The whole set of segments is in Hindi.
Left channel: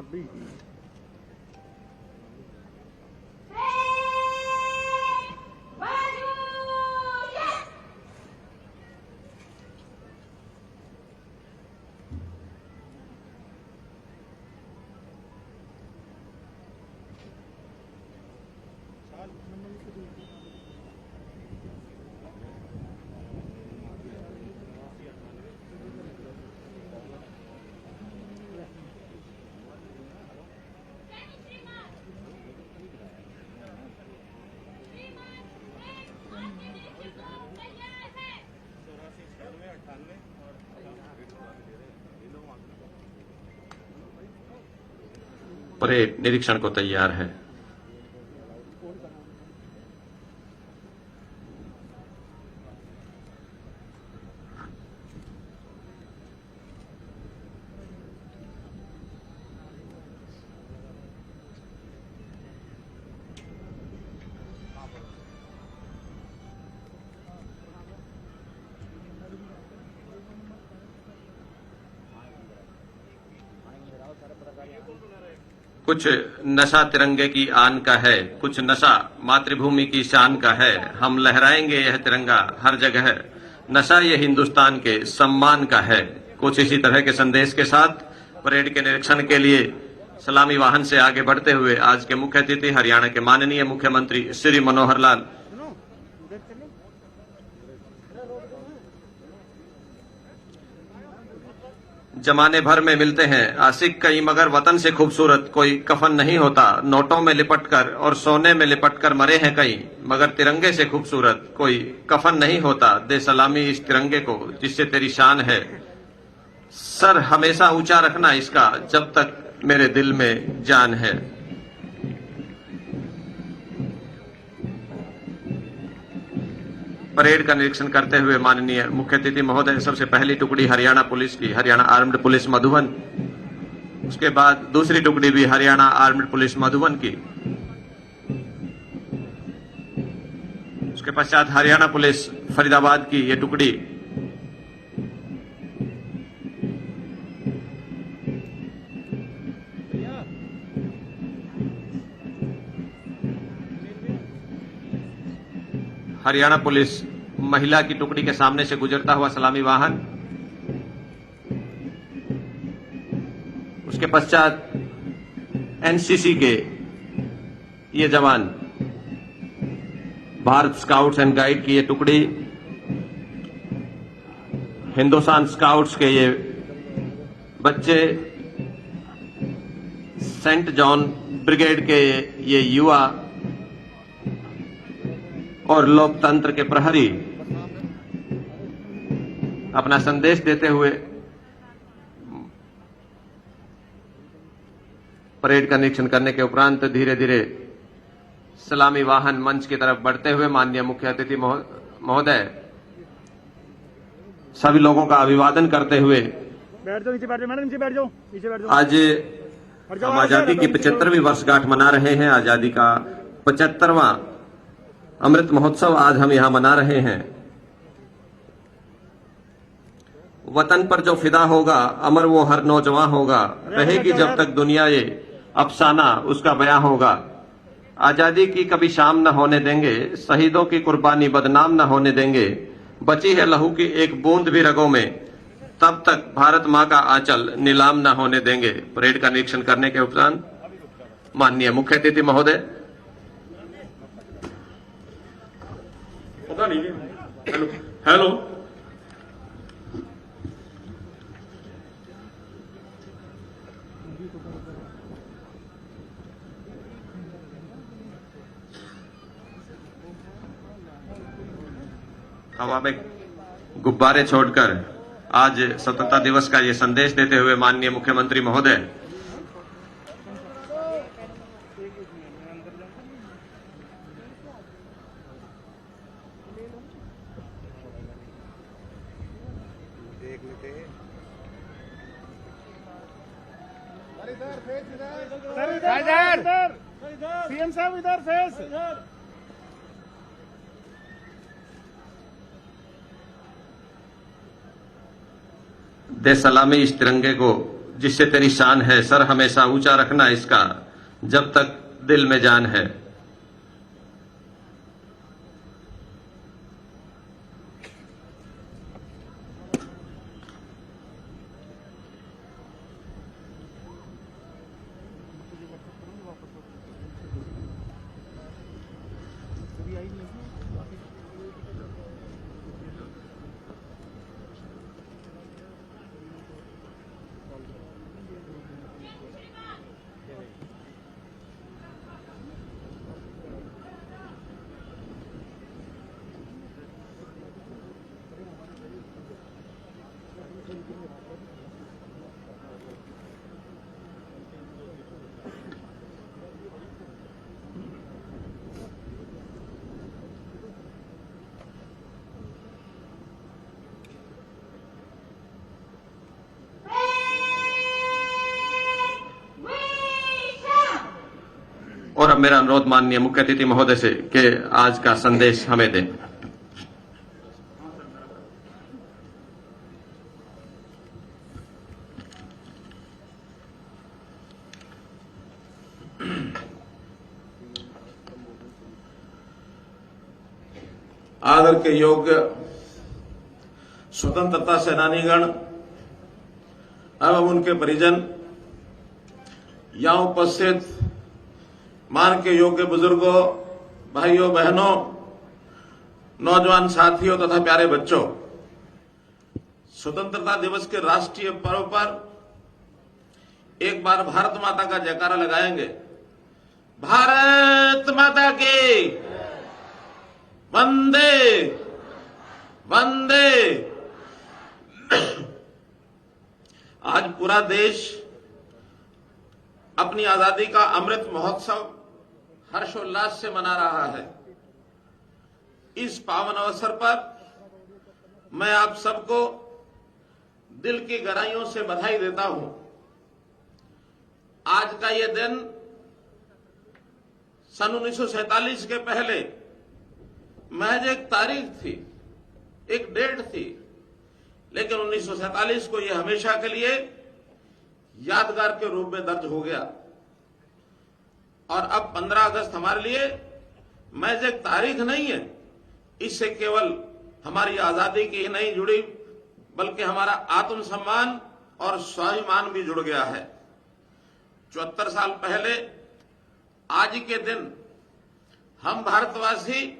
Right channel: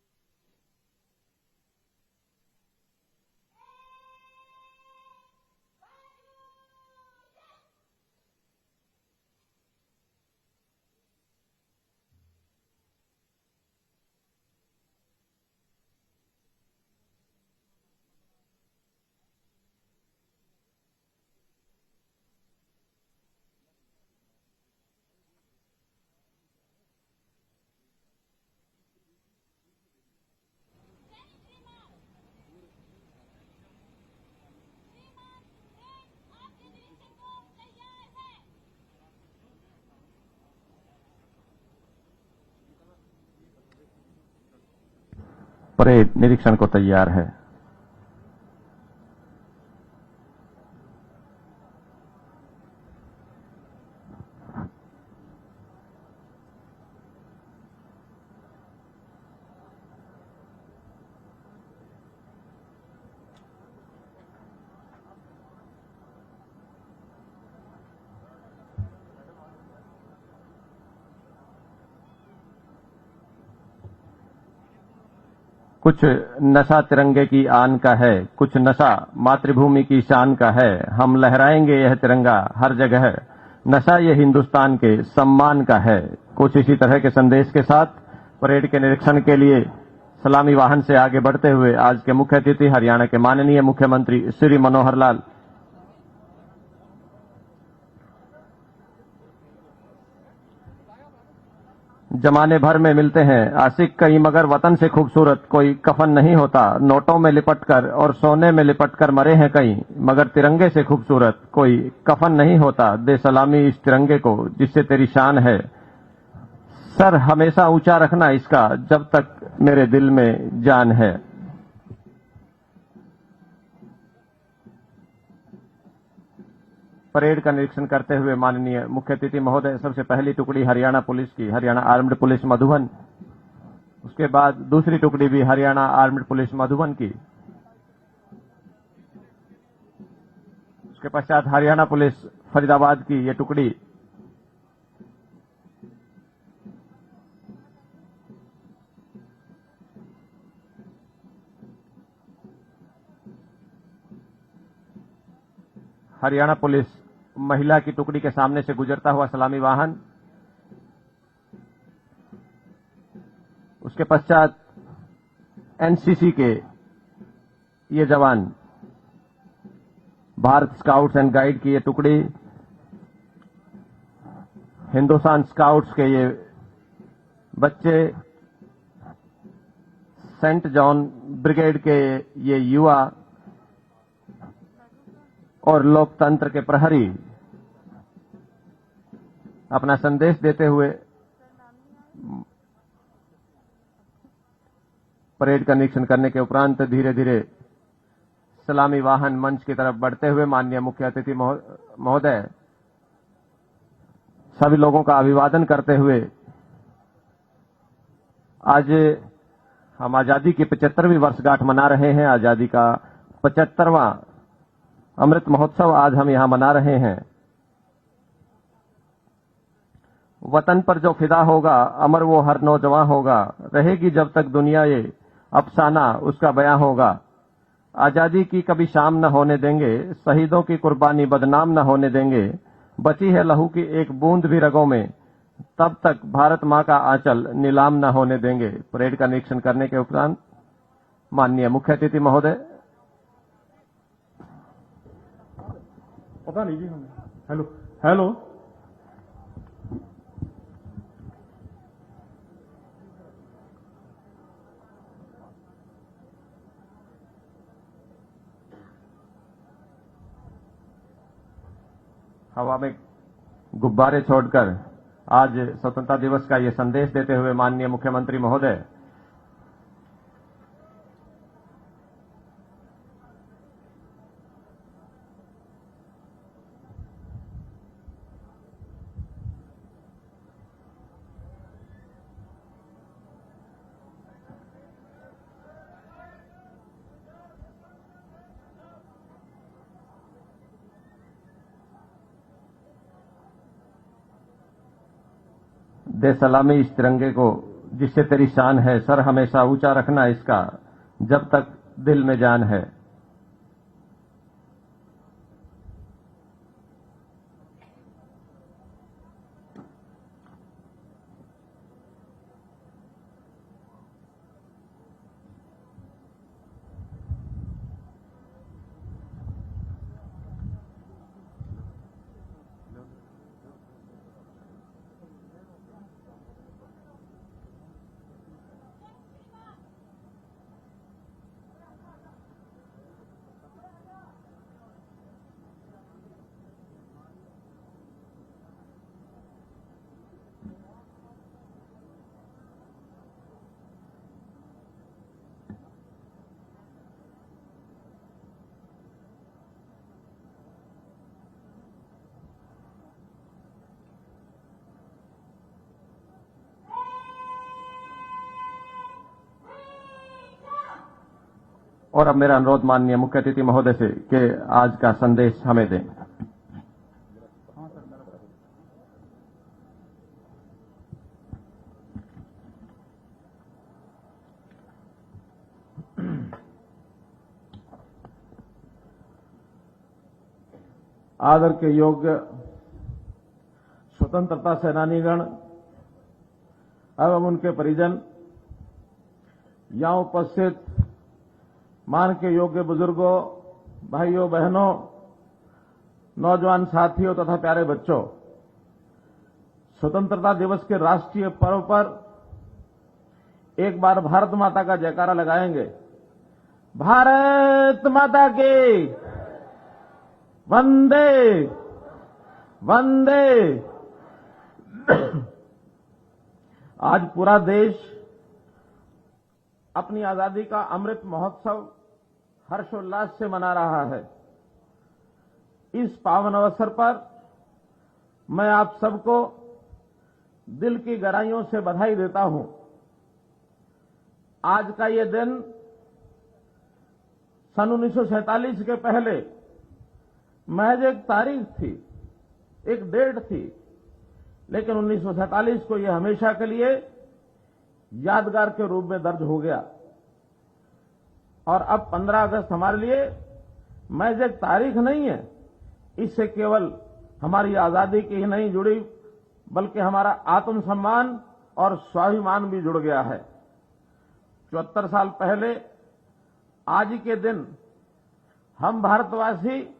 मत भी। परेड निरीक्षण को तैयार है। कुछ नशा तिरंगे की आन का है, कुछ नशा मातृभूमि की शान का है। हम लहराएंगे यह तिरंगा हर जगह, नशा ये हिंदुस्तान के सम्मान का है। कुछ इसी तरह के संदेश के साथ परेड के निरीक्षण के लिए सलामी वाहन से आगे बढ़ते हुए आज के मुख्य अतिथि हरियाणा के माननीय मुख्यमंत्री श्री मनोहर लाल जमाने भर में मिलते हैं आशिक कई, मगर वतन से खूबसूरत कोई कफन नहीं होता। नोटों में लिपटकर और सोने में लिपटकर मरे हैं कई, मगर तिरंगे से खूबसूरत कोई कफन नहीं होता। दे सलामी इस तिरंगे को जिससे तेरी शान है, सर हमेशा ऊंचा रखना इसका जब तक मेरे दिल में जान है। परेड का निरीक्षण करते हुए माननीय मुख्य अतिथि महोदय सबसे पहली टुकड़ी हरियाणा पुलिस की, हरियाणा आर्म्ड पुलिस मधुबन, उसके बाद दूसरी टुकड़ी भी हरियाणा आर्म्ड पुलिस मधुबन की, उसके पश्चात हरियाणा पुलिस फरीदाबाद की ये टुकड़ी, हरियाणा पुलिस महिला की टुकड़ी के सामने से गुजरता हुआ सलामी वाहन, उसके पश्चात एनसीसी के ये जवान, भारत स्काउट्स एंड गाइड की ये टुकड़ी, हिंदुस्तान स्काउट्स के ये बच्चे, सेंट जॉन ब्रिगेड के ये युवा और लोकतंत्र के प्रहरी अपना संदेश देते हुए परेड का निरीक्षण करने के उपरांत धीरे धीरे सलामी वाहन मंच की तरफ बढ़ते हुए माननीय मुख्य अतिथि महोदय सभी लोगों का अभिवादन करते हुए बैठ जाओ, नीचे बैठ जाओ मैडम, नीचे बैठ जाओ, नीचे बैठ जाओ। आज हम आजादी की 75वीं वर्षगांठ मना रहे हैं। आजादी का 75वां अमृत महोत्सव आज हम यहां मना रहे हैं। वतन पर जो फिदा होगा अमर वो हर नौजवान होगा, रहेगी जब तक दुनिया ये अफसाना उसका बयां होगा। आजादी की कभी शाम न होने देंगे, शहीदों की कुर्बानी बदनाम न होने देंगे। बची है लहू की एक बूंद भी रगों में, तब तक भारत मां का आंचल नीलाम न होने देंगे। परेड का निरीक्षण करने के उपरांत माननीय मुख्य अतिथि महोदय पता नहीं हेलो हवा में गुब्बारे छोड़कर आज स्वतंत्रता दिवस का ये संदेश देते हुए माननीय मुख्यमंत्री महोदय सीएम साहब इधर फेस, दे सलामी इस तिरंगे को जिससे तेरी शान है, सर हमेशा ऊंचा रखना इसका, जब तक दिल में जान है। और अब मेरा अनुरोध माननीय मुख्य अतिथि महोदय से कि आज का संदेश हमें दें। आदर के योग्य स्वतंत्रता सेनानीगण एवं उनके परिजन, यहाँ उपस्थित मान के योग्य बुजुर्गों, भाइयों बहनों, नौजवान साथियों तथा प्यारे बच्चों, स्वतंत्रता दिवस के राष्ट्रीय पर्व पर एक बार भारत माता का जयकारा लगाएंगे। भारत माता की वंदे वंदे। आज पूरा देश अपनी आजादी का अमृत महोत्सव हर्षोल्लास से मना रहा है। इस पावन अवसर पर मैं आप सबको दिल की गहराइयों से बधाई देता हूं। आज का ये दिन सन 1947 के पहले महज एक तारीख थी, एक डेट थी, लेकिन 1947 को यह हमेशा के लिए यादगार के रूप में दर्ज हो गया। और अब 15 अगस्त हमारे लिए महज एक तारीख नहीं है, इससे केवल हमारी आजादी की ही नहीं जुड़ी, बल्कि हमारा आत्मसम्मान और स्वाभिमान भी जुड़ गया है। 74 साल पहले आज के दिन हम भारतवासी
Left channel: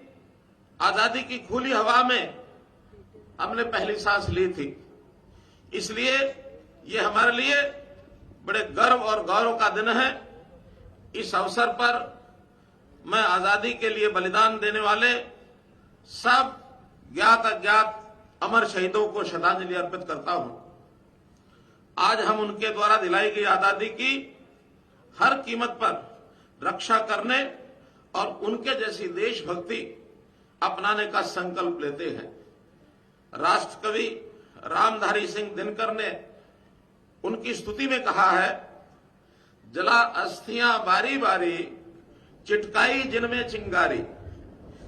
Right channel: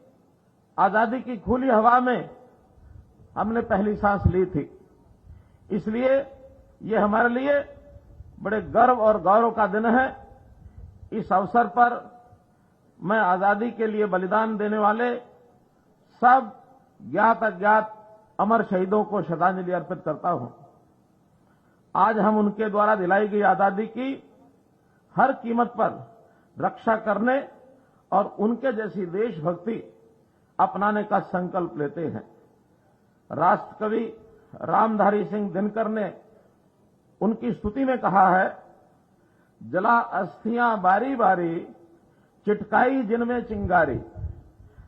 आजादी की खुली हवा में हमने पहली सांस ली थी। इसलिए ये हमारे लिए बड़े गर्व और गौरव का दिन है। इस अवसर पर मैं आजादी के लिए बलिदान देने वाले सब ज्ञात अज्ञात अमर शहीदों को श्रद्धांजलि अर्पित करता हूं। आज हम उनके द्वारा दिलाई गई आजादी की हर कीमत पर रक्षा करने और उनके जैसी देशभक्ति अपनाने का संकल्प लेते हैं। राष्ट्रकवि रामधारी सिंह दिनकर ने उनकी स्तुति में कहा है, जला अस्थियां बारी बारी, चिटकाई जिनमें चिंगारी।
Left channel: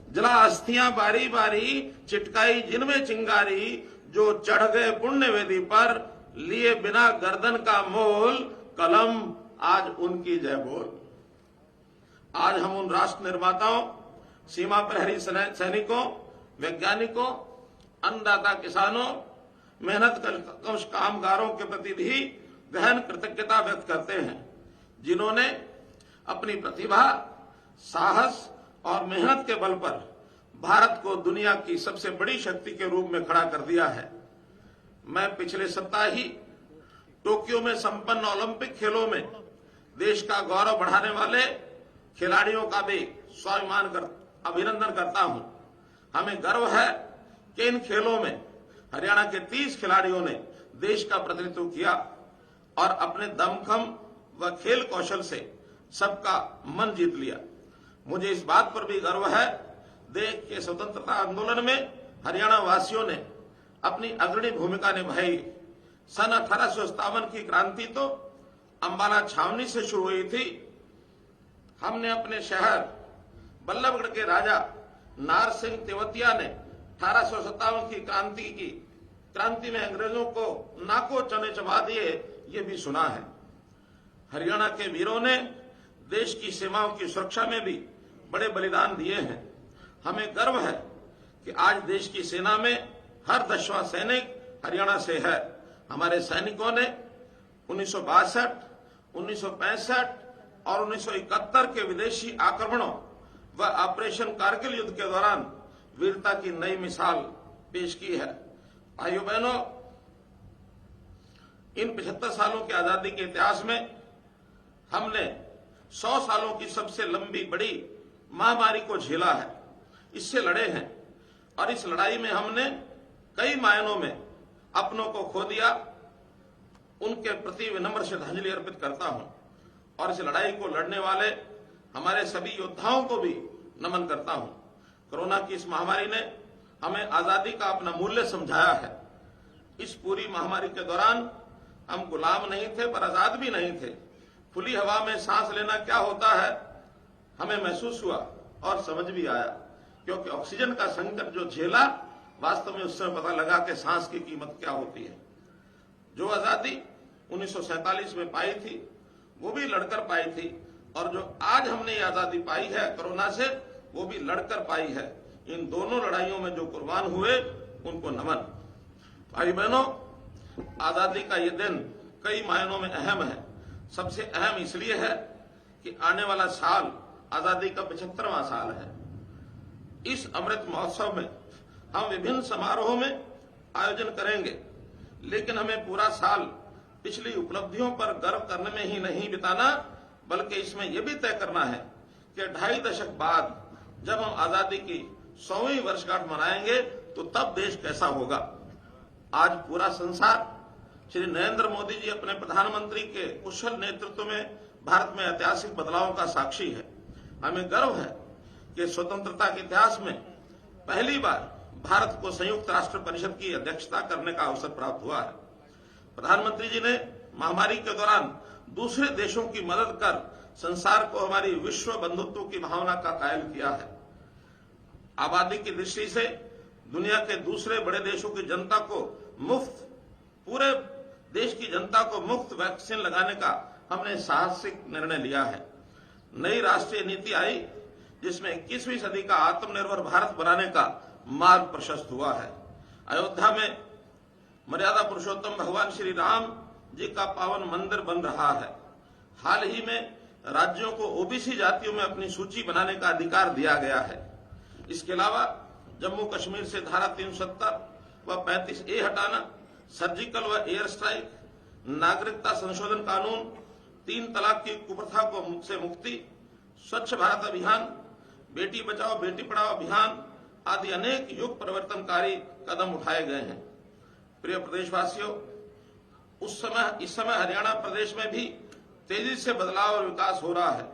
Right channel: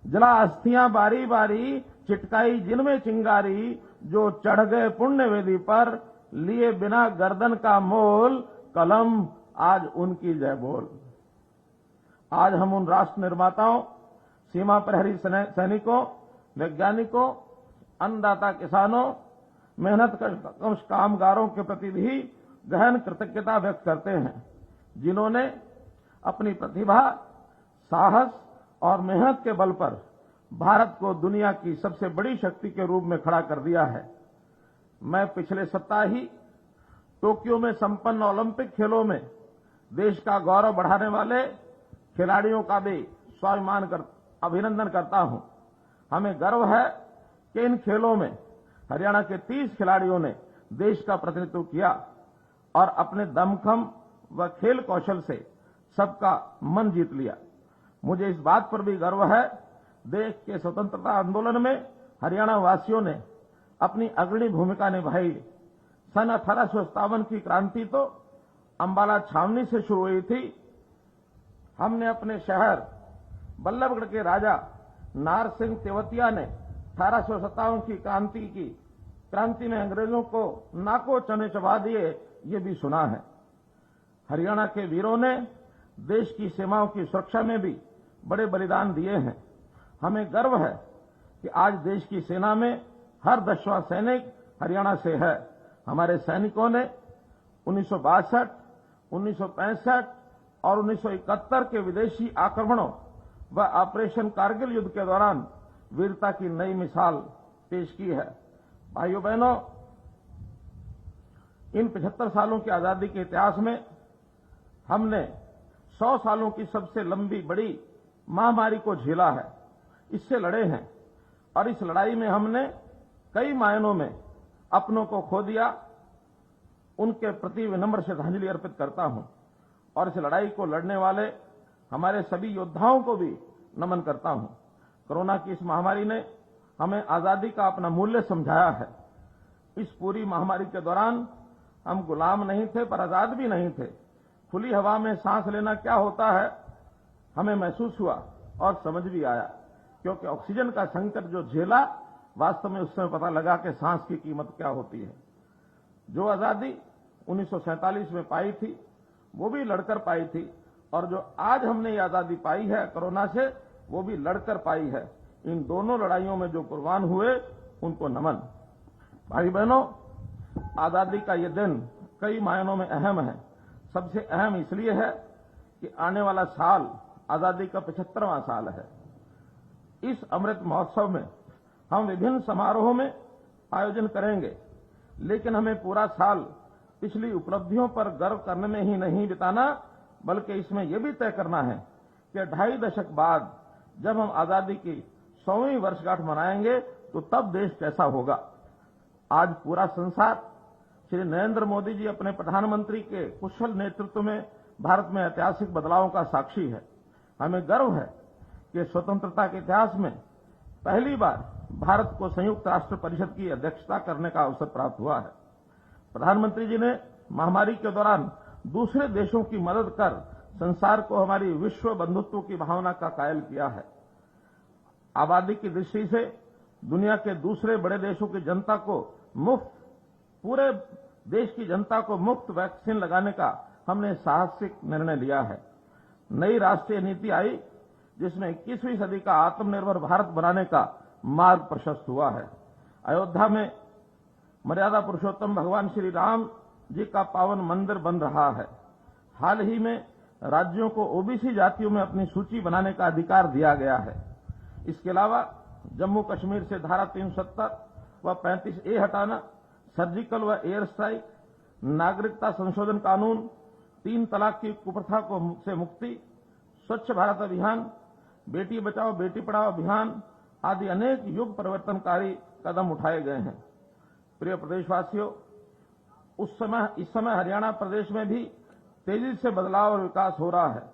जला अस्थियां बारी बारी, चिटकाई जिनमें चिंगारी, जो चढ़ गए पुण्य वेदी पर, लिए बिना गर्दन का मोल, कलम आज उनकी जय बोल। आज हम उन राष्ट्र निर्माताओं, सीमा प्रहरी सैनिकों, वैज्ञानिकों, अन्नदाता किसानों, मेहनत कश कामगारों के प्रति भी गहन कृतज्ञता व्यक्त करते हैं, जिन्होंने अपनी प्रतिभा, साहस और मेहनत के बल पर भारत को दुनिया की सबसे बड़ी शक्ति के रूप में खड़ा कर दिया है। मैं पिछले सप्ताह ही टोक्यो में संपन्न ओलंपिक खेलों में देश का गौरव बढ़ाने वाले खिलाड़ियों का भी अभिनंदन करता हूं। हमें गर्व है कि इन खेलों में हरियाणा के 30 खिलाड़ियों ने देश का प्रतिनिधित्व किया और अपने दमखम व खेल कौशल से सबका मन जीत लिया। मुझे इस बात पर भी गर्व है, देश के स्वतंत्रता आंदोलन में हरियाणा वासियों ने अपनी अग्रणी भूमिका निभाई। सन 1857 की क्रांति तो अंबाला छावनी से शुरू हुई थी। हमने अपने शहर बल्लभगढ़ के राजा नार सिंह तेवतिया ने 1857 की क्रांति में अंग्रेजों को नाको चने चबा दिए ये भी सुना है। हरियाणा के वीरों ने देश की सीमाओं की सुरक्षा में भी बड़े बलिदान दिए हैं। हमें गर्व है कि आज देश की सेना में हर 10वां सैनिक हरियाणा से है। हमारे सैनिकों ने 1962, 1965 और 1971 के विदेशी आक्रमणों व ऑपरेशन कारगिल युद्ध के दौरान वीरता की नई मिसाल पेश की है। भाइयों बहनों, इन 75 सालों की आजादी के इतिहास में हमने 100 सालों की सबसे लंबी बड़ी महामारी को झेला है, इससे लड़े हैं और इस लड़ाई में हमने कई मायनों में अपनों को खो दिया। उनके प्रति विनम्र श्रद्धांजलि अर्पित करता हूं और इस लड़ाई को लड़ने वाले हमारे सभी योद्धाओं को भी नमन करता हूं। कोरोना की इस महामारी ने हमें आजादी का अपना मूल्य समझाया है। इस पूरी महामारी के दौरान हम गुलाम नहीं थे पर आजाद भी नहीं थे। खुली हवा में सांस लेना क्या होता है हमें महसूस हुआ और समझ भी आया, क्योंकि ऑक्सीजन का संकट जो झेला, वास्तव में उस समय पता लगा कि सांस की कीमत क्या होती है। जो आजादी 1947 में पाई थी वो भी लड़कर पाई थी, और जो आज हमने ये आजादी पाई है कोरोना से, वो भी लड़कर पाई है। इन दोनों लड़ाइयों में जो कुर्बान हुए उनको नमन। भाई बहनों, आजादी का ये दिन कई मायनों में अहम है। सबसे अहम इसलिए है कि आने वाला साल आजादी का 75वां साल है। इस अमृत महोत्सव में हम विभिन्न समारोहों में आयोजन करेंगे, लेकिन हमें पूरा साल पिछली उपलब्धियों पर गर्व करने में ही नहीं बिताना, बल्कि इसमें यह भी तय करना है कि 2.5 दशक बाद जब हम आजादी की 100वीं वर्षगांठ मनाएंगे तो तब देश कैसा होगा। आज पूरा संसार श्री नरेंद्र मोदी जी अपने प्रधानमंत्री के कुशल नेतृत्व में भारत में ऐतिहासिक बदलावों का साक्षी है। हमें गर्व है कि स्वतंत्रता के इतिहास में पहली बार भारत को संयुक्त राष्ट्र परिषद की अध्यक्षता करने का अवसर प्राप्त हुआ है। प्रधानमंत्री जी ने महामारी के दौरान दूसरे देशों की मदद कर संसार को हमारी विश्व बंधुत्व की भावना का कायल किया है। आबादी की दृष्टि से दुनिया के दूसरे बड़े देशों की जनता को मुफ्त, पूरे देश की जनता को मुफ्त वैक्सीन लगाने का हमने साहसिक निर्णय लिया है। नई राष्ट्रीय नीति आई जिसमें 21वीं सदी का आत्मनिर्भर भारत बनाने का मार्ग प्रशस्त हुआ है। अयोध्या में मर्यादा पुरुषोत्तम भगवान श्री राम जी का पावन मंदिर बन रहा है। हाल ही में राज्यों को ओबीसी जातियों में अपनी सूची बनाने का अधिकार दिया गया है। इसके अलावा जम्मू कश्मीर से धारा 370 व 35A हटाना, सर्जिकल व एयर स्ट्राइक, नागरिकता संशोधन कानून, 3 तलाक की कुप्रथा से मुक्ति, स्वच्छ भारत अभियान, बेटी बचाओ बेटी पढ़ाओ अभियान आदि अनेक युग परिवर्तनकारी कदम उठाए गए हैं। प्रिय प्रदेशवासियों, इस समय हरियाणा प्रदेश में भी तेजी से बदलाव और विकास हो रहा है।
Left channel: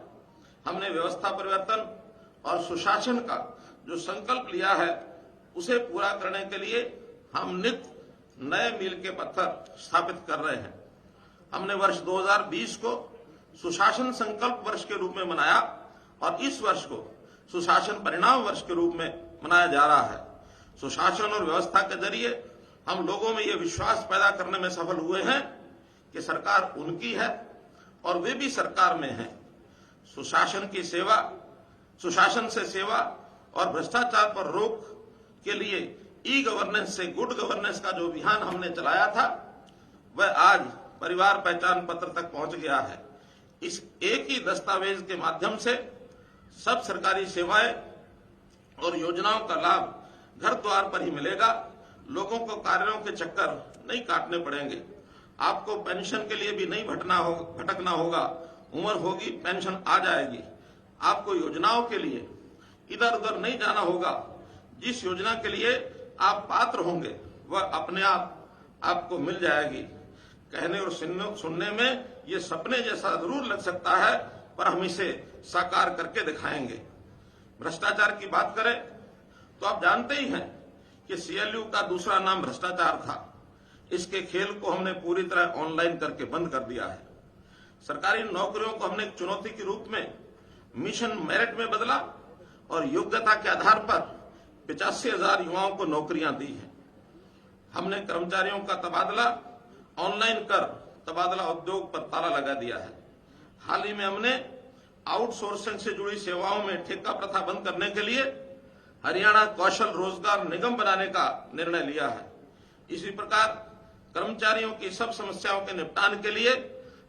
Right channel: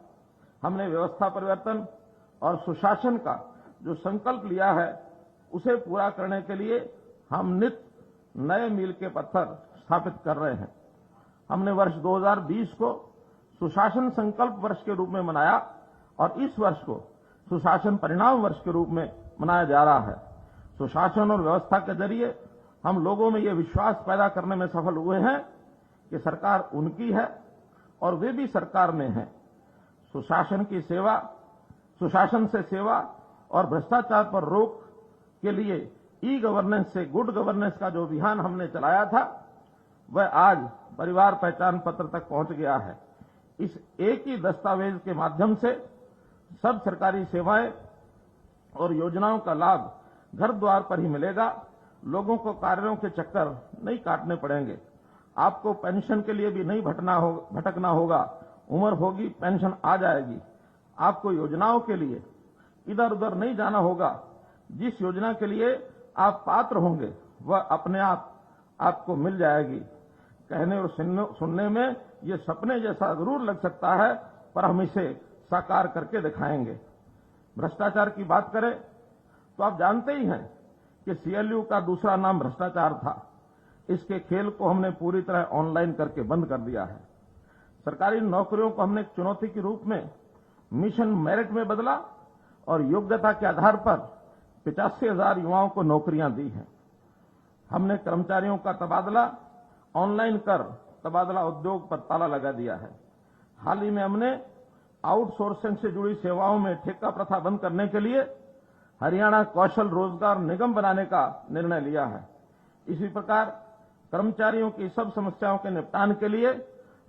हमने व्यवस्था परिवर्तन और सुशासन का जो संकल्प लिया है उसे पूरा करने के लिए हम नित्य नए मील के पत्थर स्थापित कर रहे हैं। हमने वर्ष 2020 को सुशासन संकल्प वर्ष के रूप में मनाया और इस वर्ष को सुशासन परिणाम वर्ष के रूप में मनाया जा रहा है। सुशासन और व्यवस्था के जरिए हम लोगों में ये विश्वास पैदा करने में सफल हुए हैं कि सरकार उनकी है और वे भी सरकार में हैं। सुशासन से सेवा और भ्रष्टाचार पर रोक के लिए ई गवर्नेंस से गुड गवर्नेंस का जो अभियान हमने चलाया था वह आज परिवार पहचान पत्र तक पहुंच गया है। इस एक ही दस्तावेज के माध्यम से सब सरकारी सेवाएं और योजनाओं का लाभ घर द्वार पर ही मिलेगा। लोगों को कार्यों के चक्कर नहीं काटने पड़ेंगे। आपको पेंशन के लिए भी नहीं भटकना होगा। उम्र होगी पेंशन आ जाएगी। आपको योजनाओं के लिए इधर उधर नहीं जाना होगा। जिस योजना के लिए आप पात्र होंगे वह अपने आप आपको मिल जाएगी। कहने और सुनने में ये सपने जैसा जरूर लग सकता है, पर हम इसे साकार करके दिखाएंगे। भ्रष्टाचार की बात करें तो आप जानते ही हैं कि सीएलयू का दूसरा नाम भ्रष्टाचार था। इसके खेल को हमने पूरी तरह ऑनलाइन करके बंद कर दिया है। सरकारी नौकरियों को हमने चुनौती के रूप में मिशन मेरिट में बदला और योग्यता के आधार पर 85,000 युवाओं को नौकरियां दी हैं। हमने कर्मचारियों का तबादला ऑनलाइन कर तबादला उद्योग पर ताला लगा दिया है। हाल ही में हमने आउटसोर्सिंग से जुड़ी सेवाओं में ठेका प्रथा बंद करने के लिए हरियाणा कौशल रोजगार निगम बनाने का निर्णय लिया है। इसी प्रकार कर्मचारियों की सब समस्याओं के निपटान के लिए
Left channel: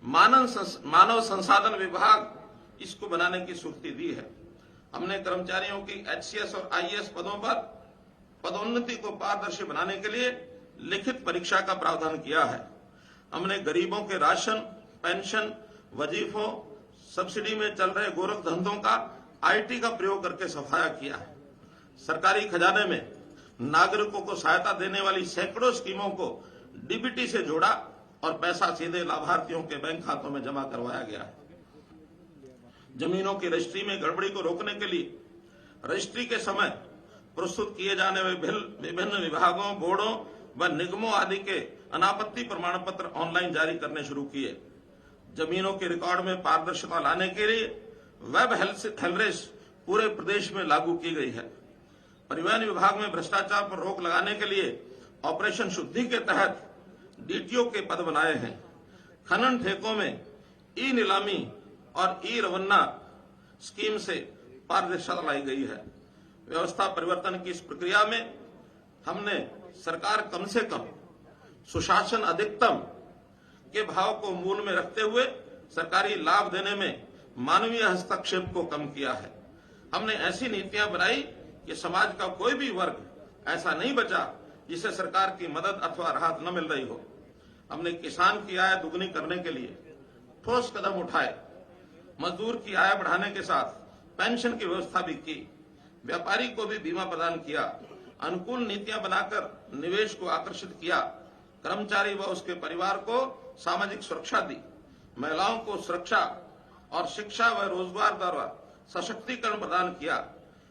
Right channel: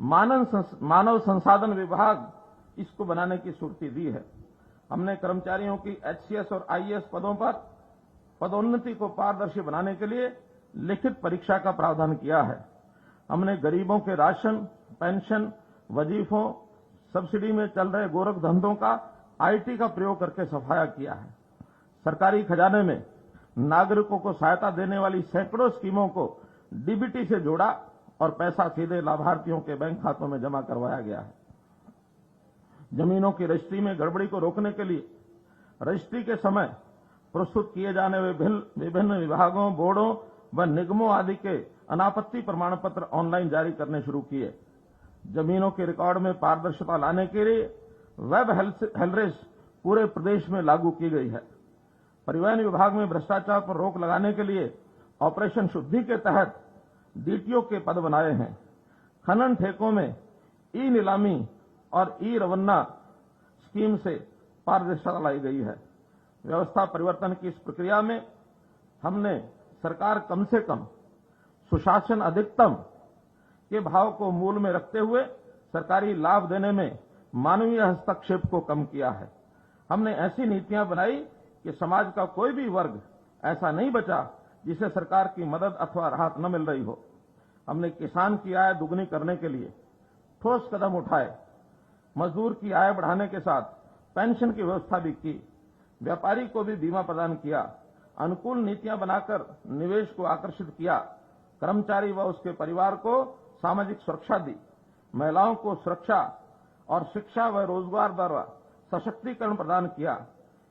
मानव संसाधन विभाग इसको बनाने की स्वीकृति दी है। हमने कर्मचारियों की एचसीएस और आईएएस पदों पर पदोन्नति को पारदर्शी बनाने के लिए लिखित परीक्षा का प्रावधान किया है। हमने गरीबों के राशन, पेंशन, वजीफों, सब्सिडी में चल रहे गोरख धंधों का आईटी का प्रयोग करके सफाया किया है। सरकारी खजाने में नागरिकों को सहायता देने वाली सैकड़ों स्कीमों को डीबीटी से जोड़ा और पैसा सीधे लाभार्थियों के बैंक खातों में जमा करवाया गया है। जमीनों की रजिस्ट्री में गड़बड़ी को रोकने के लिए रजिस्ट्री के समय प्रस्तुत किए जाने वाले विभिन्न विभागों, बोर्डों व निगमों आदि के अनापत्ति प्रमाण पत्र ऑनलाइन जारी करने शुरू किए। जमीनों के रिकॉर्ड में पारदर्शिता लाने के लिए वेब हेलरेस पूरे प्रदेश में लागू की गई है। परिवहन विभाग में भ्रष्टाचार पर रोक लगाने के लिए ऑपरेशन शुद्धि के तहत डीटीओ के पद बनाए हैं। खनन ठेकों में ई नीलामी और ई रवन्ना स्कीम से पारदर्शिता लाई गई है। व्यवस्था परिवर्तन की इस प्रक्रिया में हमने सरकार कम से कम सुशासन अधिकतम के भाव को मूल में रखते हुए सरकारी लाभ देने में मानवीय हस्तक्षेप को कम किया है। हमने ऐसी नीतियां बनाई कि समाज का कोई भी वर्ग ऐसा नहीं बचा जिसे सरकार की मदद अथवा राहत न मिल रही हो। हमने किसान की आय दुगनी करने के लिए ठोस कदम उठाए। मजदूर की आय बढ़ाने के साथ पेंशन की व्यवस्था भी की। व्यापारी को भी बीमा प्रदान किया। अनुकूल नीतियां बनाकर निवेश को आकर्षित किया। कर्मचारी व उसके परिवार को सामाजिक सुरक्षा दी। महिलाओं को सुरक्षा और शिक्षा व रोजगार द्वारा सशक्तिकरण प्रदान किया।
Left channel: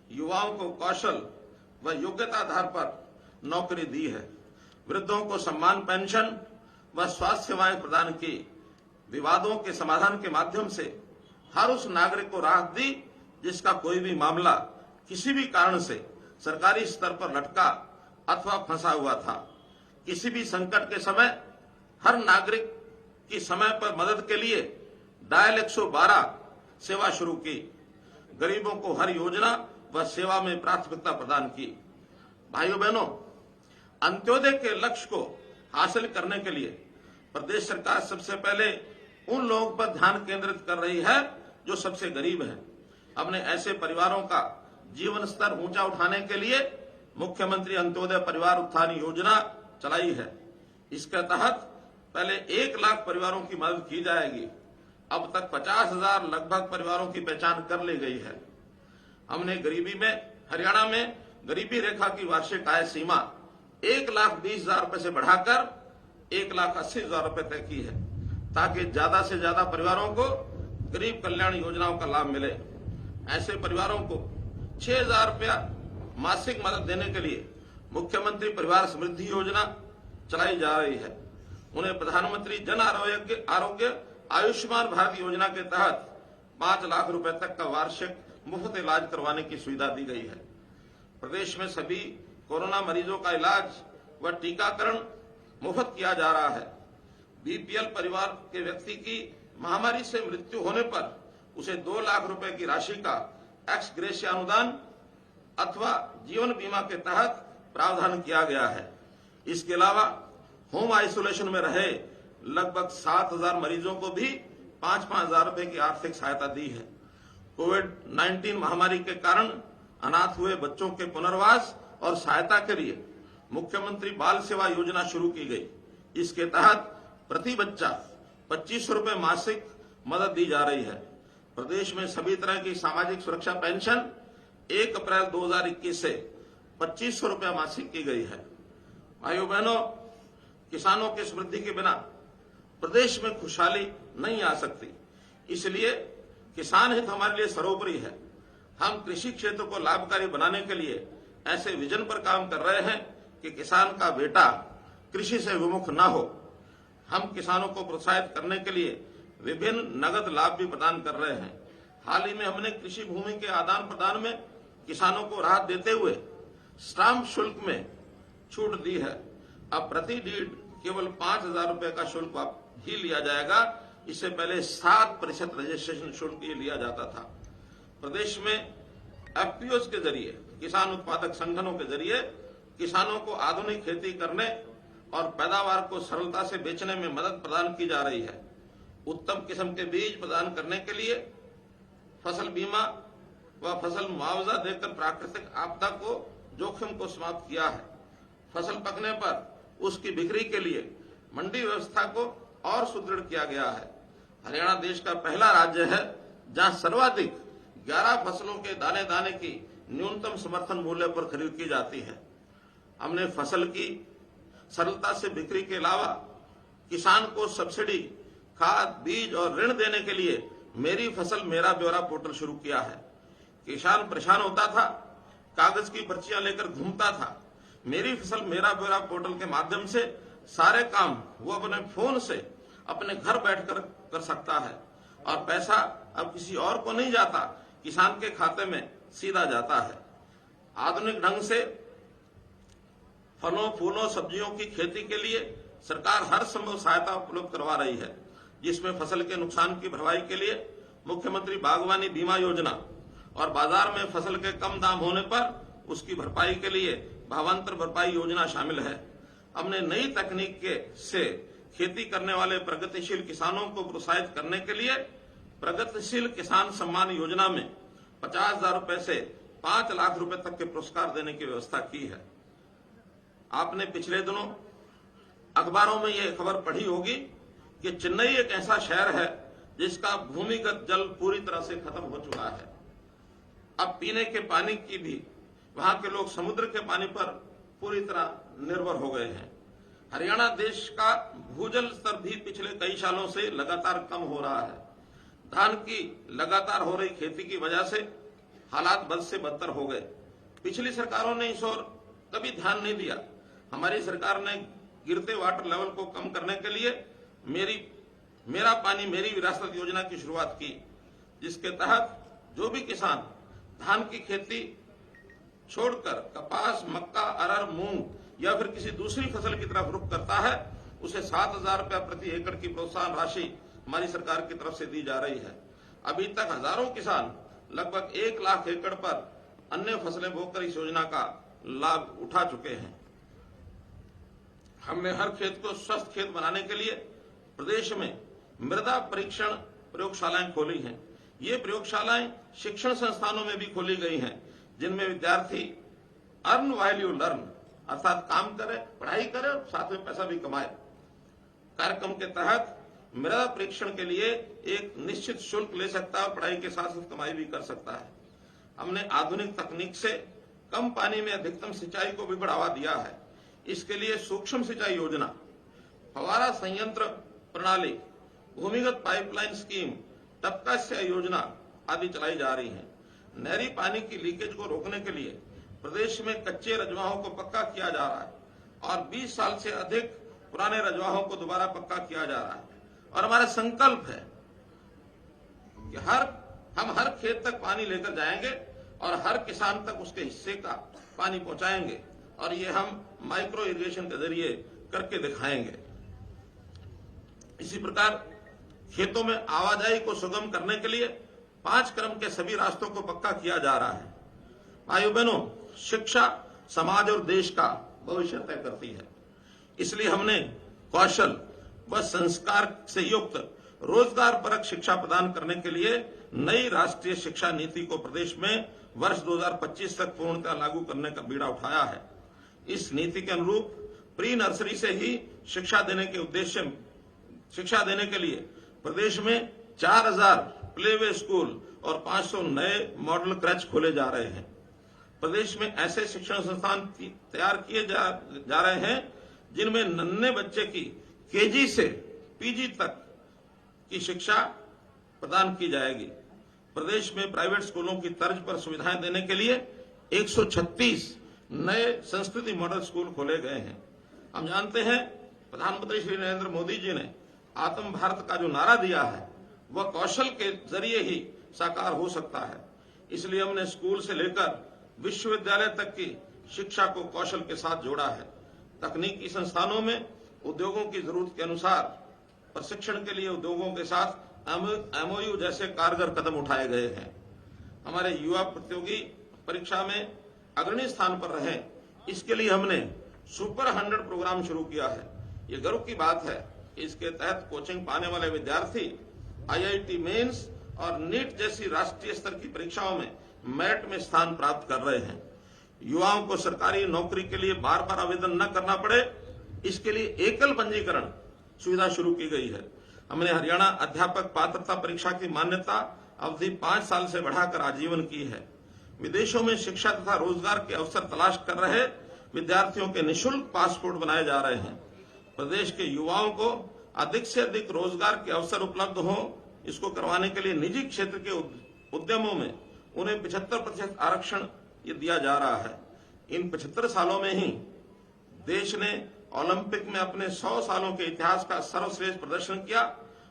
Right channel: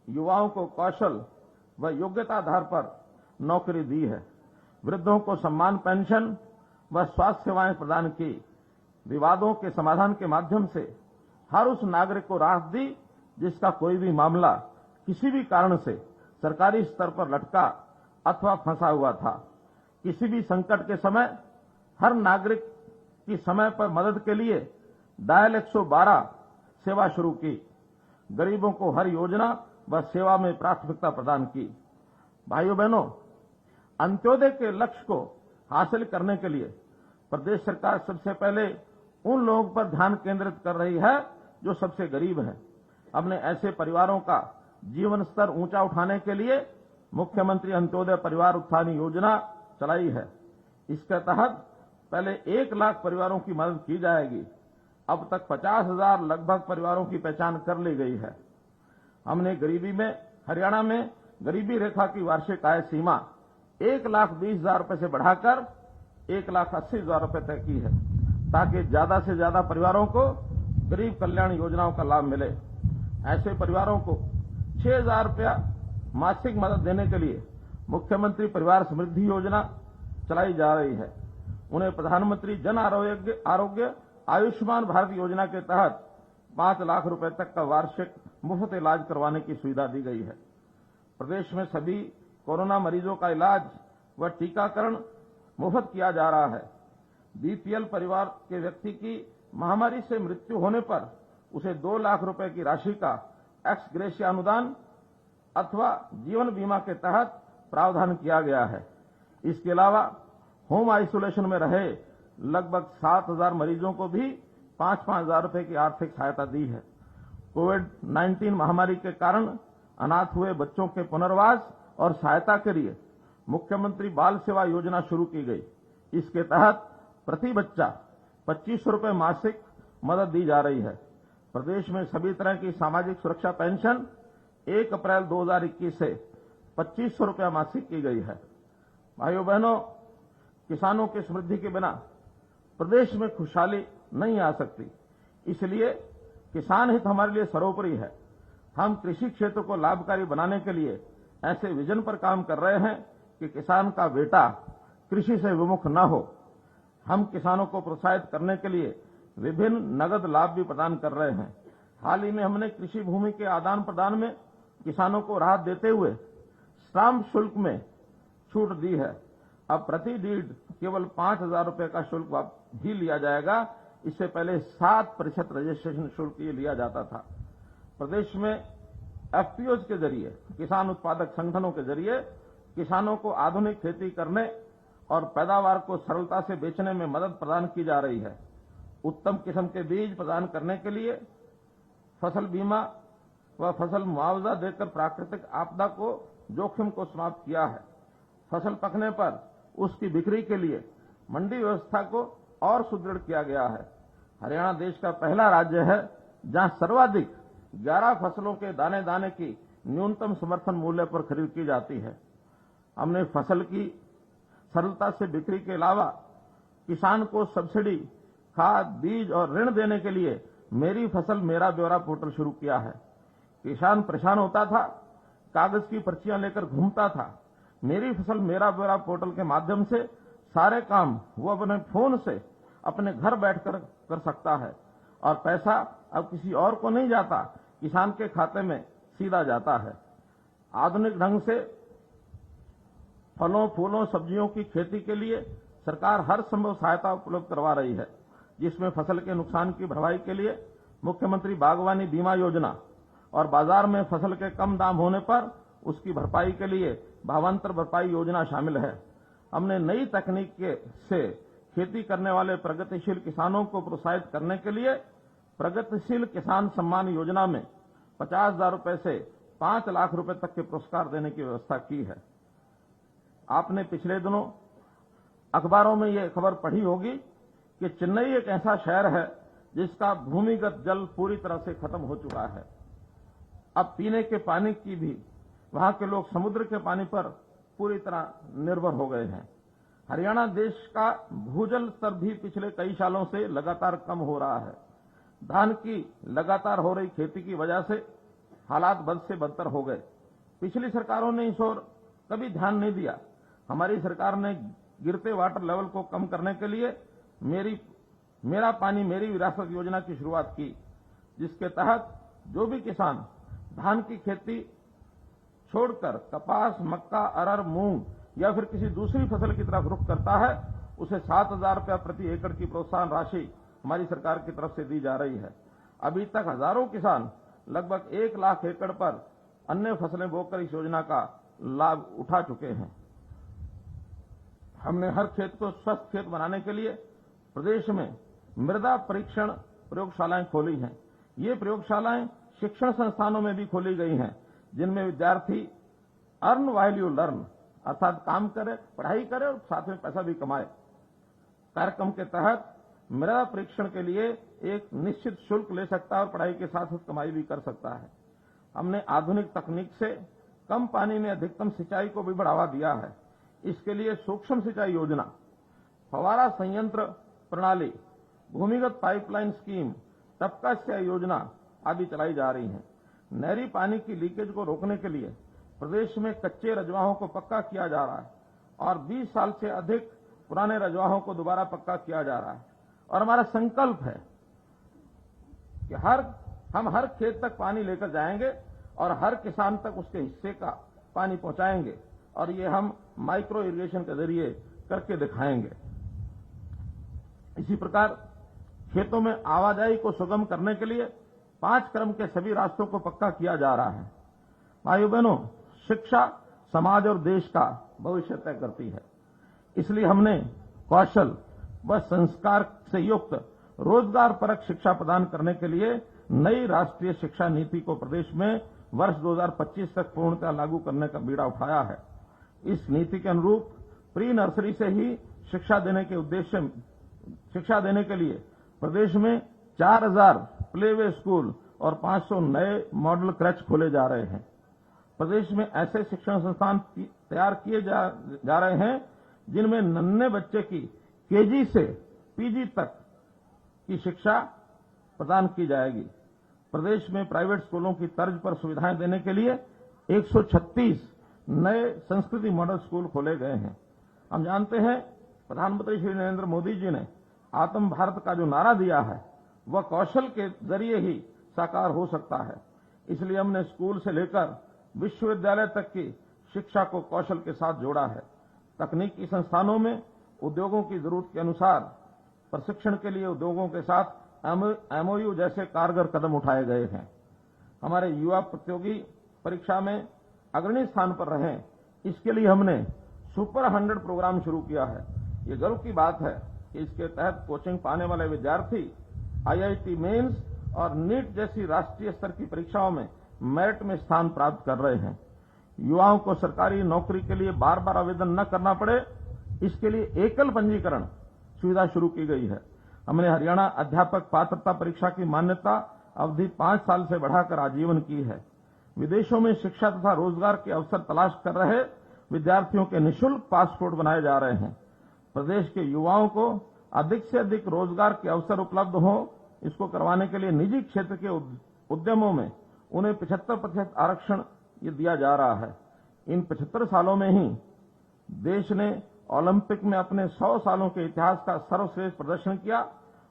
युवाओं को कौशल व योग्यता आधार पर नौकरी दी है। वृद्धों को सम्मान पेंशन व स्वास्थ्य सेवाएं प्रदान की। विवादों के समाधान के माध्यम से हर उस नागरिक को राहत दी जिसका कोई भी मामला किसी भी कारण से सरकारी स्तर पर लटका अथवा फंसा हुआ था। किसी भी संकट के समय हर नागरिक की समय पर मदद के लिए डायल 112 सेवा शुरू की। गरीबों को हर योजना व सेवा में प्राथमिकता प्रदान की। भाइयों बहनों, अंत्योदय के लक्ष्य को हासिल करने के लिए प्रदेश सरकार सबसे पहले उन लोगों पर ध्यान केंद्रित कर रही है जो सबसे गरीब हैं। हमने ऐसे परिवारों का जीवन स्तर ऊंचा उठाने के लिए मुख्यमंत्री अंत्योदय परिवार उत्थान योजना चलाई है। इसके तहत पहले 1 लाख परिवारों की मदद की जाएगी। अब तक 50,000 लगभग परिवारों की पहचान कर ली गई है। हमने हरियाणा में गरीबी रेखा की वार्षिक आय सीमा 1,20,000 रुपए से बढ़ाकर 1,80,000 रुपए तय की है, ताकि ज्यादा से ज्यादा परिवारों को गरीब कल्याण योजनाओं का लाभ मिले। ऐसे परिवारों को 6,000 रुपया मासिक मदद देने के लिए मुख्यमंत्री परिवार समृद्धि योजना चलाई जा रही है। उन्हें प्रधानमंत्री जन आरोग्य आयुष्मान भारत योजना के तहत 5 लाख रुपए तक का वार्षिक मुफ्त इलाज करवाने की सुविधा दी गई है। प्रदेश में सभी कोरोना मरीजों का इलाज व टीकाकरण मुफ्त किया जा रहा है। बीपीएल परिवार के व्यक्ति की महामारी से मृत्यु होने पर उसे 2 लाख रुपए की राशि का एक्स ग्रेशिया अनुदान अथवा जीवन बीमा के तहत प्रावधान किया गया है। इसके अलावा होम आइसोलेशन में रहे लगभग 7,000 मरीजों को भी 5-5 हजार रुपए की आर्थिक सहायता दी है। कोविड-19 महामारी के कारण अनाथ हुए बच्चों के पुनर्वास और सहायता के लिए मुख्यमंत्री बाल सेवा योजना शुरू की गई। इसके तहत प्रति बच्चा 2500 रुपए मासिक मदद दी जा रही है। प्रदेश में सभी तरह की सामाजिक सुरक्षा पेंशन 1 अप्रैल 2021 से 2500 रुपया मासिक की गई है। भाइयों बहनों, किसानों की समृद्धि के बिना प्रदेश में खुशहाली नहीं आ सकती। इसलिए किसान हित हमारे लिए सर्वोपरि है। हम कृषि क्षेत्र को लाभकारी बनाने के लिए ऐसे विजन पर काम कर रहे हैं कि किसान का बेटा कृषि से विमुख न हो। हम किसानों को प्रोत्साहित करने के लिए विभिन्न नगद लाभ भी प्रदान कर रहे हैं। हाल ही में हमने कृषि भूमि के आदान प्रदान में किसानों को राहत देते हुए स्टाम्प शुल्क में छूट दी है। अब प्रति केवल 5,000 रुपए का शुल्क ही लिया जाएगा। इससे पहले 7% रजिस्ट्रेशन शुल्क ये लिया जाता था। प्रदेश में एफपीओ के जरिए, किसान उत्पादक संगठनों के जरिए किसानों को आधुनिक खेती करने और पैदावार को सरलता से बेचने में मदद प्रदान की जा रही है। उत्तम किस्म के बीज प्रदान करने के लिए फसल बीमा व फसल मुआवजा देकर प्राकृतिक आपदा को जोखिम को समाप्त किया है। फसल पकने पर उसकी बिक्री के लिए मंडी व्यवस्था को और सुदृढ़ किया गया है। हरियाणा देश का पहला राज्य है जहां सर्वाधिक 11 फसलों के दाने दाने की न्यूनतम समर्थन मूल्य पर खरीद की जाती है। हमने फसल की सरलता से बिक्री के अलावा किसान को सब्सिडी, खाद, बीज और ऋण देने के लिए मेरी फसल मेरा ब्यौरा पोर्टल शुरू किया है। किसान परेशान होता था, कागज की पर्चियां लेकर घूमता था। मेरी फसल मेरा ब्यौरा पोर्टल के माध्यम से सारे काम वो अपने फोन से अपने घर बैठकर कर सकता है और पैसा अब किसी और को नहीं जाता, किसान के खाते में सीधा जाता है। आधुनिक ढंग से फलों, फूलों, सब्जियों की खेती के लिए सरकार हर संभव सहायता उपलब्ध करवा रही है, जिसमें फसल के नुकसान की भरपाई के लिए मुख्यमंत्री बागवानी बीमा योजना और बाजार में फसल के कम दाम होने पर उसकी भरपाई के लिए भावांतर भरपाई योजना शामिल है। हमने नई तकनीक से खेती करने वाले प्रगतिशील किसानों को प्रोत्साहित करने के लिए प्रगतिशील किसान सम्मान योजना में 50,000 रुपए से 5 लाख रुपए तक के पुरस्कार देने की व्यवस्था की है। आपने पिछले दिनों अखबारों में यह खबर पढ़ी होगी कि चेन्नई एक ऐसा शहर है जिसका भूमिगत जल पूरी तरह से खत्म हो चुका है। अब पीने के पानी की भी वहां के लोग समुद्र के पानी पर पूरी तरह निर्भर हो गए हैं। हरियाणा देश का भूजल स्तर भी पिछले कई सालों से लगातार कम हो रहा है। धान की लगातार हो रही खेती की वजह से हालात बद से बदतर हो गए। पिछली सरकारों ने इस ओर कभी ध्यान नहीं दिया। हमारी सरकार ने गिरते वाटर लेवल को कम करने के लिए मेरा पानी मेरी विरासत योजना की शुरुआत की, जिसके तहत जो भी किसान धान की खेती छोड़कर कपास, मक्का, अरहर, मूंग या फिर किसी दूसरी फसल की तरफ रुख करता है, उसे 7,000 रुपया प्रति एकड़ की प्रोत्साहन राशि हमारी सरकार की तरफ से दी जा रही है। अभी तक हजारों किसान लगभग 1 लाख एकड़ पर अन्य फसलें बोकर इस योजना का लाभ उठा चुके हैं। हमने हर खेत को स्वस्थ खेत बनाने के लिए प्रदेश में मृदा परीक्षण प्रयोगशालाएं खोली हैं। ये प्रयोगशालाएं शिक्षण संस्थानों में भी खोली गई हैं, जिनमें विद्यार्थी अर्न व्हाइल यू लर्न, अर्थात काम करे, पढ़ाई करे, साथ में पैसा भी कमाए। कार्यक्रम के तहत मृदा परीक्षण के लिए एक निश्चित शुल्क ले सकता है, पढ़ाई के साथ साथ कमाई भी कर सकता है। हमने आधुनिक तकनीक से कम पानी में अधिकतम सिंचाई को भी बढ़ावा दिया है। इसके लिए सूक्ष्म सिंचाई योजना, फवारा संयंत्र प्रणाली, भूमिगत पाइपलाइन स्कीम, टपका सिंचाई योजना आदि चलाई जा रही है। नहरी पानी की लीकेज को रोकने के लिए प्रदेश में कच्चे रजवाहों को पक्का किया जा रहा है और 20 साल से अधिक पुराने रजवाहों को दोबारा पक्का किया जा रहा है। और हमारा संकल्प है कि हम हर खेत तक पानी लेकर जाएंगे और हर किसान तक उसके हिस्से का पानी पहुंचाएंगे, और ये हम माइक्रो इरिगेशन के जरिए करके दिखाएंगे। इसी प्रकार खेतों में आवाजाही को सुगम करने के लिए 5 क्रम के सभी रास्तों को पक्का किया जा रहा है। भाइयों बहनों, शिक्षा समाज और देश का भविष्य तय करती है। इसलिए हमने कौशल व संस्कार से युक्त रोजगार परक शिक्षा प्रदान करने के लिए नई राष्ट्रीय शिक्षा नीति को प्रदेश में वर्ष 2025 तक पूर्णतः लागू करने का बीड़ा उठाया है। इस नीति के अनुरूप प्री नर्सरी से ही शिक्षा देने के लिए प्रदेश में 4,000 प्लेवे स्कूल और 500 नए मॉडल क्रच खोले जा रहे हैं। प्रदेश में ऐसे शिक्षण संस्थान तैयार किए जा रहे हैं जिनमें नन्हे बच्चे की केजी से पीजी तक की शिक्षा प्रदान की जाएगी। प्रदेश में प्राइवेट स्कूलों की तर्ज पर सुविधाएं देने के लिए 136 नए संस्कृति मॉडल स्कूल खोले गए हैं। हम जानते हैं प्रधानमंत्री श्री नरेंद्र मोदी जी ने आत्म भारत का जो नारा दिया है वह कौशल के जरिए ही साकार हो सकता है। इसलिए हमने स्कूल से लेकर विश्वविद्यालय तक की शिक्षा को कौशल के साथ जोड़ा है। तकनीकी संस्थानों में उद्योगों की जरूरत के अनुसार प्रशिक्षण के लिए उद्योगों के साथ एमओयू जैसे कारगर कदम उठाए गए हैं। हमारे युवा प्रतियोगी परीक्षा में अग्रणी स्थान पर रहे, इसके लिए हमने सुपर 100 प्रोग्राम शुरू किया है। ये गर्व की बात है कि इसके तहत कोचिंग पाने वाले विद्यार्थी आईआईटी मेंस और नीट जैसी राष्ट्रीय स्तर की परीक्षाओं में मेरिट में स्थान प्राप्त कर रहे हैं। युवाओं को सरकारी नौकरी के लिए बार बार आवेदन न करना पड़े, इसके लिए एकल पंजीकरण सुविधा शुरू की गई है। हमने हरियाणा अध्यापक पात्रता परीक्षा की मान्यता अवधि 5 साल से बढ़ाकर आजीवन की है। विदेशों में शिक्षा तथा रोजगार के अवसर तलाश कर रहे विद्यार्थियों के निःशुल्क पासपोर्ट बनाए जा रहे हैं। प्रदेश के युवाओं को अधिक से अधिक रोजगार के अवसर उपलब्ध हो, इसको करवाने के लिए निजी क्षेत्र के उद्यमों में उन्हें 75% आरक्षण ये दिया जा रहा है। इन 75 सालों में ही देश ने ओलंपिक में अपने 100 सालों के इतिहास का सर्वश्रेष्ठ प्रदर्शन किया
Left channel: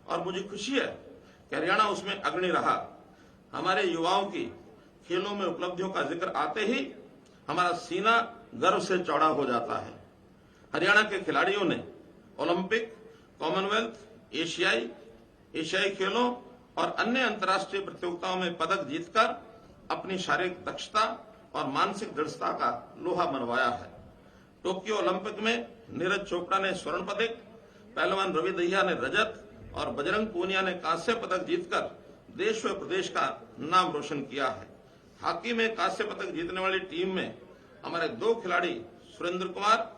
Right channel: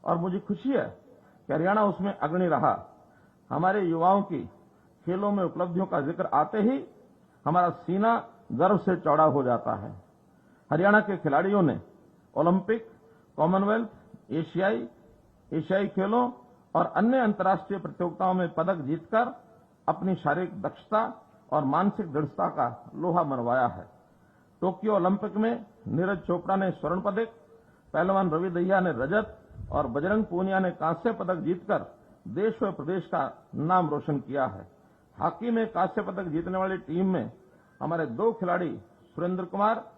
और मुझे खुशी है कि हरियाणा उसमें अग्रणी रहा। हमारे युवाओं की खेलों में उपलब्धियों का जिक्र आते ही हमारा सीना गर्व से चौड़ा हो जाता है। हरियाणा के खिलाड़ियों ने ओलंपिक, कॉमनवेल्थ, एशियाई खेलों और अन्य अंतर्राष्ट्रीय प्रतियोगिताओं में पदक जीतकर अपनी शारीरिक दक्षता और मानसिक दृढ़ता का लोहा मनवाया है। टोक्यो ओलंपिक में नीरज चोपड़ा ने स्वर्ण पदक, पहलवान रवि दहिया ने रजत और बजरंग पूनिया ने कांस्य पदक जीतकर देश व प्रदेश का नाम रोशन किया है। हॉकी में कांस्य पदक जीतने वाली टीम में हमारे 2 खिलाड़ी सुरेंद्र कुमार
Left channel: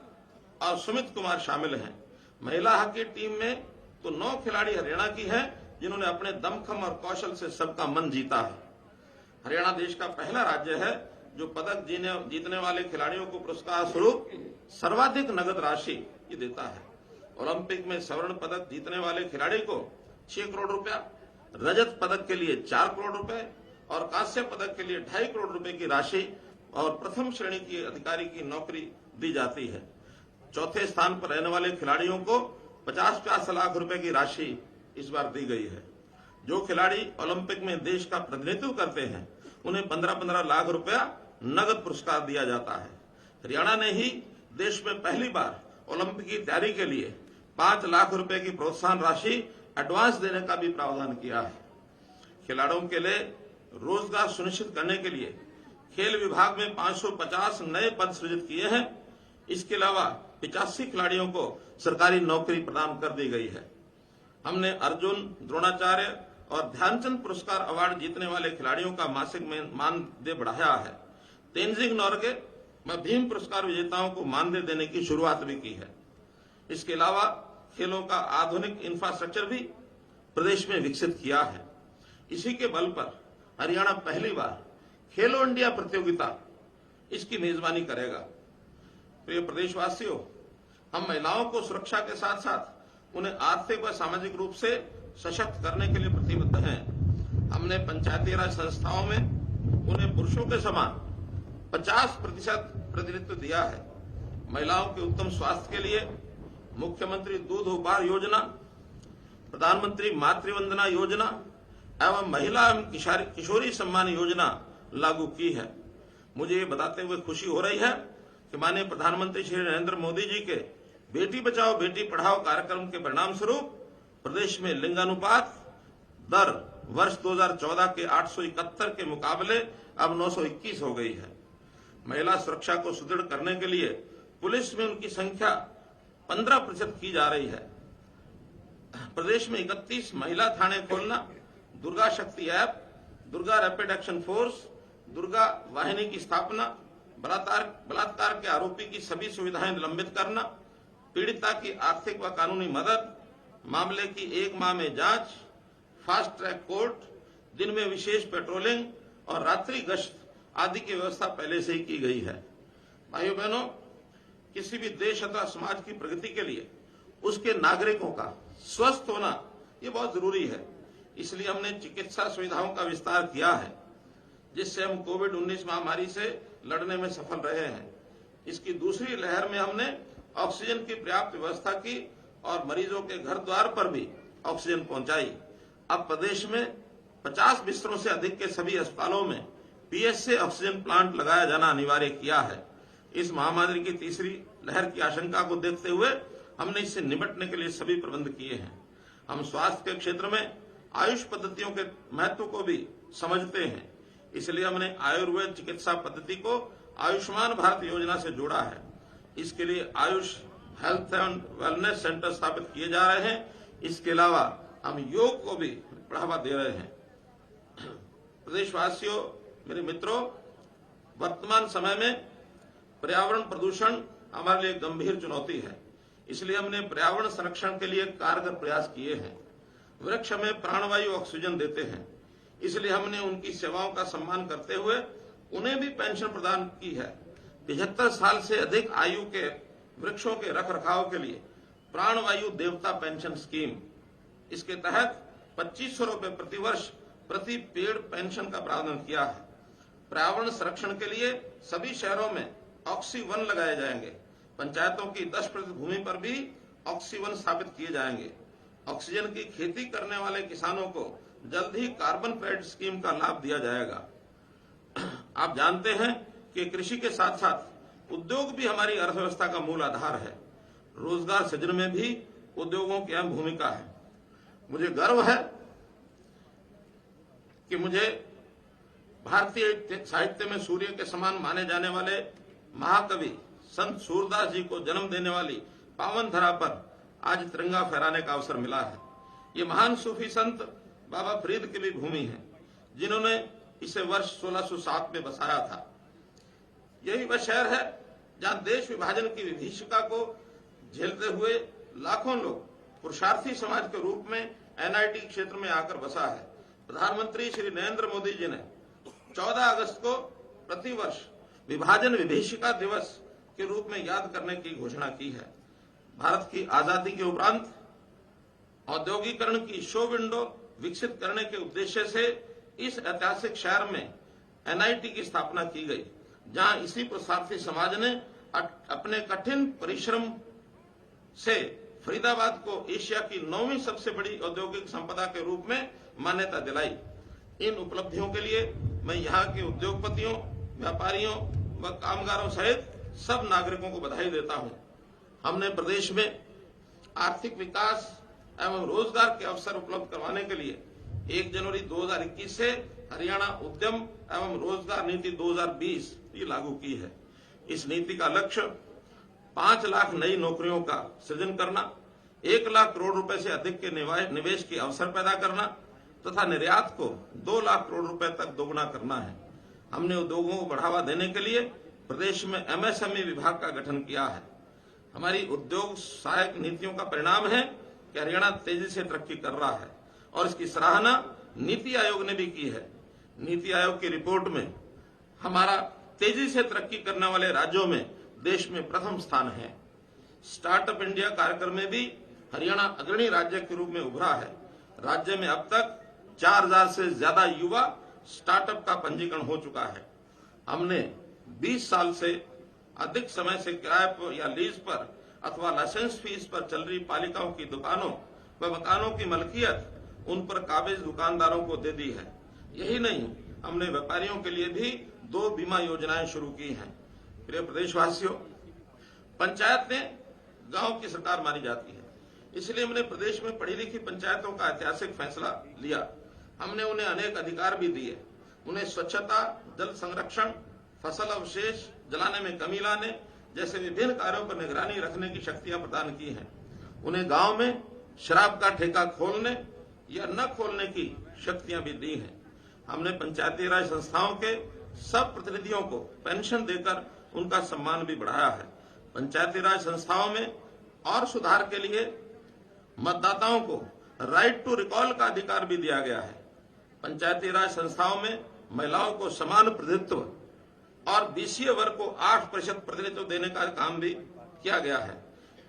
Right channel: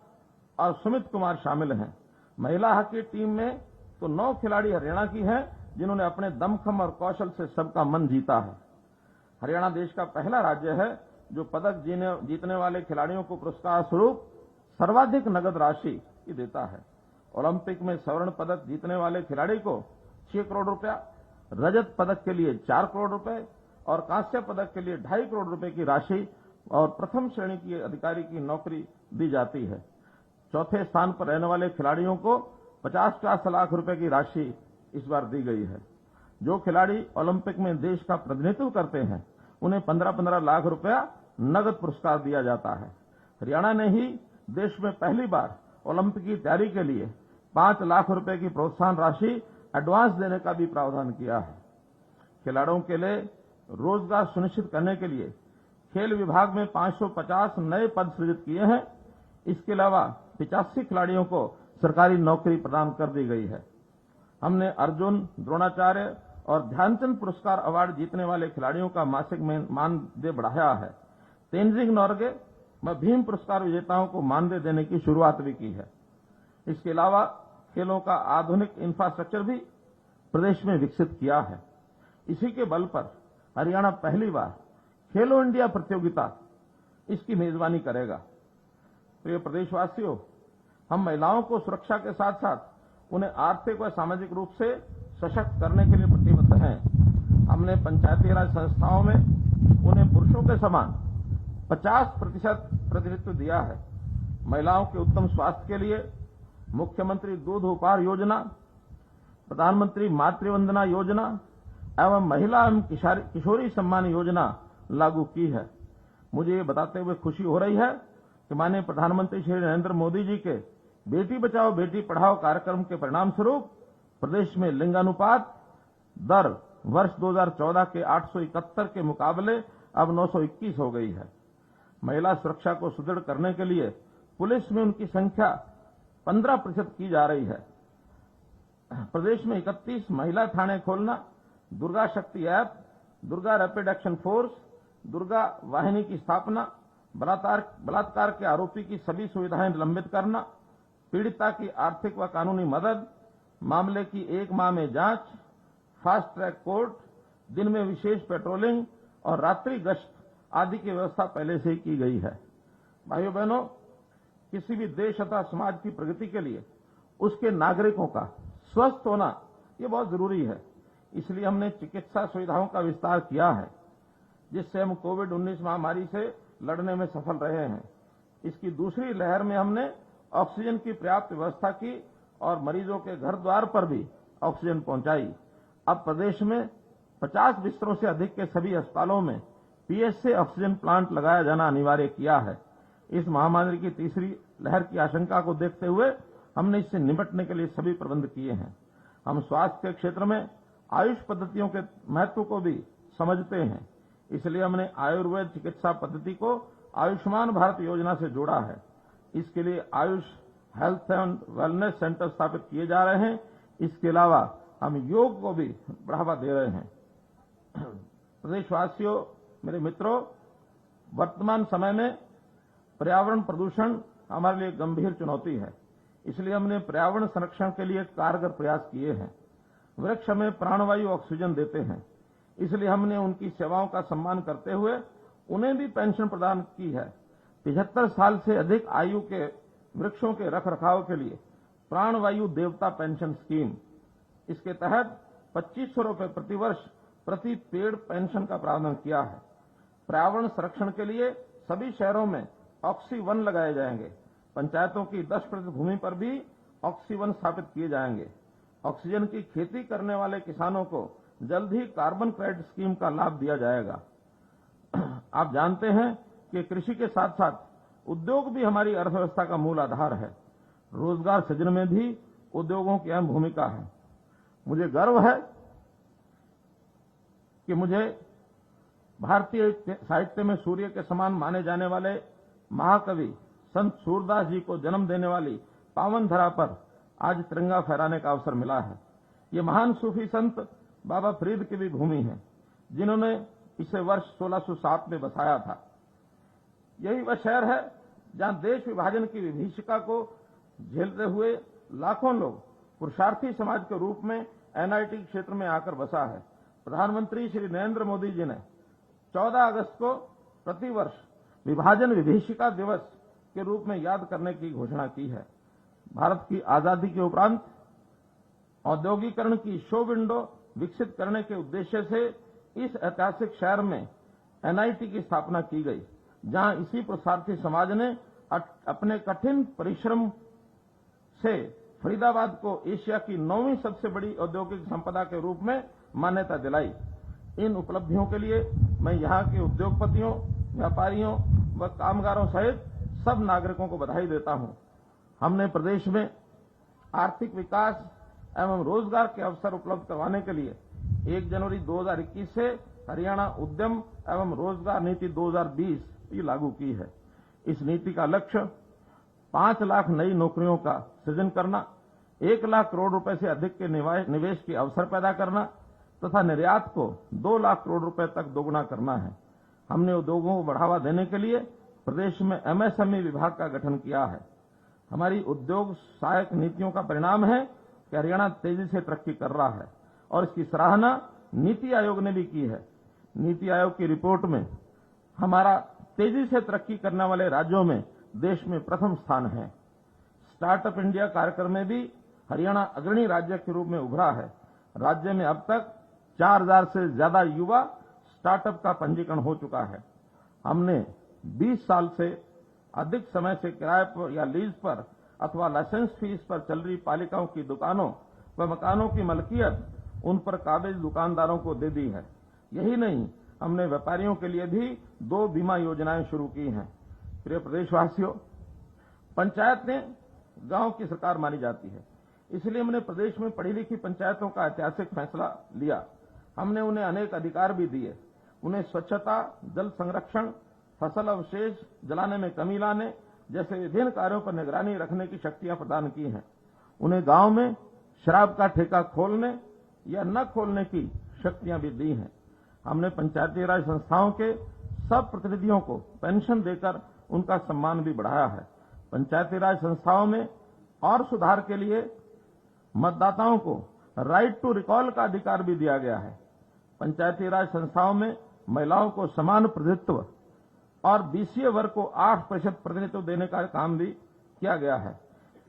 और सुमित कुमार शामिल हैं। महिला हॉकी टीम में तो 9 खिलाड़ी हरियाणा की हैं, जिन्होंने अपने दमखम और कौशल से सबका मन जीता है। हरियाणा देश का पहला राज्य है जो पदक जीतने वाले खिलाड़ियों को पुरस्कार स्वरूप सर्वाधिक नगद राशि देता है। ओलंपिक में स्वर्ण पदक जीतने वाले खिलाड़ी को 6 करोड़ रुपया, रजत पदक के लिए 4 करोड़ रुपए और कांस्य पदक के लिए 2.5 करोड़ रुपए की राशि और प्रथम श्रेणी की अधिकारी की नौकरी दी जाती है। चौथे स्थान पर रहने वाले खिलाड़ियों को 50 लाख रुपए की राशि इस बार दी गई है। जो खिलाड़ी ओलंपिक में देश का प्रतिनिधित्व करते हैं उन्हें 15-15 लाख रुपया नगद पुरस्कार दिया जाता है। हरियाणा ने ही देश में पहली बार ओलंपिक की तैयारी के लिए 5 लाख रुपए की प्रोत्साहन राशि एडवांस देने का भी प्रावधान किया है। खिलाड़ियों के लिए रोजगार सुनिश्चित करने के लिए खेल विभाग में 550 नए पद सृजित किए हैं। इसके अलावा 85 खिलाड़ियों को सरकारी नौकरी प्रदान कर दी गई है। हमने अर्जुन, द्रोणाचार्य और ध्यानचंद पुरस्कार अवार्ड जीतने वाले खिलाड़ियों का मासिक मानदेय बढ़ाया है। तेनजिंग नोर्गे में भीम पुरस्कार विजेताओं को मानदेय देने की शुरुआत भी की है। इसके अलावा खेलों का आधुनिक इंफ्रास्ट्रक्चर भी प्रदेश में विकसित किया है। इसी के बल पर हरियाणा पहली बार खेलो इंडिया प्रतियोगिता इसकी मेजबानी करेगा। प्रिय प्रदेशवासियों, हम महिलाओं को सुरक्षा के साथ साथ उन्हें आर्थिक व सामाजिक रूप से सशक्त करने के लिए प्रतिबद्ध हैं। हमने पंचायती राज संस्थाओं में उन्हें पुरुषों के समान 50% प्रतिनिधित्व दिया है। महिलाओं के उत्तम स्वास्थ्य के लिए मुख्यमंत्री दूध उपहार योजना, प्रधानमंत्री मातृवंदना योजना एवं महिला एवं किशोरी सम्मान योजना लागू की है। मुझे ये बताते हुए खुशी हो रही है कि माननीय प्रधानमंत्री श्री नरेंद्र मोदी जी के बेटी बचाओ बेटी पढ़ाओ कार्यक्रम के परिणाम स्वरूप प्रदेश में लिंगानुपात दर वर्ष 2014 के 871 के मुकाबले अब 921 हो गई है। महिला सुरक्षा को सुदृढ़ करने के लिए पुलिस में उनकी संख्या 15% की जा रही है। प्रदेश में 31 महिला थाने खोलना, दुर्गा शक्ति app, Durga rapid action force, Durga वाहिनी की स्थापना, बलात्कार के आरोपी की सभी सुविधाएं निलंबित करना, पीड़िता की आर्थिक व कानूनी मदद, मामले की 1 माह में जांच, फास्ट ट्रैक कोर्ट, दिन में विशेष पेट्रोलिंग और रात्रि गश्त आदि की व्यवस्था पहले से ही की गई है। भाइयों बहनों, किसी भी देश अथवा समाज की प्रगति के लिए उसके नागरिकों का स्वस्थ होना ये बहुत जरूरी है। इसलिए हमने चिकित्सा सुविधाओं का विस्तार किया है, जिससे हम कोविड-19 महामारी से लड़ने में सफल रहे हैं। इसकी दूसरी लहर में हमने ऑक्सीजन की पर्याप्त व्यवस्था की और मरीजों के घर द्वार पर भी ऑक्सीजन पहुंचाई। अब प्रदेश में 50 बिस्तरों से अधिक के सभी अस्पतालों में पीएसए ऑक्सीजन प्लांट लगाया जाना अनिवार्य किया है। इस महामारी की तीसरी लहर की आशंका को देखते हुए हमने इससे निपटने के लिए सभी प्रबंध किए हैं। हम स्वास्थ्य के क्षेत्र में आयुष पद्धतियों के महत्व को भी समझते हैं, इसलिए हमने आयुर्वेद चिकित्सा पद्धति को आयुष्मान भारत योजना से जोड़ा है। इसके लिए Ayush health and wellness centre स्थापित किए जा रहे हैं। इसके अलावा हम योग को भी बढ़ावा दे रहे हैं। प्रदेशवासियों, मेरे मित्रों, वर्तमान समय में पर्यावरण प्रदूषण हमारे लिए गंभीर चुनौती है, इसलिए हमने पर्यावरण संरक्षण के लिए कारगर प्रयास किए हैं। वृक्ष हमें प्राणवायु ऑक्सीजन देते हैं, इसलिए हमने उनकी सेवाओं का सम्मान करते हुए उन्हें भी पेंशन प्रदान की है। 75 साल से अधिक आयु के वृक्षों के रखरखाव के लिए प्राणवायु देवता पेंशन स्कीम, इसके तहत 2500 रुपए प्रतिवर्ष प्रति पेड़ पेंशन का प्रावधान किया है। पर्यावरण संरक्षण के लिए सभी शहरों में ऑक्सीवन लगाए जाएंगे। पंचायतों की 10% भूमि पर भी ऑक्सीवन स्थापित किए जाएंगे। ऑक्सीजन की खेती करने वाले किसानों को जल्द ही कार्बन क्रेडिट स्कीम का लाभ दिया जाएगा। आप जानते हैं कि कृषि के साथ साथ उद्योग भी हमारी अर्थव्यवस्था का मूल आधार है। रोजगार सृजन में भी उद्योगों की अहम भूमिका है। मुझे गर्व है कि मुझे भारतीय साहित्य में सूर्य के समान माने जाने वाले महाकवि संत सूरदास जी को जन्म देने वाली पावन धरा पर आज तिरंगा फहराने का अवसर मिला है। ये महान सूफी संत बाबा फरीद की भी भूमि है, जिन्होंने इसे वर्ष 1607 में बसाया था। यही वह शहर है जहां देश विभाजन की विभीषिका को झेलते हुए लाखों लोग पुरुषार्थी समाज के रूप में एनआईटी क्षेत्र में आकर बसा है। प्रधानमंत्री श्री नरेंद्र मोदी जी ने 14 अगस्त को प्रतिवर्ष विभाजन विभीषिका दिवस के रूप में याद करने की घोषणा की है। भारत की आजादी के उपरांत औद्योगिकरण की शो विंडो विकसित करने के उद्देश्य से इस ऐतिहासिक शहर में एनआईटी की स्थापना की गई, जहां इसी पुरुषार्थी समाज ने अपने कठिन परिश्रम से फरीदाबाद को एशिया की 9वीं सबसे बड़ी औद्योगिक संपदा के रूप में मान्यता दिलाई। इन उपलब्धियों के लिए मैं यहाँ के उद्योगपतियों, व्यापारियों व कामगारों सहित सब नागरिकों को बधाई देता हूँ। हमने प्रदेश में आर्थिक विकास एवं रोजगार के अवसर उपलब्ध करवाने के लिए 1 जनवरी 2021 से हरियाणा उद्यम एवं रोजगार नीति 2020 की लागू की है। इस नीति का लक्ष्य 5 लाख नई नौकरियों का सृजन करना, 1 लाख करोड़ रुपए से अधिक के निवेश के अवसर पैदा करना तथा निर्यात को 2 लाख करोड़ रुपए तक दोगुना करना है। हमने उद्योगों को बढ़ावा देने के लिए प्रदेश में एमएसएमई विभाग का गठन किया है। हमारी उद्योग सहायक नीतियों का परिणाम है कि हरियाणा तेजी से तरक्की कर रहा है और इसकी सराहना नीति आयोग ने भी की है। नीति आयोग की रिपोर्ट में हमारा तेजी से तरक्की करने वाले राज्यों में देश में प्रथम स्थान है। स्टार्टअप इंडिया कार्यक्रम में भी हरियाणा अग्रणी राज्य के रूप में उभरा है। राज्य में अब तक 4000 से ज्यादा युवा स्टार्टअप का पंजीकरण हो चुका है। हमने 20 साल से अधिक समय से किराए पर या लीज पर अथवा लाइसेंस फीस पर चल रही पालिकाओं की दुकानों व मकानों की मलकियत उन पर काबिज दुकानदारों को दे दी है। यही नहीं, हमने व्यापारियों के लिए भी 2 बीमा योजनाएं शुरू की हैं। प्रिय प्रदेशवासियों, पंचायतें गांव की सरकार मानी जाती है, इसलिए हमने प्रदेश में पढ़ी लिखी पंचायतों का ऐतिहासिक फैसला लिया। हमने उन्हें अनेक अधिकार भी दिए। उन्हें स्वच्छता, जल संरक्षण, फसल अवशेष जलाने में कमी लाने जैसे विभिन्न कार्यों पर निगरानी रखने की शक्तियां प्रदान की हैं। उन्हें गांव में शराब का ठेका खोलने या न खोलने की शक्तियां भी दी हैं। हमने पंचायती राज संस्थाओं के सब प्रतिनिधियों को पेंशन देकर उनका सम्मान भी बढ़ाया है। पंचायती राज संस्थाओं में और सुधार के लिए मतदाताओं को राइट टू रिकॉल का अधिकार भी दिया गया है। पंचायती राज संस्थाओं में महिलाओं को समान प्रतिनिधित्व और बीसीए वर्ग को 8% प्रतिनिधित्व देने का काम भी किया गया है।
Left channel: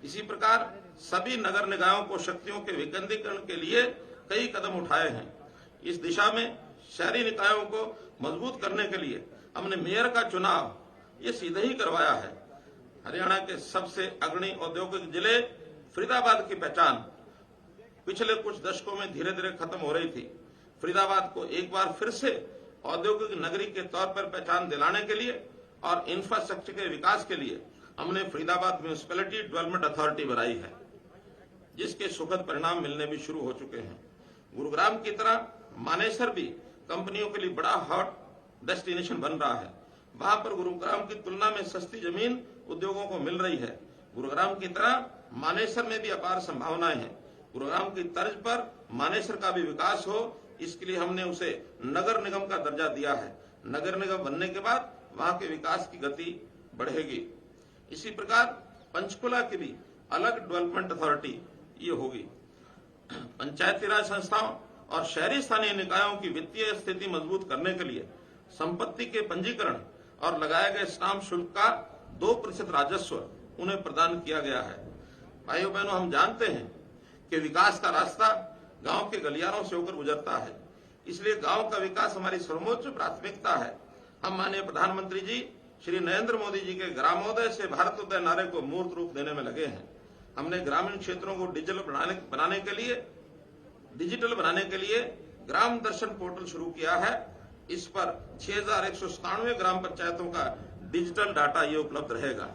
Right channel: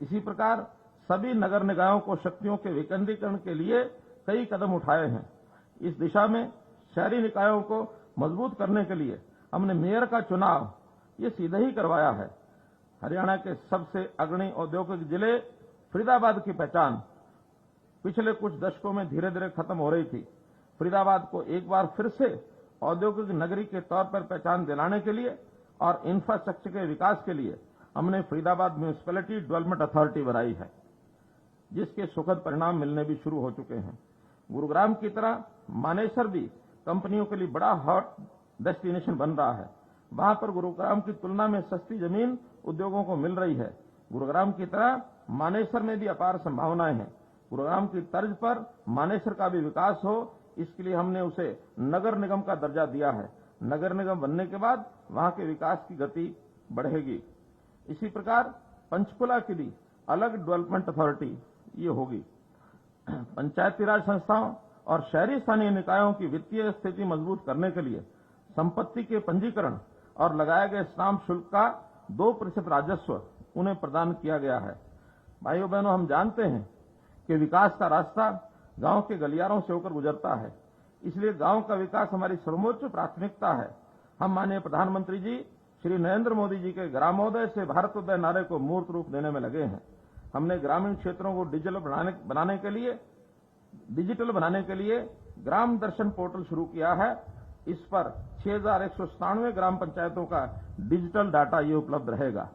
इसी प्रकार सभी नगर निकायों को शक्तियों के विकेंद्रीकरण के लिए कई कदम उठाए हैं। इस दिशा में शहरी निकायों को मजबूत करने के लिए हमने मेयर का चुनाव ये सीधे ही करवाया है। हरियाणा के सबसे अग्रणी औद्योगिक जिले फरीदाबाद की पहचान पिछले कुछ दशकों में धीरे धीरे खत्म हो रही थी। फरीदाबाद को एक बार फिर से औद्योगिक नगरी के तौर पर पहचान दिलाने के लिए और इंफ्रास्ट्रक्चर के विकास के लिए हमने फरीदाबाद म्यूनिसिपैलिटी डेवलपमेंट अथॉरिटी बनाई है, जिसके सुखद परिणाम मिलने भी शुरू हो चुके हैं। गुरुग्राम की तरह मानेसर भी कंपनियों के लिए बड़ा हॉट डेस्टिनेशन बन रहा है। वहां पर गुरुग्राम की तुलना में सस्ती जमीन उद्योगों को मिल रही है। गुरुग्राम की तरह मानेसर में भी अपार संभावनाएं हैं। गुरुग्राम की तर्ज पर मानेसर का भी विकास हो, इसके लिए हमने उसे नगर निगम का दर्जा दिया है। नगर निगम बनने के बाद वहां के विकास की गति बढ़ेगी। इसी प्रकार पंचकुला की भी अलग डेवलपमेंट अथॉरिटी ये होगी। पंचायती राज संस्थाओं और शहरी स्थानीय निकायों की वित्तीय स्थिति मजबूत करने के लिए संपत्ति के पंजीकरण और लगाए गए स्टाम्प शुल्क का 2% राजस्व उन्हें प्रदान किया गया है। भाइयों बहनों, हम जानते हैं कि विकास का रास्ता गांव के गलियारों से होकर गुजरता है, इसलिए गांव का विकास हमारी सर्वोच्च प्राथमिकता है। हम माननीय प्रधानमंत्री जी श्री नरेंद्र मोदी जी के ग्रामोदय से भारतोदय नारे को मूर्त रूप देने में लगे हैं। हमने ग्रामीण क्षेत्रों को डिजिटल बनाने के लिए ग्राम दर्शन पोर्टल शुरू किया है। इस पर 6197 ग्राम पंचायतों का डिजिटल डाटा ये उपलब्ध रहेगा।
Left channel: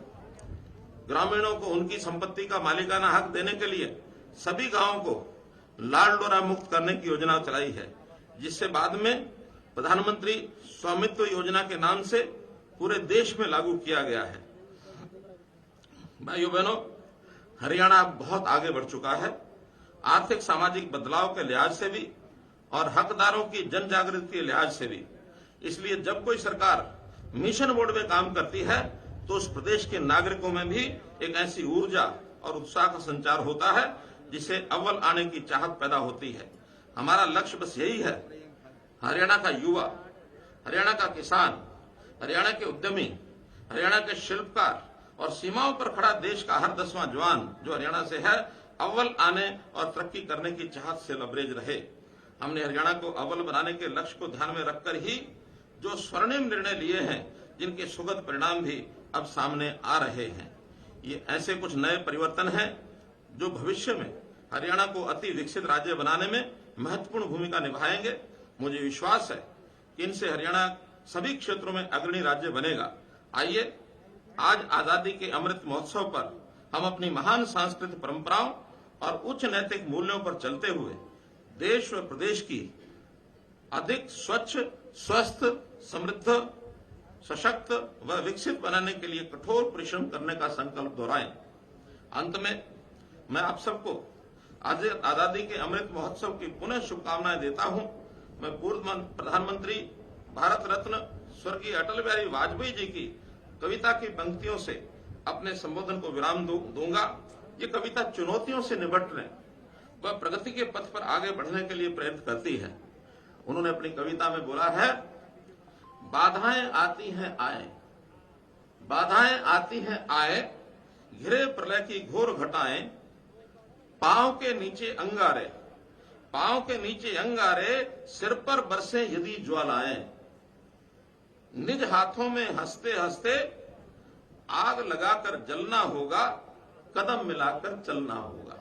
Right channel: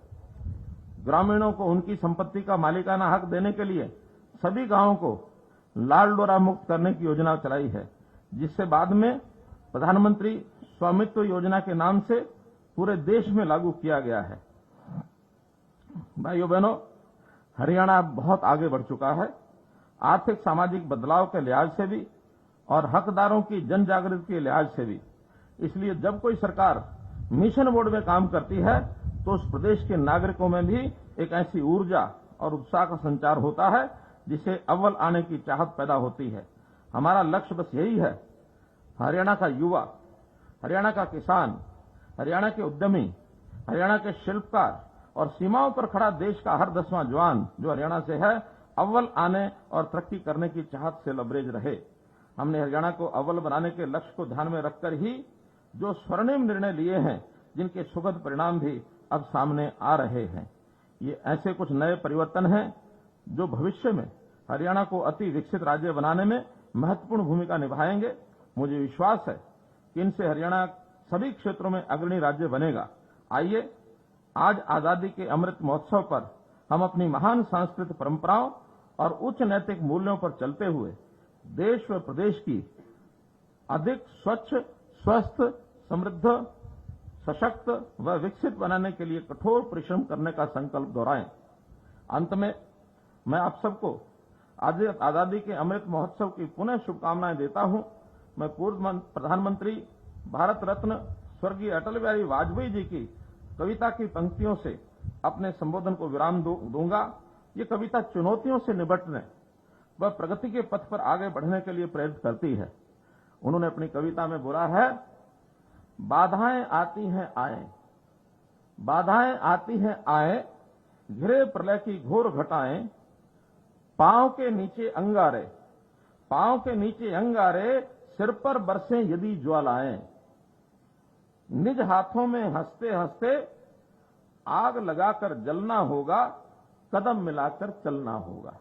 ग्रामीणों को उनकी संपत्ति का मालिकाना हक देने के लिए सभी गांवों को लाल डोरा मुक्त करने की योजना चलाई है, जिससे बाद में प्रधानमंत्री स्वामित्व योजना के नाम से पूरे देश में लागू किया गया है। भाइयों बहनों, हरियाणा बहुत आगे बढ़ चुका है, आर्थिक सामाजिक बदलाव के लिहाज से भी और हकदारों की जन जागृति के लिहाज से भी। इसलिए जब कोई सरकार मिशन मोड में काम करती है तो उस प्रदेश के नागरिकों में भी एक ऐसी ऊर्जा और उत्साह का संचार होता है जिसे अव्वल आने की चाहत पैदा होती है। हमारा लक्ष्य बस यही है, हरियाणा का युवा, हरियाणा का किसान, हरियाणा के उद्यमी, हरियाणा के शिल्पकार और सीमाओं पर खड़ा देश का हर 10वां जवान जो हरियाणा से है, अव्वल आने और तरक्की करने की चाहत से लबरेज रहे। हमने हरियाणा को अव्वल बनाने के लक्ष्य को ध्यान में रखकर ही जो स्वर्णिम निर्णय लिए हैं, जिनके सुखद परिणाम भी अब सामने आ रहे हैं। ये ऐसे कुछ नए परिवर्तन हैं जो भविष्य में हरियाणा को अति विकसित राज्य बनाने में महत्वपूर्ण भूमिका निभाएंगे। मुझे विश्वास है कि इनसे हरियाणा सभी क्षेत्रों में अग्रणी राज्य बनेगा। आइए आज आजादी के अमृत महोत्सव पर हम अपनी महान सांस्कृतिक परंपराओं और उच्च नैतिक मूल्यों पर चलते हुए देश व प्रदेश की अधिक स्वच्छ, स्वस्थ, समृद्ध, सशक्त व विकसित बनाने के लिए कठोर परिश्रम करने का संकल्प दोहराएं। अंत में मैं आप सबको आजादी के अमृत महोत्सव की पुनः शुभकामनाएं देता हूं। मैं पूर्व प्रधानमंत्री भारत रत्न स्वर्गीय अटल बिहारी वाजपेयी जी की कविता की पंक्तियों से अपने संबोधन को विराम दूंगा। ये कविता चुनौतियों से निपटने व प्रगति के पथ पर आगे बढ़ने के लिए प्रेरित करती है। उन्होंने अपनी कविता में बोला है, बाधाएं आती हैं आए, बाधाएं आती हैं आए, घिरे प्रलय की घोर घटाएं, पांव के नीचे अंगारे, पांव के नीचे अंगारे, सिर पर बरसे यदि ज्वालाएं, निज हाथों में हंसते हंसते आग लगाकर जलना होगा, कदम मिलाकर चलना होगा।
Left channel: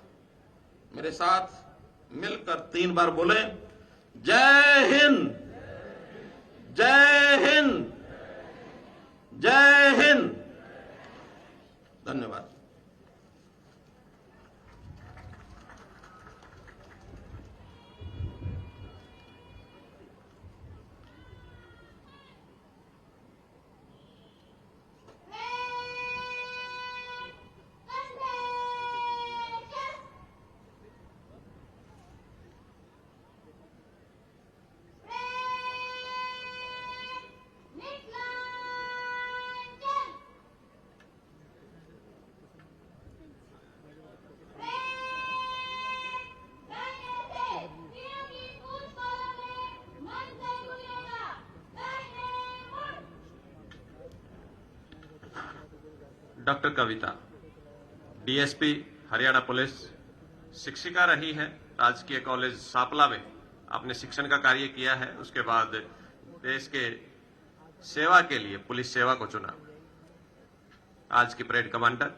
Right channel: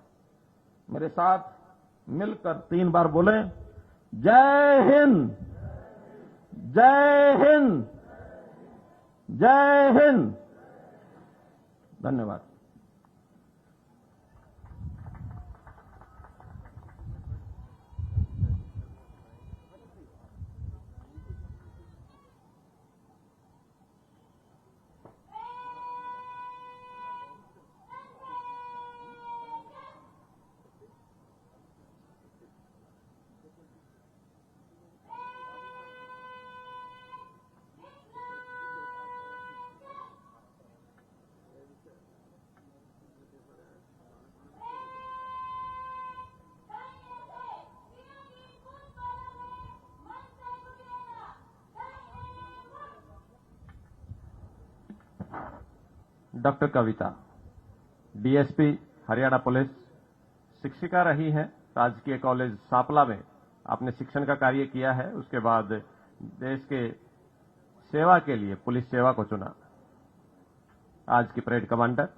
मेरे साथ मिलकर 3 बार बोलें, जय हिंद, जय हिंद, जय हिंद। धन्यवाद। डॉक्टर कविता डीएसपी हरियाणा पुलिस, शिक्षिका रही है। राजकीय कॉलेज सांपला में आपने शिक्षण का कार्य किया है। उसके बाद देश के सेवा के लिए पुलिस सेवा को चुना। आज की परेड कमांडर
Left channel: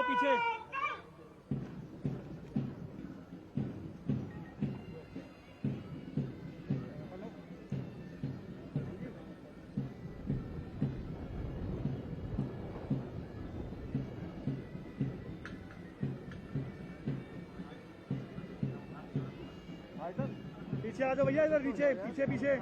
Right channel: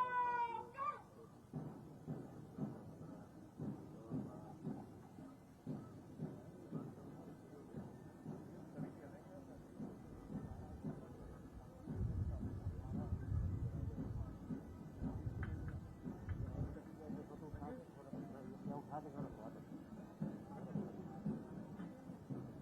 जाओ पीछे। पीछे आ जाओ भैया, इधर पीछे पीछे पीछे।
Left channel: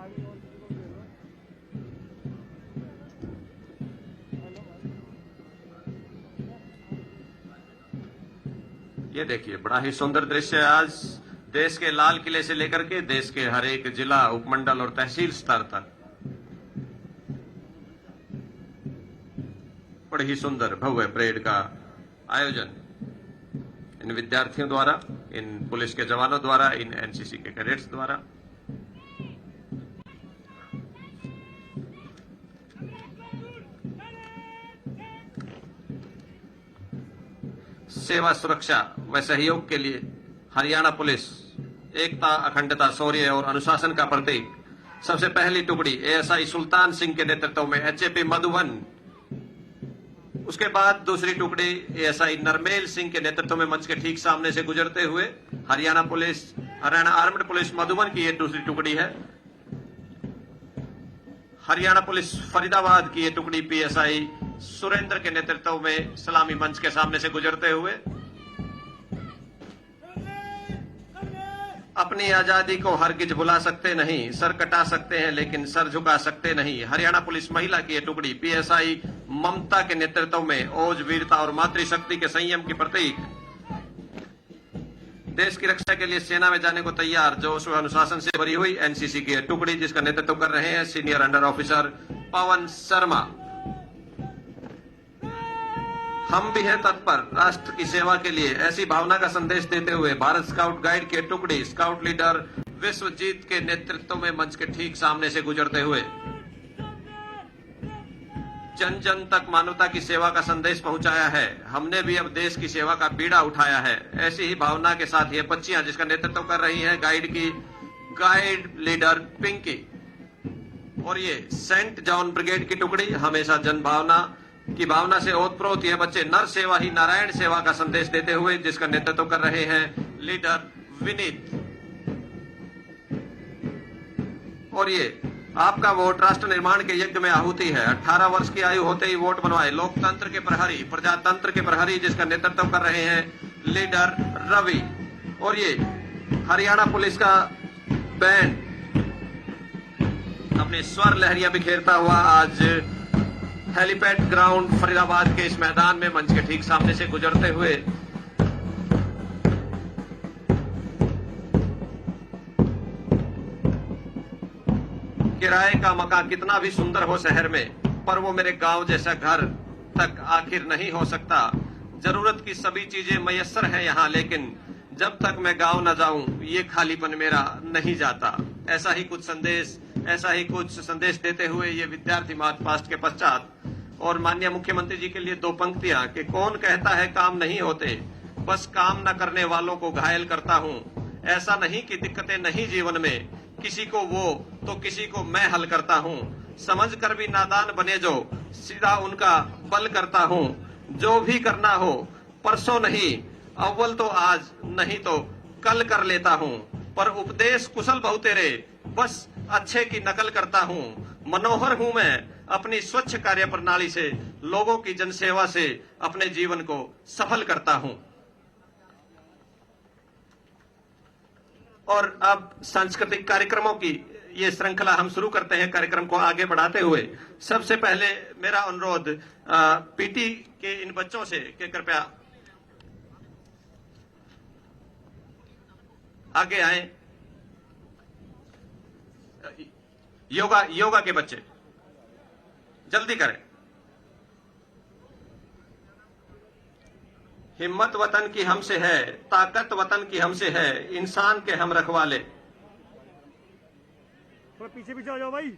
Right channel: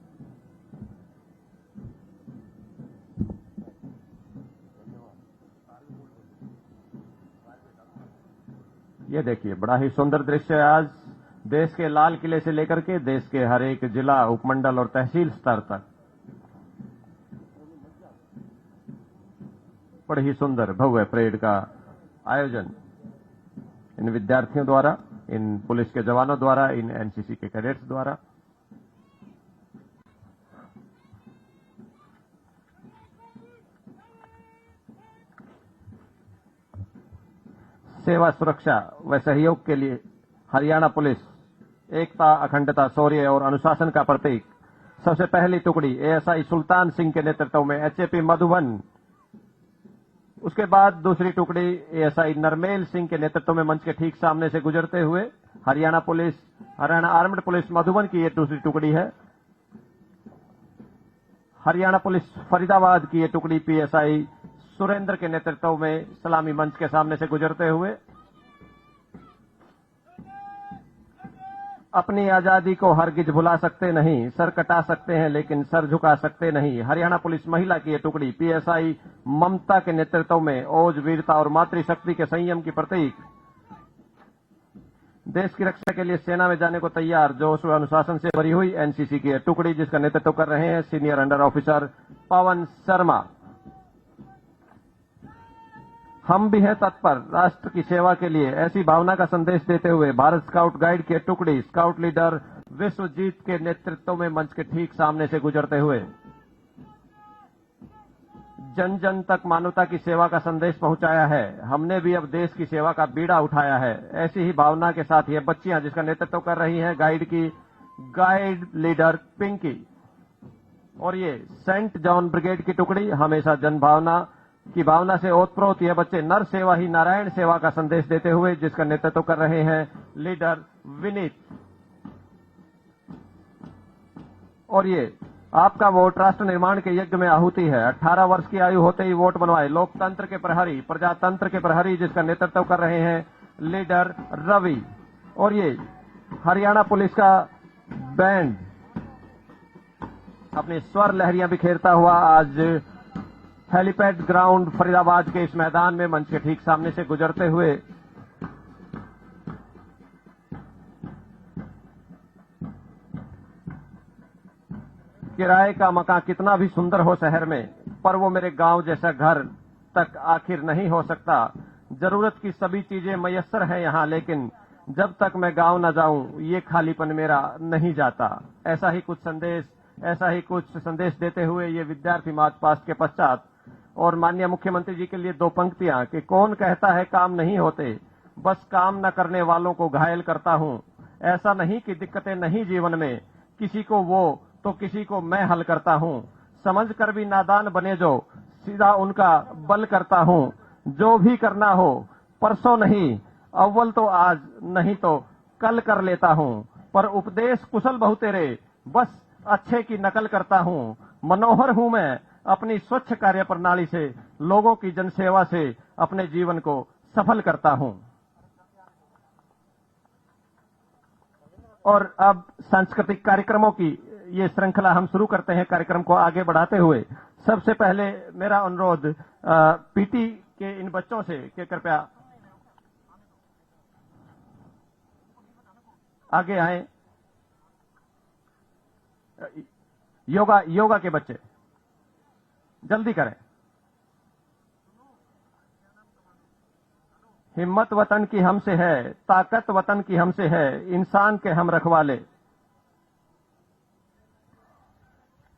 ये देखिए, बड़ा ही सुंदर दृश्य है। आज देश के लाल किले से लेकर के देश के हर एक जिला, उपमंडल और तहसील स्तर तक बड़े ही सुंदर भव्य परेड का आयोजन इन विद्यार्थियों द्वारा, इन पुलिस के जवानों द्वारा, इन एनसीसी के कैडेट्स द्वारा। सेवा, सुरक्षा व सहयोग के लिए हरियाणा पुलिस एकता, अखंडता, शौर्य और अनुशासन का प्रतीक। सबसे पहली टुकड़ी एएसआई सुल्तान सिंह के नेतृत्व में एचएपी मधुबन, उसके बाद दूसरी टुकड़ी एएसआई नरमेल सिंह के नेतृत्व में मंच के ठीक सामने से गुजरते हुए हरियाणा आर्म्ड पुलिस मधुबन की ये दूसरी टुकड़ी है। हरियाणा पुलिस फरीदाबाद की ये टुकड़ी पीएसआई सुरेंद्र के नेतृत्व में सलामी मंच के सामने से गुजरते हुए अपनी आजादी को हरगिज भुला सकते नहीं, सर कटा सकते हैं लेकिन सर झुका सकते नहीं। हरियाणा पुलिस महिला की ये टुकड़ी पीएसआई ममता के नेतृत्व में ओज, वीरता और मातृशक्ति के संयम की प्रतीक। देश की रक्षा के लिए सेना में जाने को तैयार, जोश व अनुशासन से भरी हुई एनसीसी की टुकड़ी, जिसका नेतृत्व कर रहे हैं senior under officer Pawan Sharma. हम भी हैं तत्पर राष्ट्र की सेवा के लिए, ऐसी भावना का संदेश देते हुए भारत स्काउट गाइड के टुकड़ी स्काउट लीडर विश्वजीत के नेतृत्व में मंच के ठीक सामने से गुजरते हुए जन जन तक मानवता की सेवा का संदेश पहुंचाया है। हमने भी अब देश की सेवा का बीड़ा उठाया है। ऐसी ही भावना के साथ ये बच्चियां, जिसका नेतृत्व कर रही हैं गाइड लीडर पिंकी, और ये सेंट जॉन ब्रिगेड की टुकड़ी, हमेशा जनभावना की भावना से ओतप्रोत ये बच्चे नर सेवा ही नारायण सेवा का संदेश देते हुए, जिसका नेतृत्व कर रहे हैं लीडर विनीत। और ये आपका वोट राष्ट्र निर्माण के यज्ञ में आहुति है। 18 वर्ष की आयु होते ही वोट बनवाए, लोकतंत्र के प्रहरी, प्रजातंत्र के प्रहरी, जिसका नेतृत्व कर रहे हैं लीडर रवि। और ये हरियाणा पुलिस का बैंड अपनी स्वर लहरियां बिखेरता हुआ आज हेलीपैड ग्राउंड फरीदाबाद के इस मैदान में मंच के ठीक सामने से गुजरते हुए किराए का मकान कितना भी सुंदर हो शहर में, पर वो मेरे गांव जैसा घर तक आखिर नहीं हो सकता। जरूरत की सभी चीजें मयस्सर है यहाँ, लेकिन जब तक मैं गांव न जाऊं ये खालीपन मेरा नहीं जाता। ऐसा ही कुछ संदेश देते हुए ये विद्यार्थी मार्च पास्ट के पश्चात, और माननीय मुख्यमंत्री जी के लिए 2 पंक्तियां कि कौन कहता है काम नहीं होते, बस काम न करने वालों को घायल करता हूं। ऐसा नहीं कि दिक्कतें नहीं जीवन में, किसी को वो तो किसी को मैं हल करता हूं। समझ कर भी नादान बने जो, सीधा उनका बल करता हूं। जो भी करना हो परसों नहीं, अव्वल तो आज नहीं तो कल कर लेता हूं। पर उपदेश कुशल बहु तेरे, बस अच्छे की नकल करता हूं। मनोहर हूं मैं अपनी स्वच्छ कार्य प्रणाली से, लोगों की जनसेवा से अपने जीवन को सफल करता हूं। और अब सांस्कृतिक कार्यक्रमों की ये श्रृंखला हम शुरू करते हैं। कार्यक्रम को आगे बढ़ाते हुए सबसे पहले मेरा अनुरोध पीटी के इन बच्चों से कि कृपया आगे आए। योगा के बच्चे जल्दी करें। हिम्मत वतन की हमसे है, ताकत वतन की हमसे है, इंसान के हम रखवाले। पीछे पीछे आ जाओ भाई।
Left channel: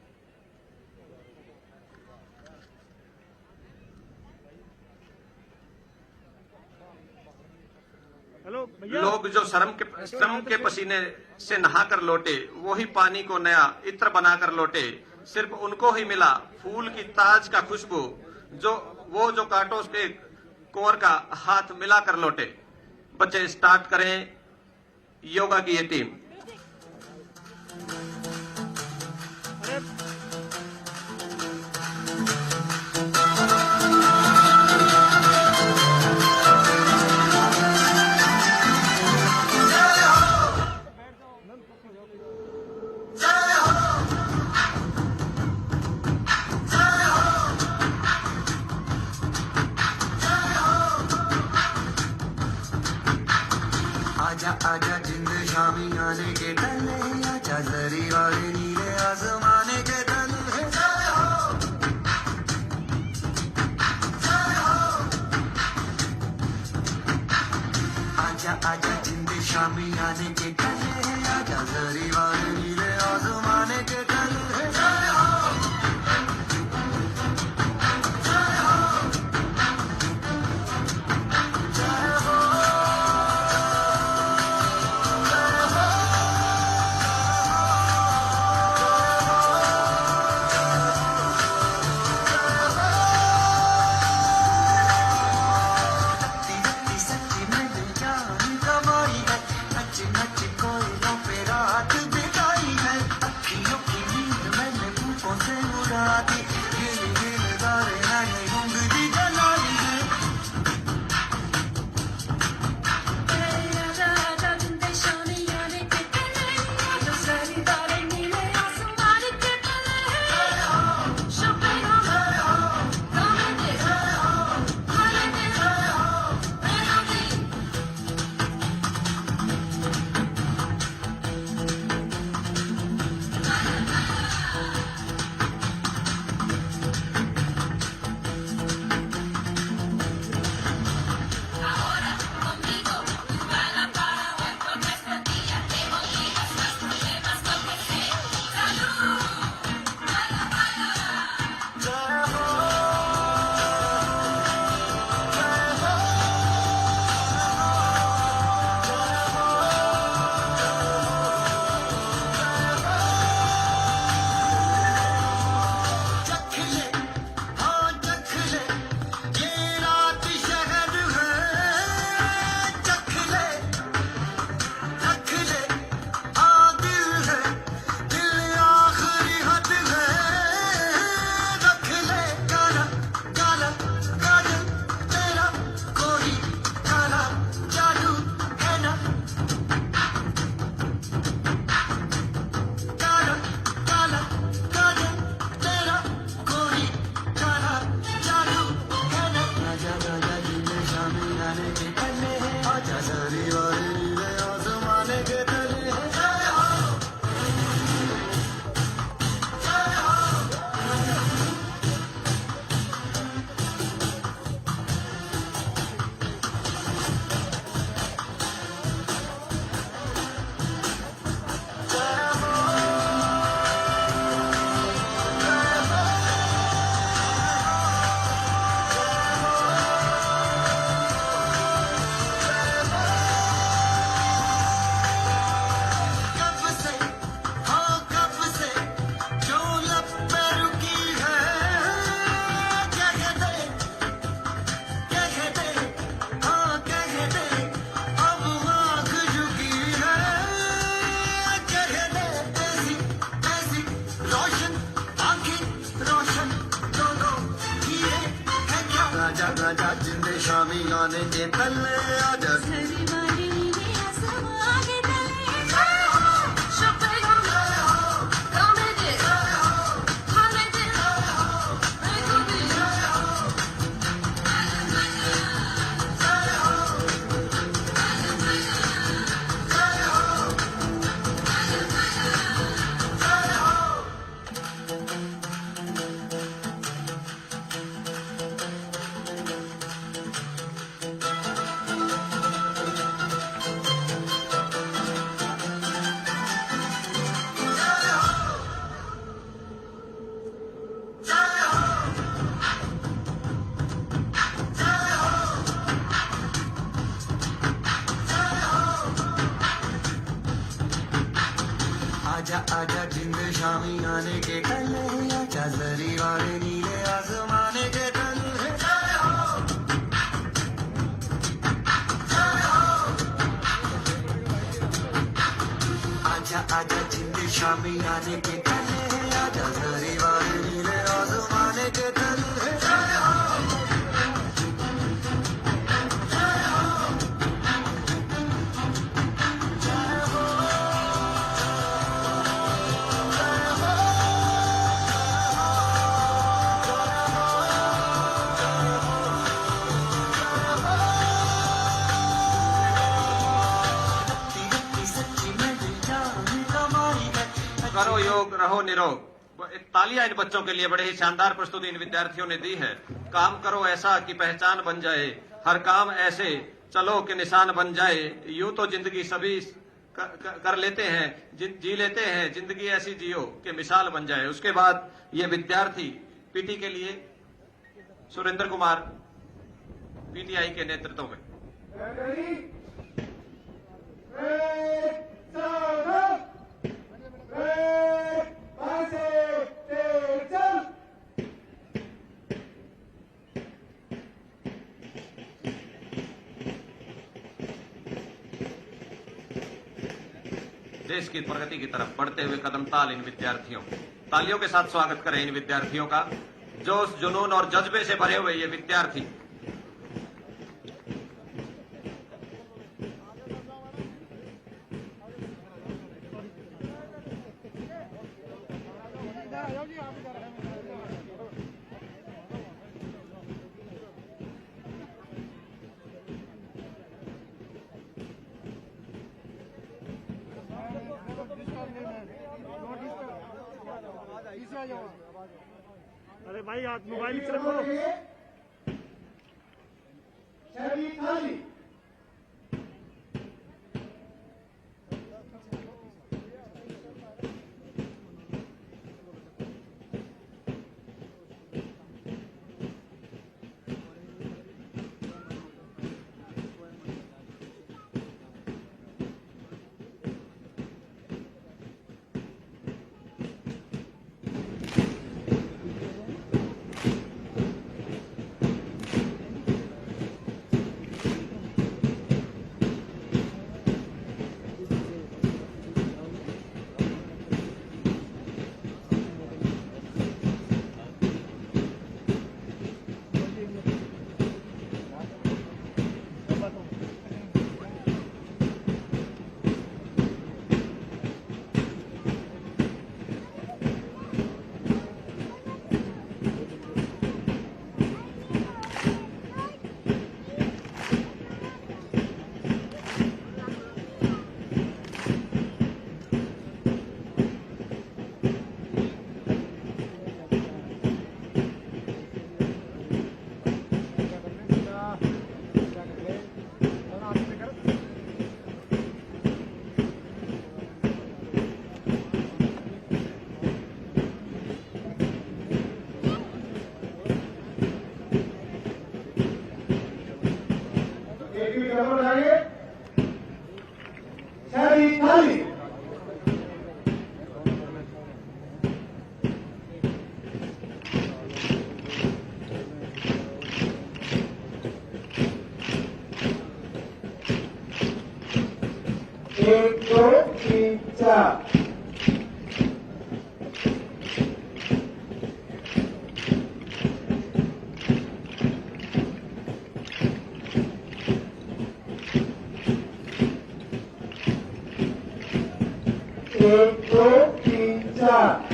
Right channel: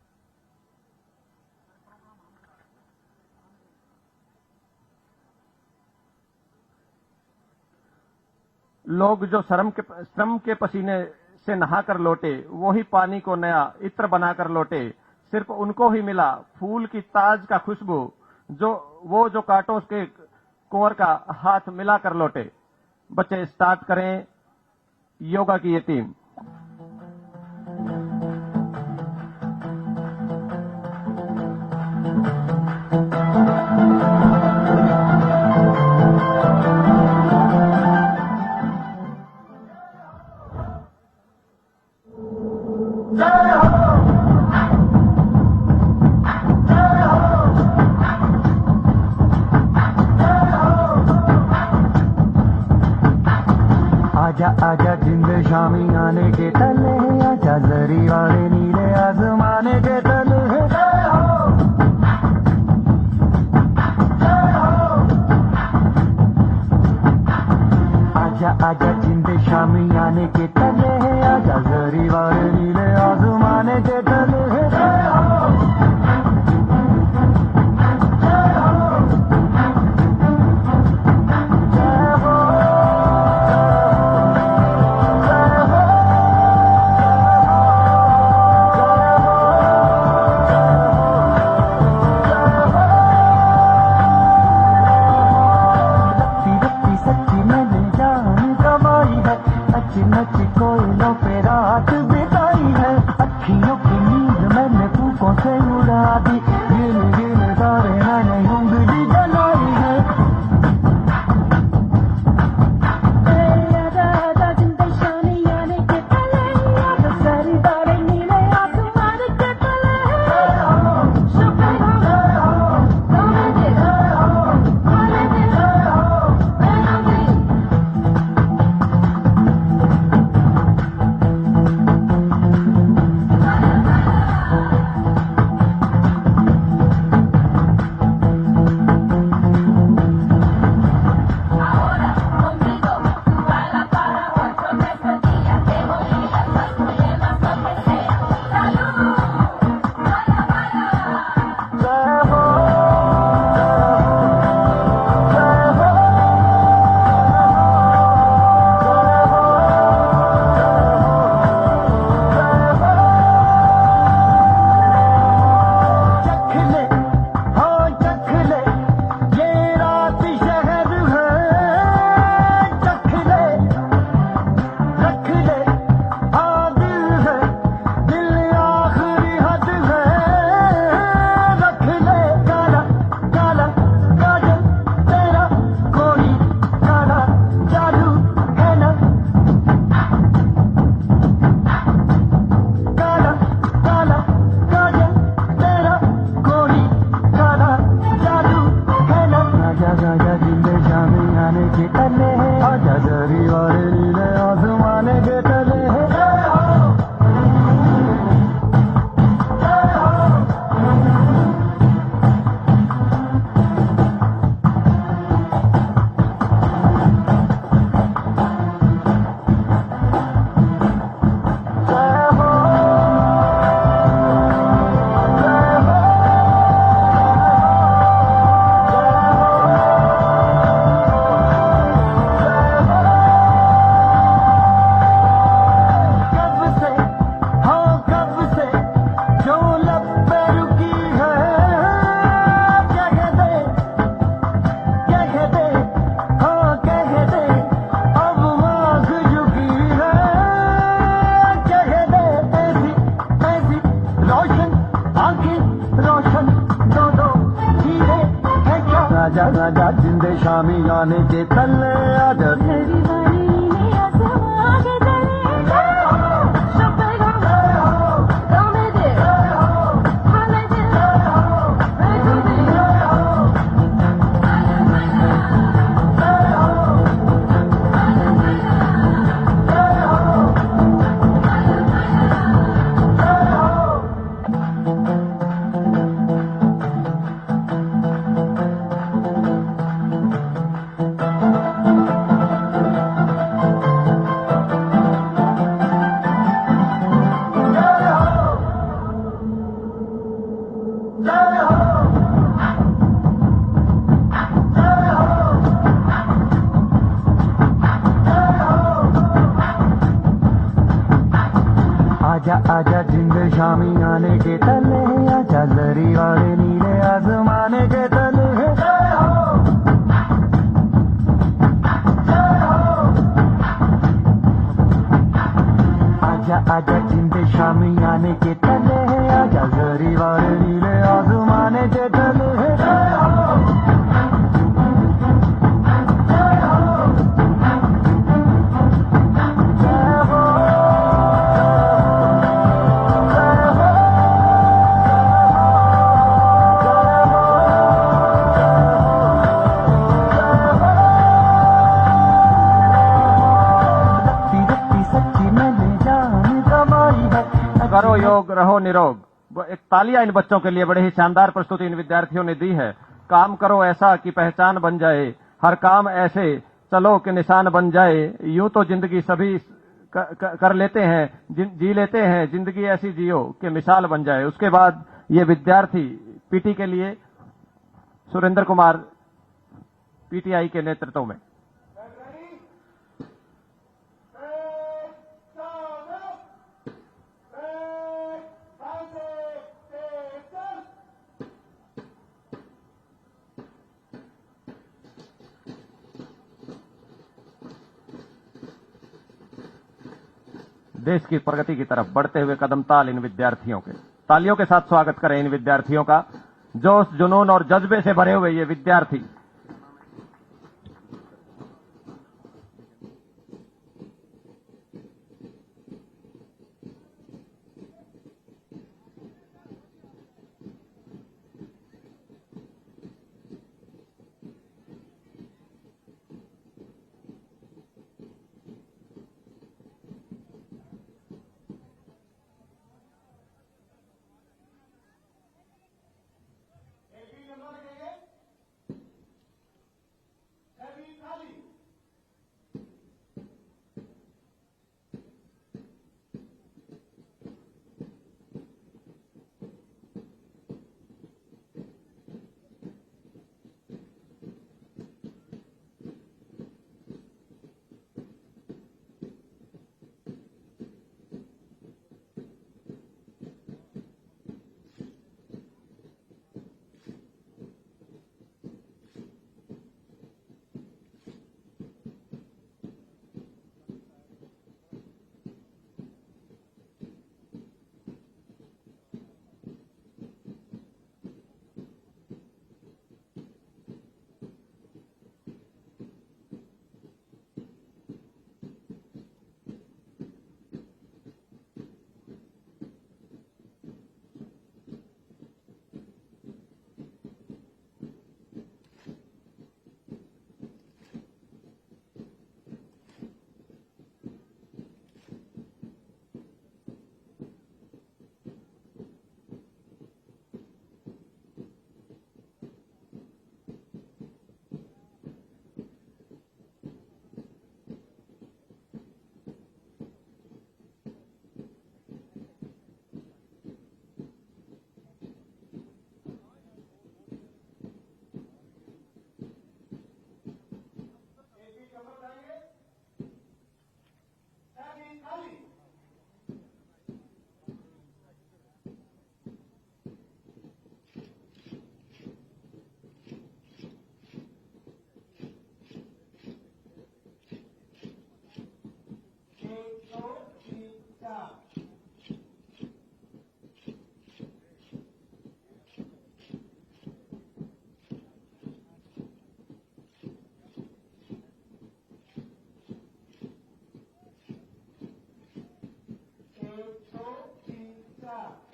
हेलो लोग जो श्रम के पसीने से नहाकर लौटे, वही पानी को नया इत्र बनाकर लौटे। सिर्फ उनको ही मिला फूल की ताज का खुशबू, जो कांटों के कुंवर का हाथ मिलाकर लौटे। बच्चे स्टार्ट करें योगा की ये टीम। आजा आजा जिंद शामी आने के तले है, आजा जरी वाले नीले आसमाने के तले है। आजा आजा जिंद शामी आने के तले है, आजा जरी वाले नीले आसमाने के तले है। आजा आजा जिंदे शामी गाने के तले आजा योग, रहो निरोग। एक तालियां इन बच्चों के लिए, बड़े ही शानदार प्रस्तुति इन विद्यार्थियों ने दी है। काम करो ऐसा कि पहचान बन जाए, हर काम ऐसे चलो कि निशान बन जाए। यूं तो जिंदगी सभी कर लेते हैं, जी लेते हैं, जिंदगी ऐसी जियो कि मिसाल बन जाए। उसके बाद ये विद्यार्थी पीटी के लिए सुरेंद्र कुमार पीटीआई के नेतृत्व में। देश की प्रगति की तरफ बढ़ते हुए कदम ताल इन विद्यार्थियों के। तालियों के साथ स्वागत करें इन विद्यार्थियों का। जोश, जुनून और जज्बे से भरे हुए ये विद्यार्थी। अरे भाई आप मोबाइल से रखो। एक दो तीन चार। एक दो तीन चार।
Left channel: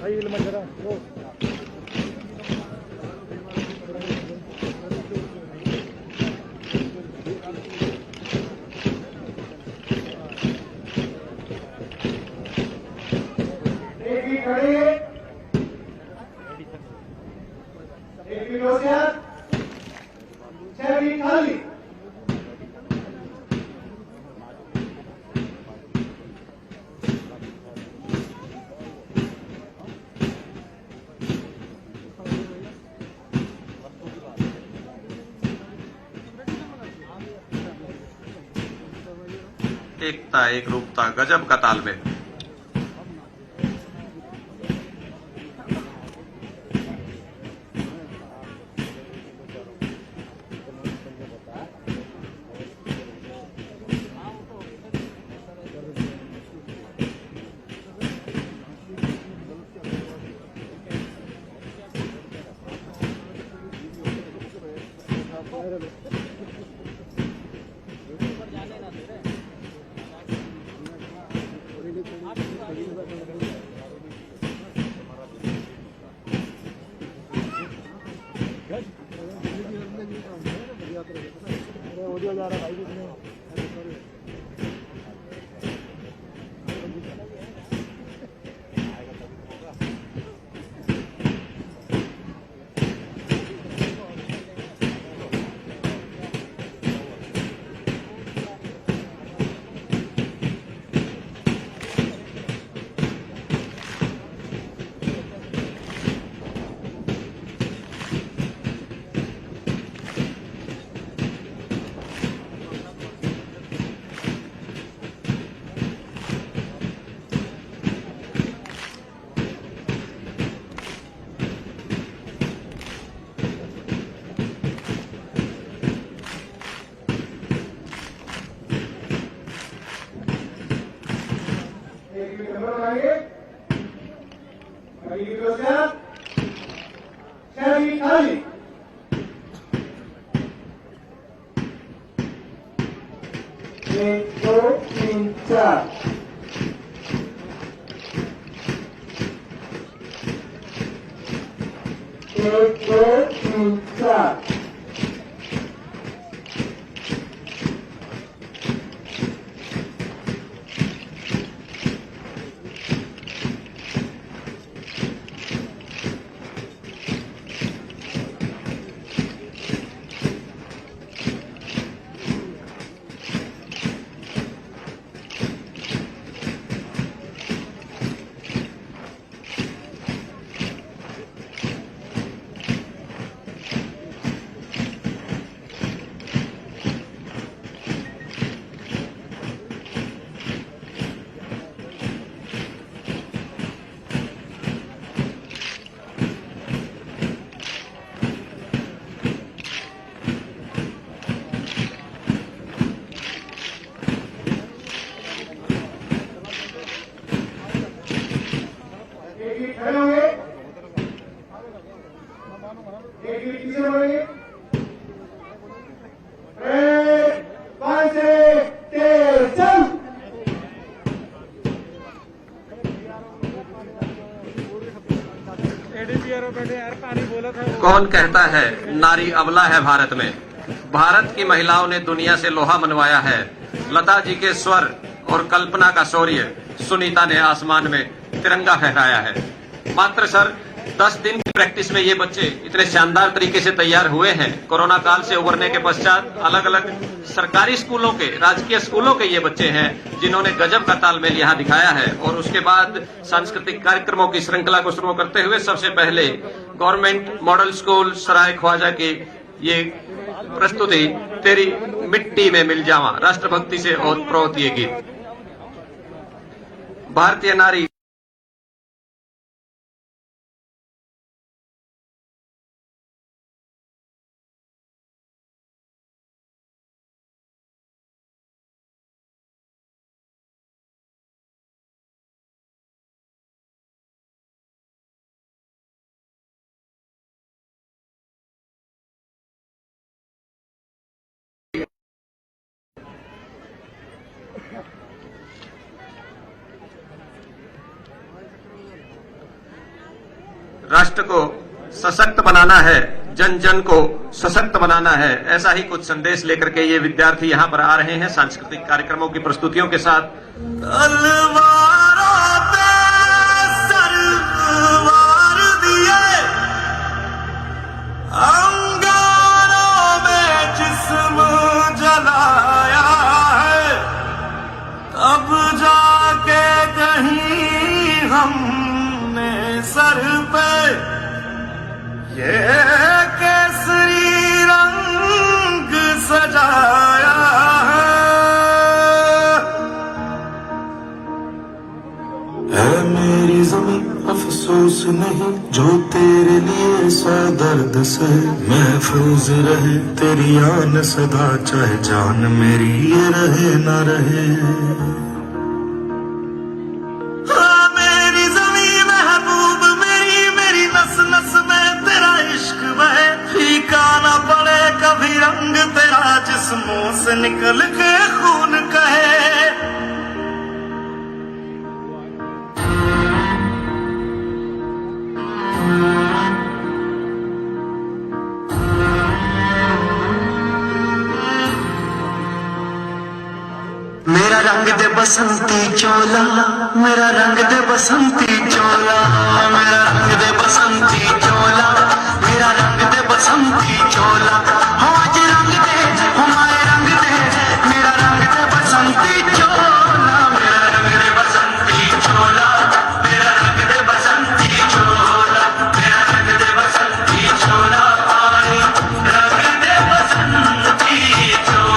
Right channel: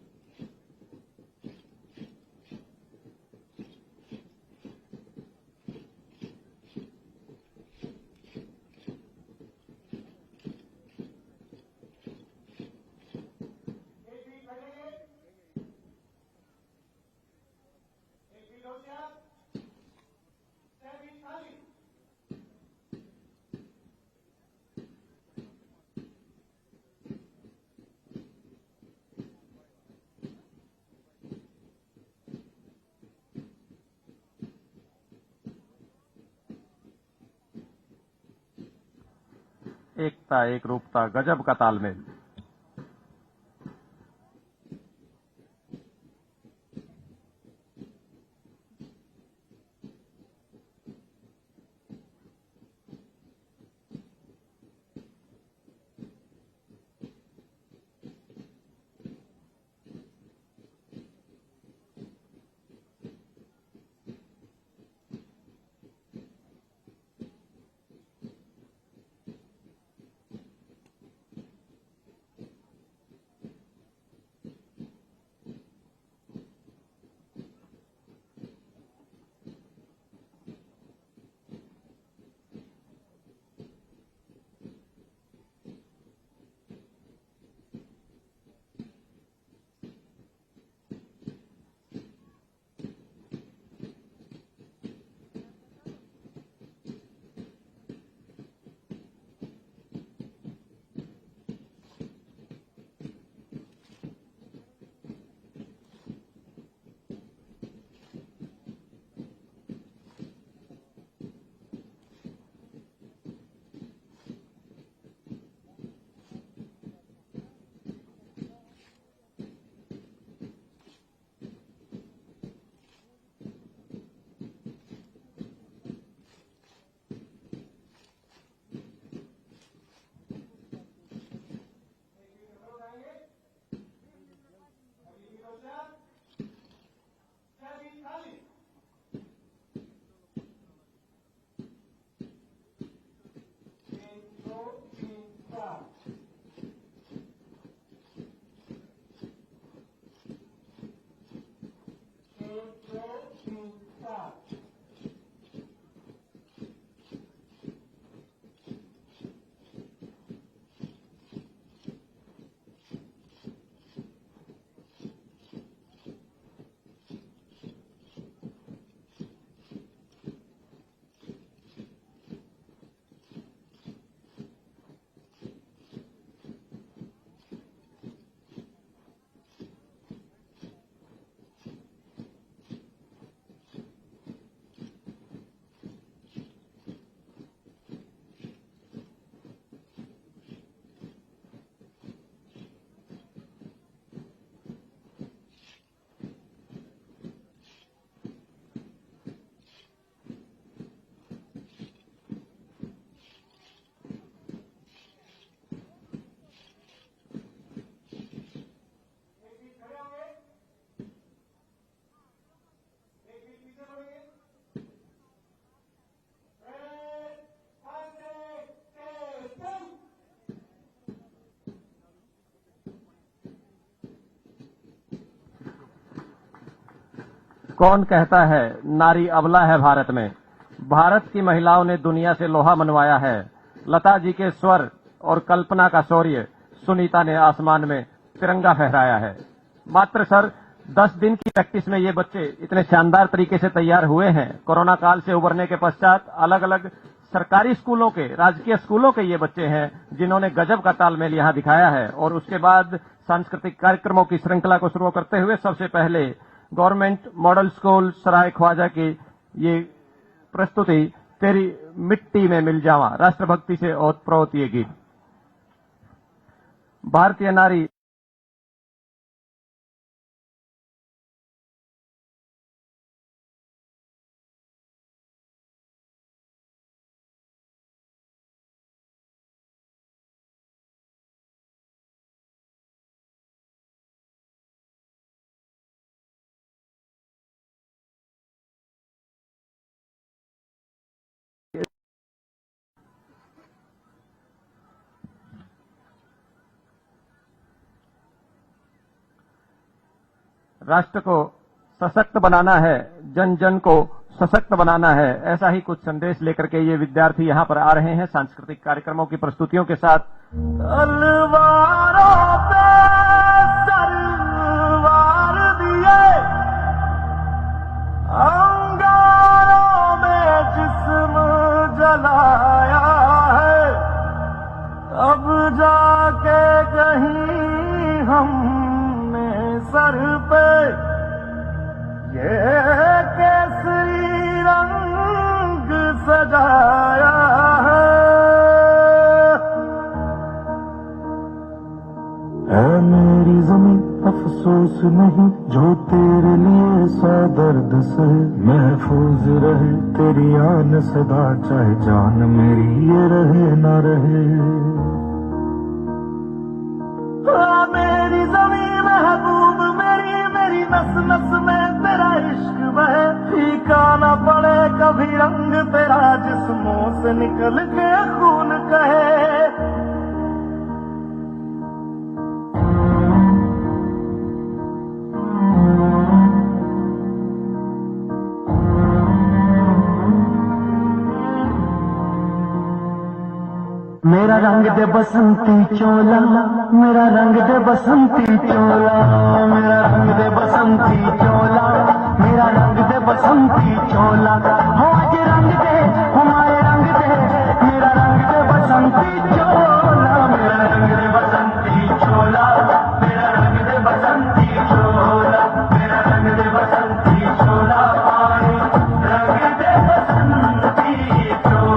भाई इल्म जरा वो खड़े एक होशियार छवि खाली। एकता एक रूपता गजब का तालमेल। 1 2 3 4 1 2 3 4 खड़े होंगे, एक गिर पीछे बढ़ेंगे, 5 से तेज चल। एडीपीआर बैठे यार, पानी बोला था। कौन कहता है नारी अबला है भारत में? भारत की महिलाओं ने दुनिया से लोहा मनवाया है। लता जी के स्वर और कल्पना का शौर्य, सुनीता ने आसमान में तिरंगा फहराया है। मात्र सर 10 दिन की प्रैक्टिस में ये बच्चे इतने शानदार तरीके से तैयार हुए हैं। कोरोना काल से उबरने के पश्चात अलग अलग सरकारी स्कूलों के, राजकीय स्कूलों के ये बच्चे हैं जिन्होंने गजब का तालमेल यहाँ दिखाया है। और उसके बाद सांस्कृतिक कार्यक्रमों की श्रृंखला को शुरू करते हुए सबसे पहले गवर्नमेंट मॉडल स्कूल सराय ख्वाजा की ये प्रस्तुति तेरी मिट्टी में मिल जावा, राष्ट्रभक्ति से ओतप्रोत ये गीत। भारतीय नारी राष्ट्र को सशक्त बनाना है, जन जन को सशक्त बनाना है, ऐसा ही कुछ संदेश लेकर के ये विद्यार्थी यहाँ पर आ रहे हैं सांस्कृतिक कार्यक्रमों की प्रस्तुतियों के साथ। तलवारों पे सरवार दिए, अंगारों में जिस्म जलाया है, अब जाके कहीं हमने सर पे ये केसरी रंग सजाया है। ऐ मेरी ज़मीं अफसोस नहीं जो तेरे लिए सौ दर्द से महफूज रहे, तेरी आन सदा चाहे जान मेरी ये रहे ना रहे। मेरी ज़मीं महबूब मेरी, मेरी नस नस में तेरा इश्क बहे, फीका ना पड़े कभी रंग तेरा जिस्मों से निकल के खून कहे। मेरा रंग दे बसंती चोला, मेरा रंग दे बसंती चोला, मेरा रंग दे बसंती चोला, मेरा रंग दे बसंती चोला। आज रंग दे हमारे रंग दे, मेरा रंग दे बसंती चोला, मेरा रंग दे बसंती चोला, मेरा रंग दे बसंती चोला, मेरा रंग दे बसंती चोला, रंग दे बसंती चोला।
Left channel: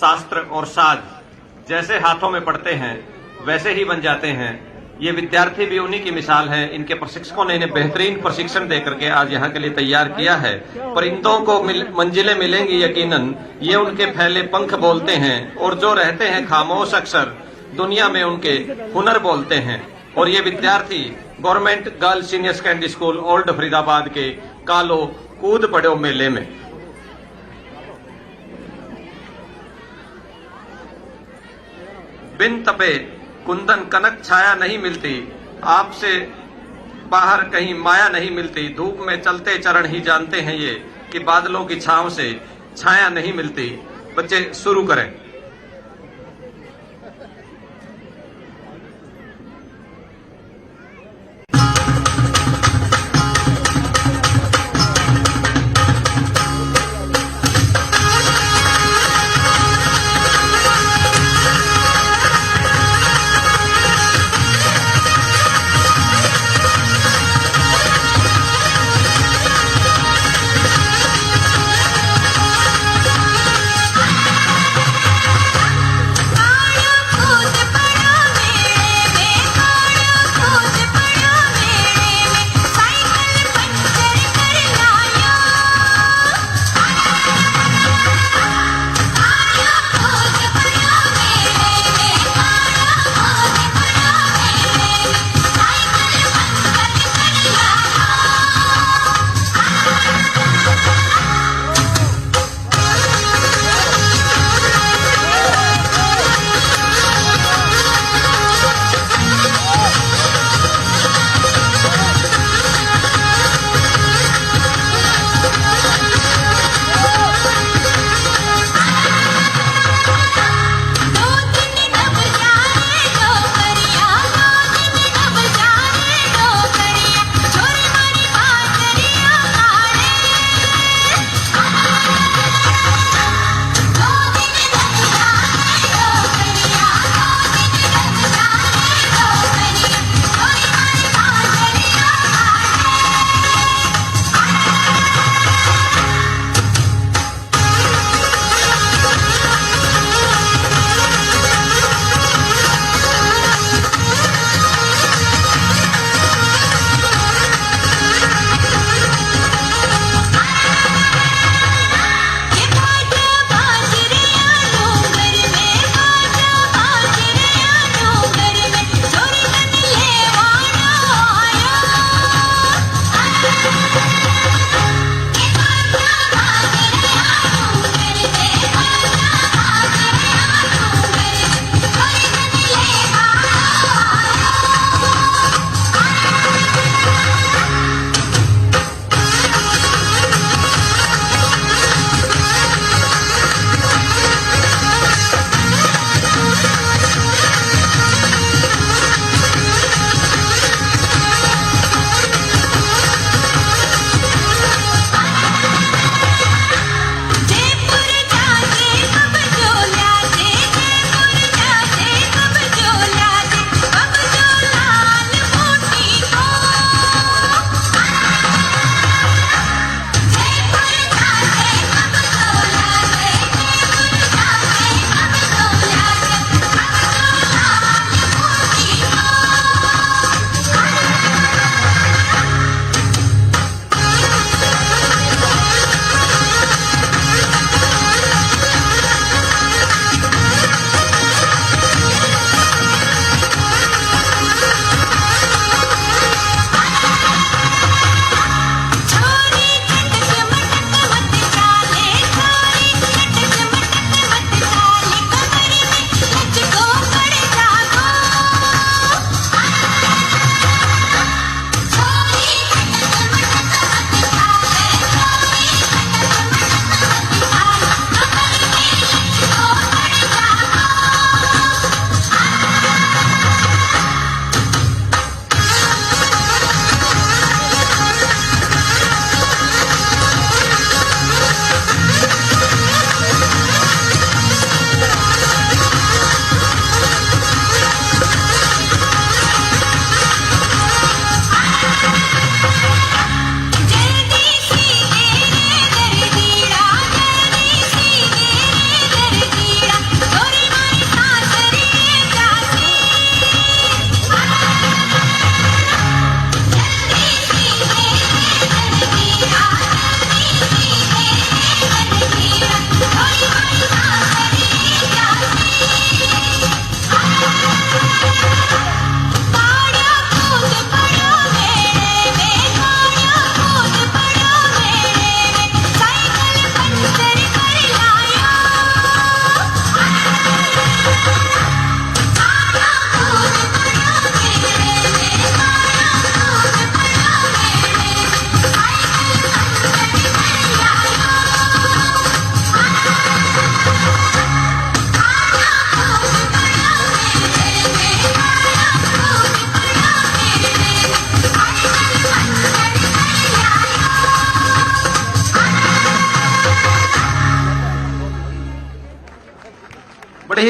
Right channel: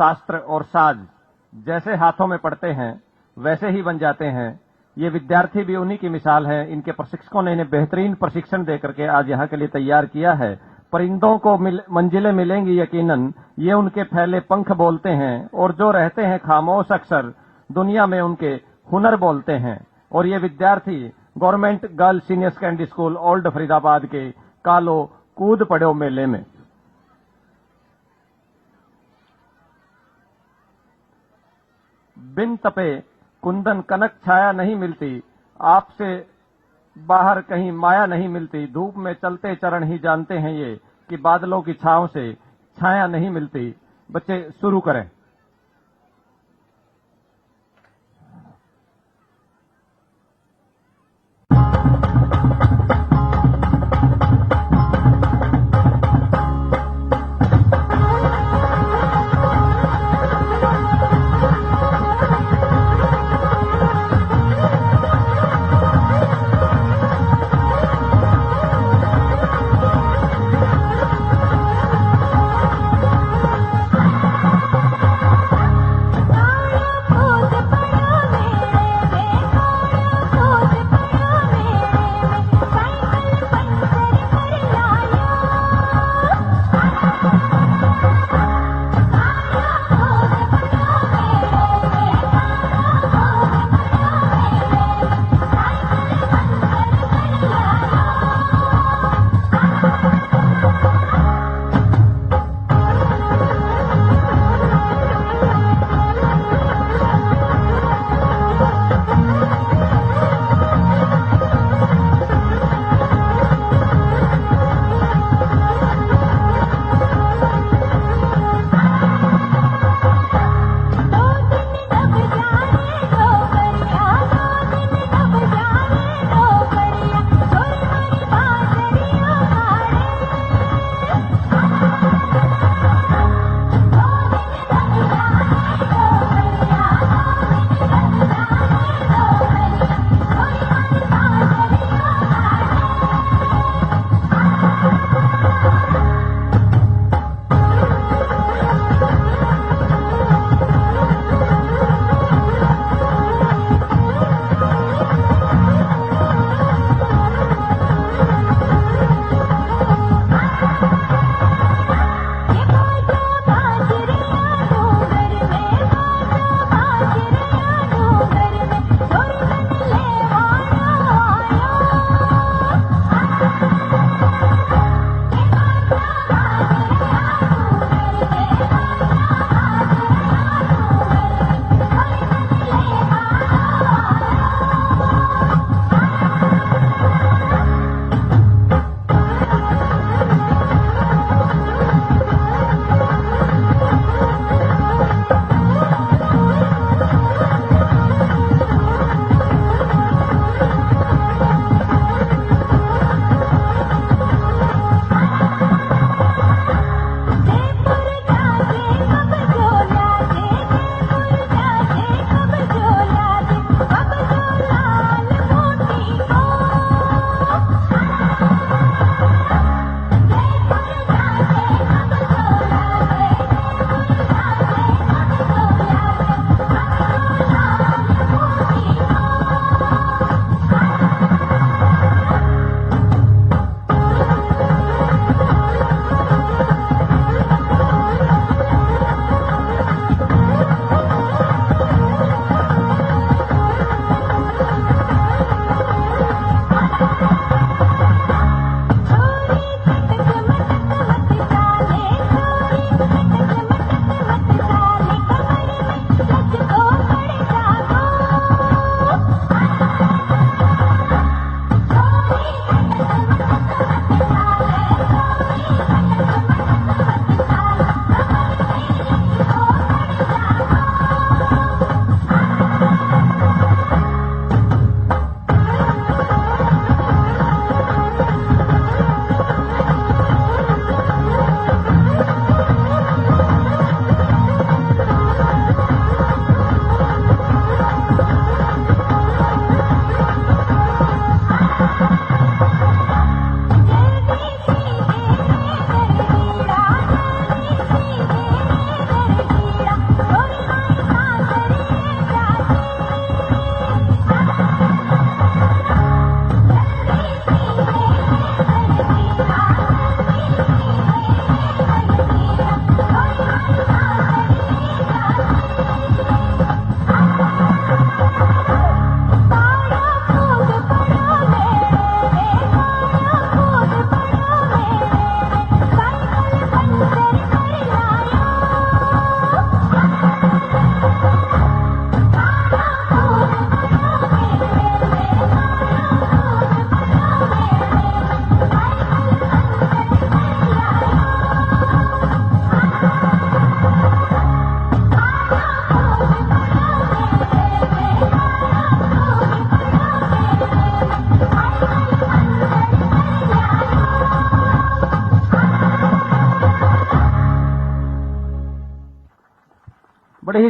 शास्त्र और साज जैसे हाथों में पड़ते हैं वैसे ही बन जाते हैं। ये विद्यार्थी भी उन्हीं की मिसाल है। इनके प्रशिक्षकों ने इन्हें बेहतरीन प्रशिक्षण देकर के आज यहाँ के लिए तैयार किया है। परिंदों को मंजिलें मिलेंगी यकीनन, ये उनके फैले पंख बोलते हैं, और जो रहते हैं खामोश अक्सर दुनिया में उनके हुनर बोलते हैं। और ये विद्यार्थी government girls senior secondary school old Faridabad के कालो कूद पड़ो मेले में। बिन तपे कुंदन कनक छाया नहीं मिलती, आपसे बाहर कहीं माया नहीं मिलती। धूप में चलते चरण ही जानते हैं ये कि बादलों की छांव से छाया नहीं मिलती। बच्चे शुरू करें।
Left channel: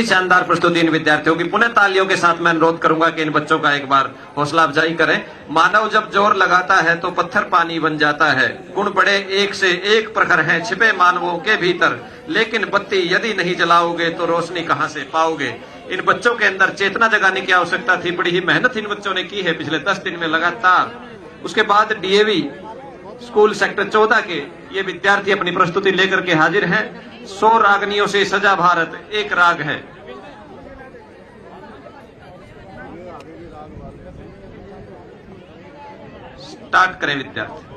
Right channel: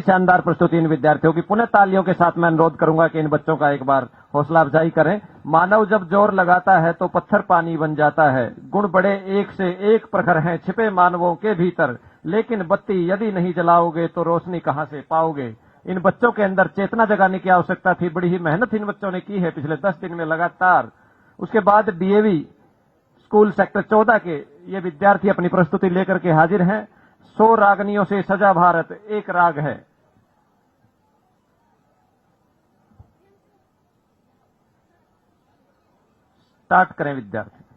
बड़ी शानदार प्रस्तुति इन विद्यार्थियों की। पुनः तालियों के साथ मैं अनुरोध करूंगा कि इन बच्चों का एक बार हौसला अफजाई करें। मानव जब जोर लगाता है तो पत्थर पानी बन जाता है। गुण बड़े एक से एक प्रखर हैं छिपे मानवों के भीतर, लेकिन बत्ती यदि नहीं जलाओगे तो रोशनी कहां से पाओगे। इन बच्चों के अंदर चेतना जगाने की आवश्यकता थी। बड़ी ही मेहनत इन बच्चों ने की है पिछले 10 दिन में लगातार। उसके बाद डीएवी स्कूल सेक्टर 14 के ये विद्यार्थी अपनी प्रस्तुति लेकर के हाजिर हैं। 100 रागनियों से सजा भारत एक राग है। स्टार्ट करें विद्यार्थी।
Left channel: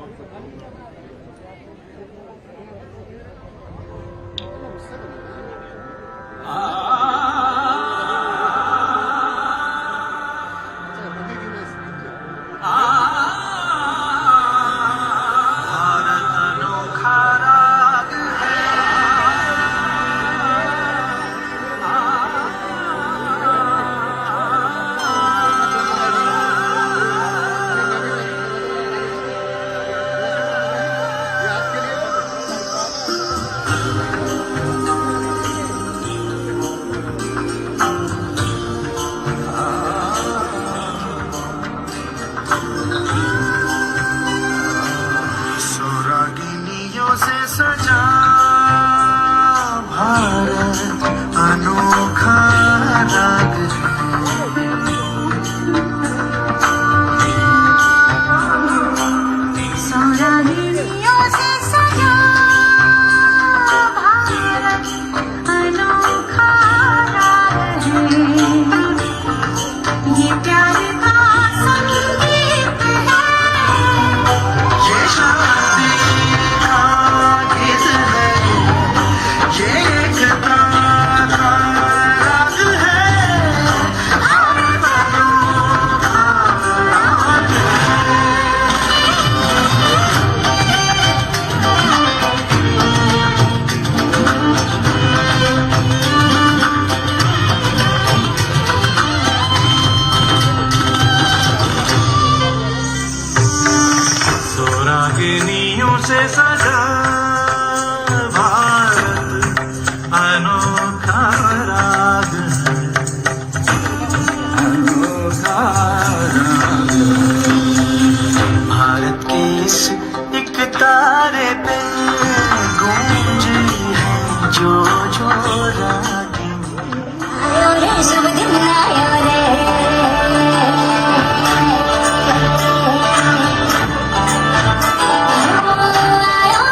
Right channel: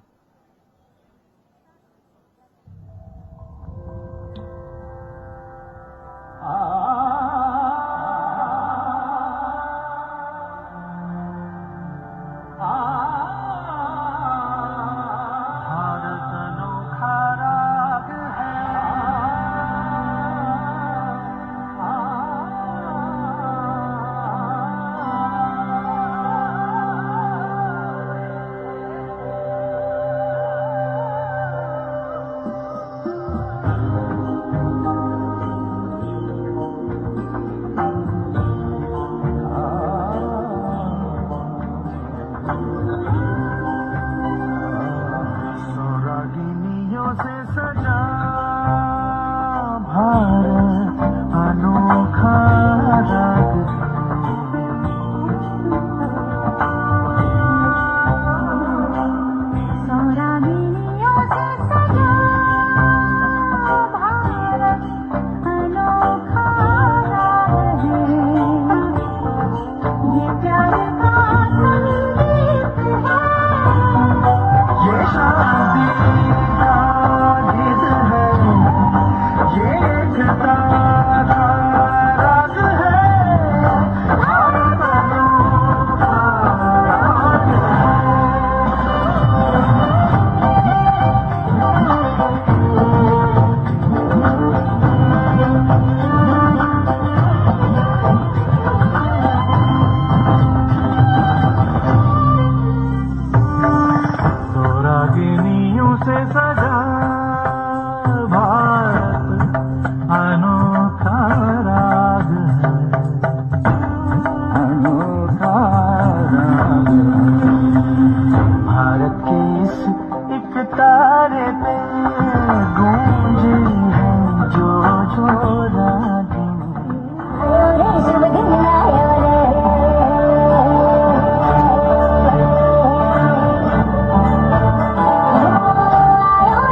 रागिनियों से सजा भारत अनोखा राग रागिनियों से सजा भारत अनोखा राग है। ये प्यार का संगीत है। ये शादी का गीत है, ये एकता का राग है। भारत अनोखा राग रागिनियों से सजा भारत अनोखा राग है, अनोखा राग है। भारत के इस एक तारे पे गूंजे हैं जो जो रागिनी। शुभ दिन आयो रे। आयो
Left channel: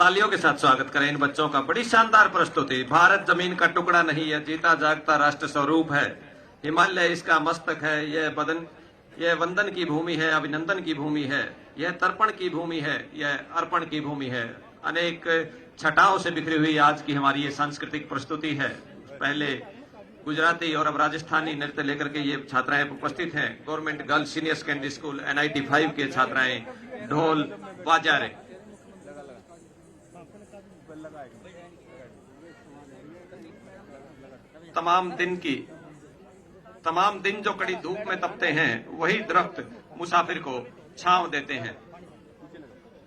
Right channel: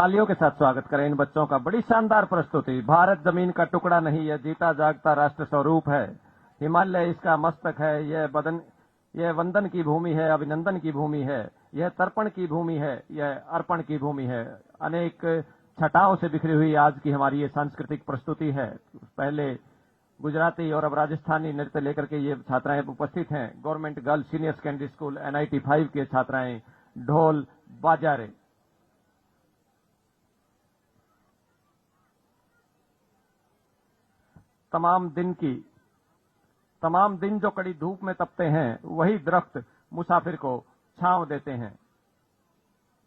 तालियों के साथ स्वागत करें इन बच्चों का। बड़ी शानदार प्रस्तुति। भारत जमीन का टुकड़ा नहीं है, जीता जागता राष्ट्र स्वरूप है। हिमालय इसका मस्तक है, यह वंदन की भूमि है, अभिनंदन की भूमि है, यह तर्पण की भूमि है, यह अर्पण की भूमि है। अनेक छटाओं से बिखरी हुई आज की हमारी ये सांस्कृतिक प्रस्तुति है। पहले गुजराती और अब राजस्थानी नृत्य लेकर के ये छात्राएं उपस्थित हैं। Government girls senior secondary school NIT 5 के छात्राएं ढोल बाजा रहे। तमाम दिन जो कड़ी धूप में तपते हैं, वही दरख्त मुसाफिर को छांव देते हैं।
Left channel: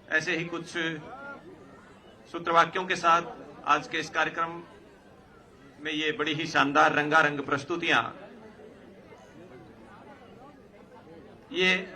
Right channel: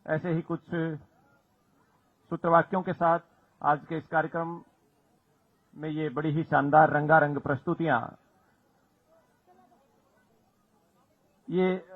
ऐसे ही कुछ सूत्रवाक्यों के साथ आज के इस कार्यक्रम में ये बड़ी ही शानदार रंगारंग प्रस्तुतियां ये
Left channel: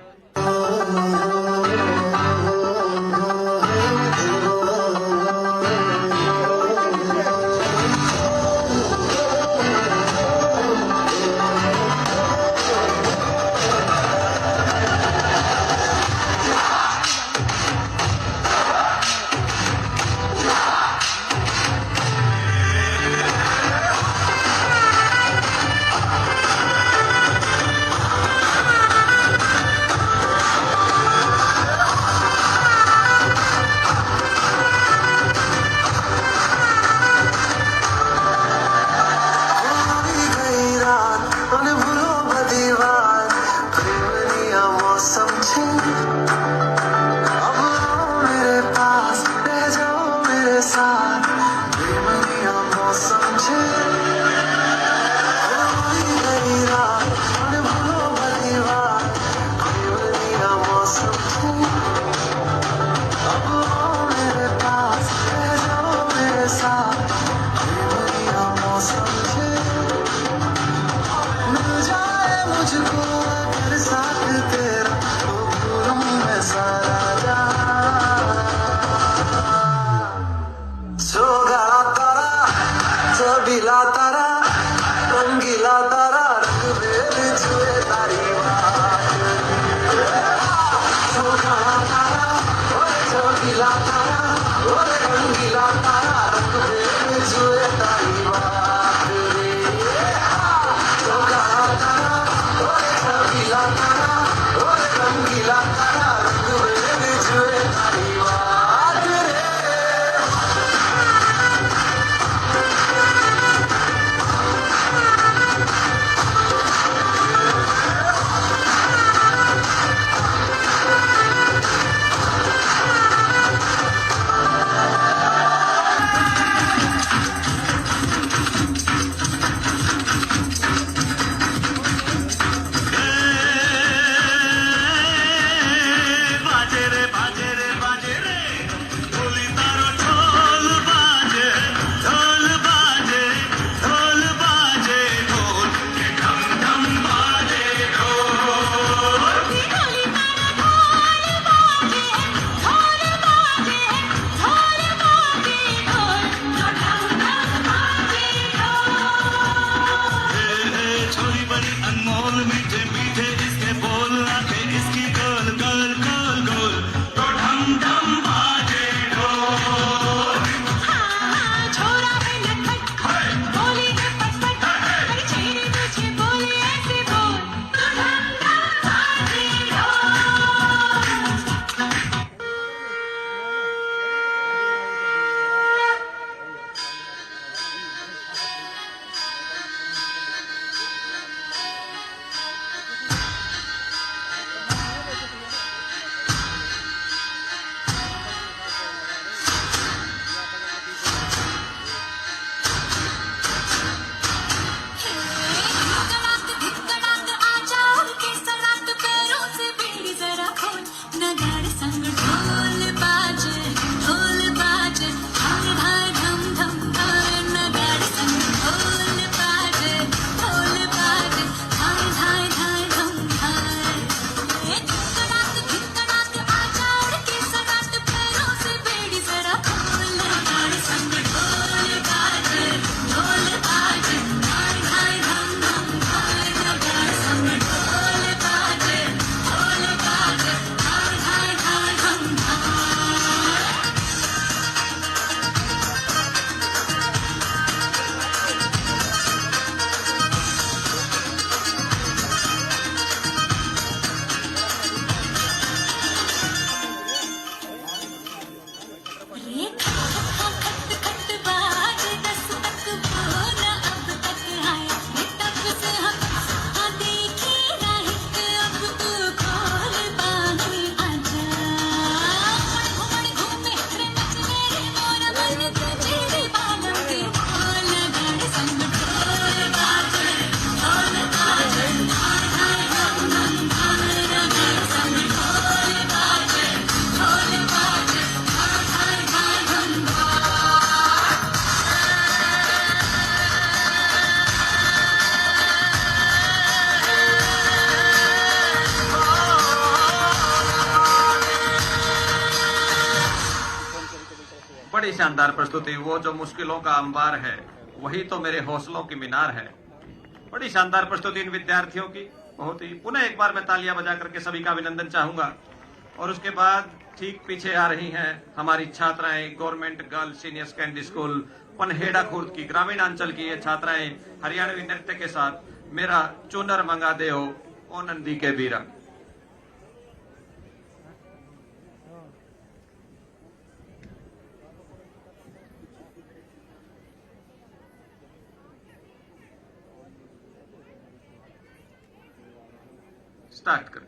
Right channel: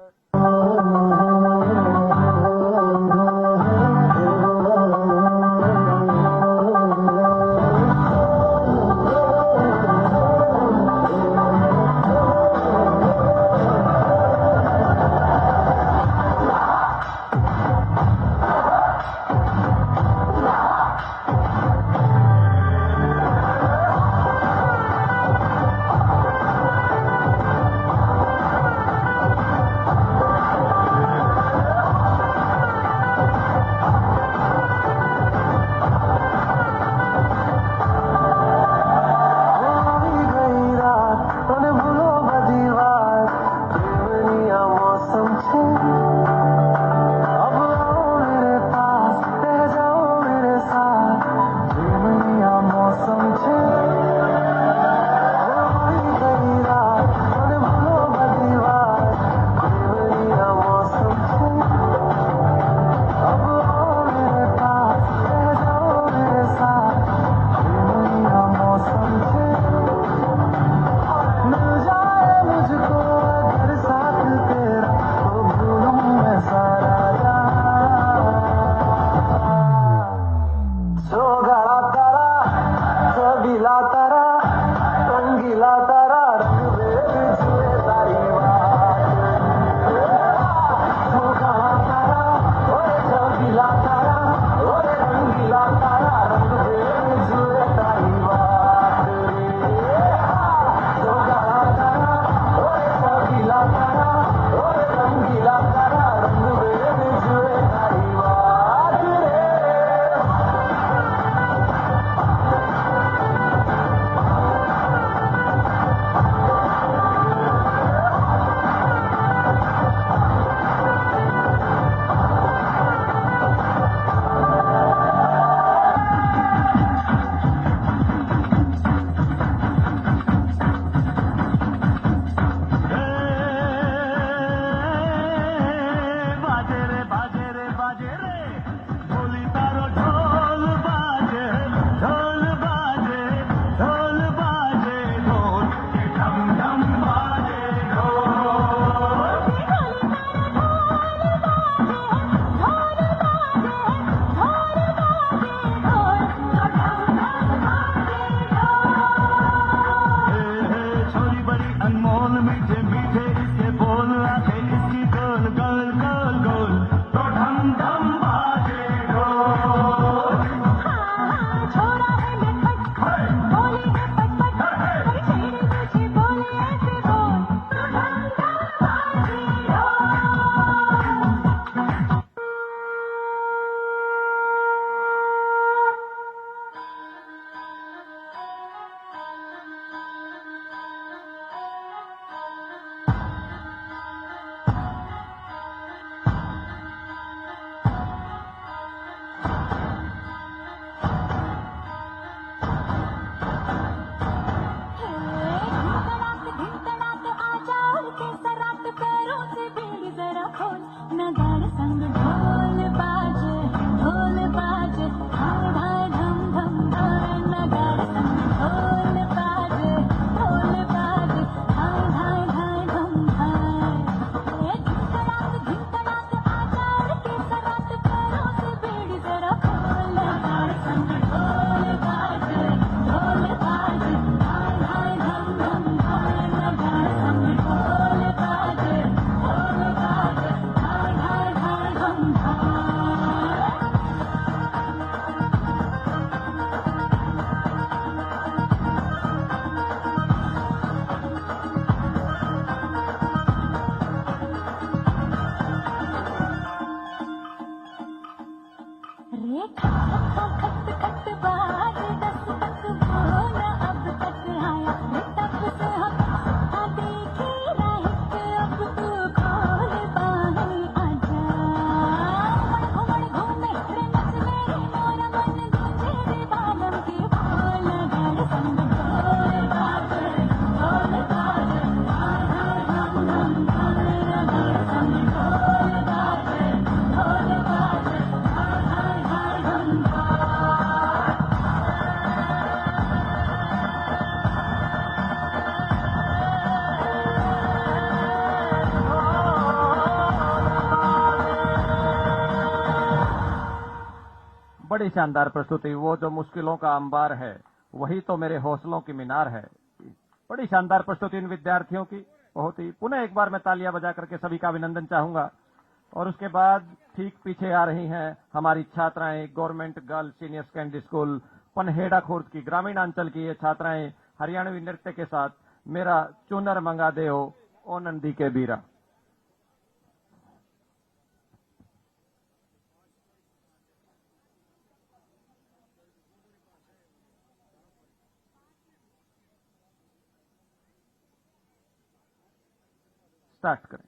बड़ी शानदार प्रस्तुति। वो जो मुश्किलों का अंबार है वही तो मेरे हौसलों की मीनार है। बड़ी शानदार प्रस्तुति इन विद्यार्थियों की, बहुत ही। पुनः एक बार मैं तालियां बजा करके सभी का अभिनंदन चाहूंगा। और उसके बाद ठीक पीछे आ रही हैं हमारी छात्राएं, government girls senior secondary school Panhera Khurd की ग्रामीणांचल की ये छात्राएं हरियाणवी नृत्य के साथ मेरा चुनर मंगा दे हो ओ नंदी के बीरा। स्टार्ट कर।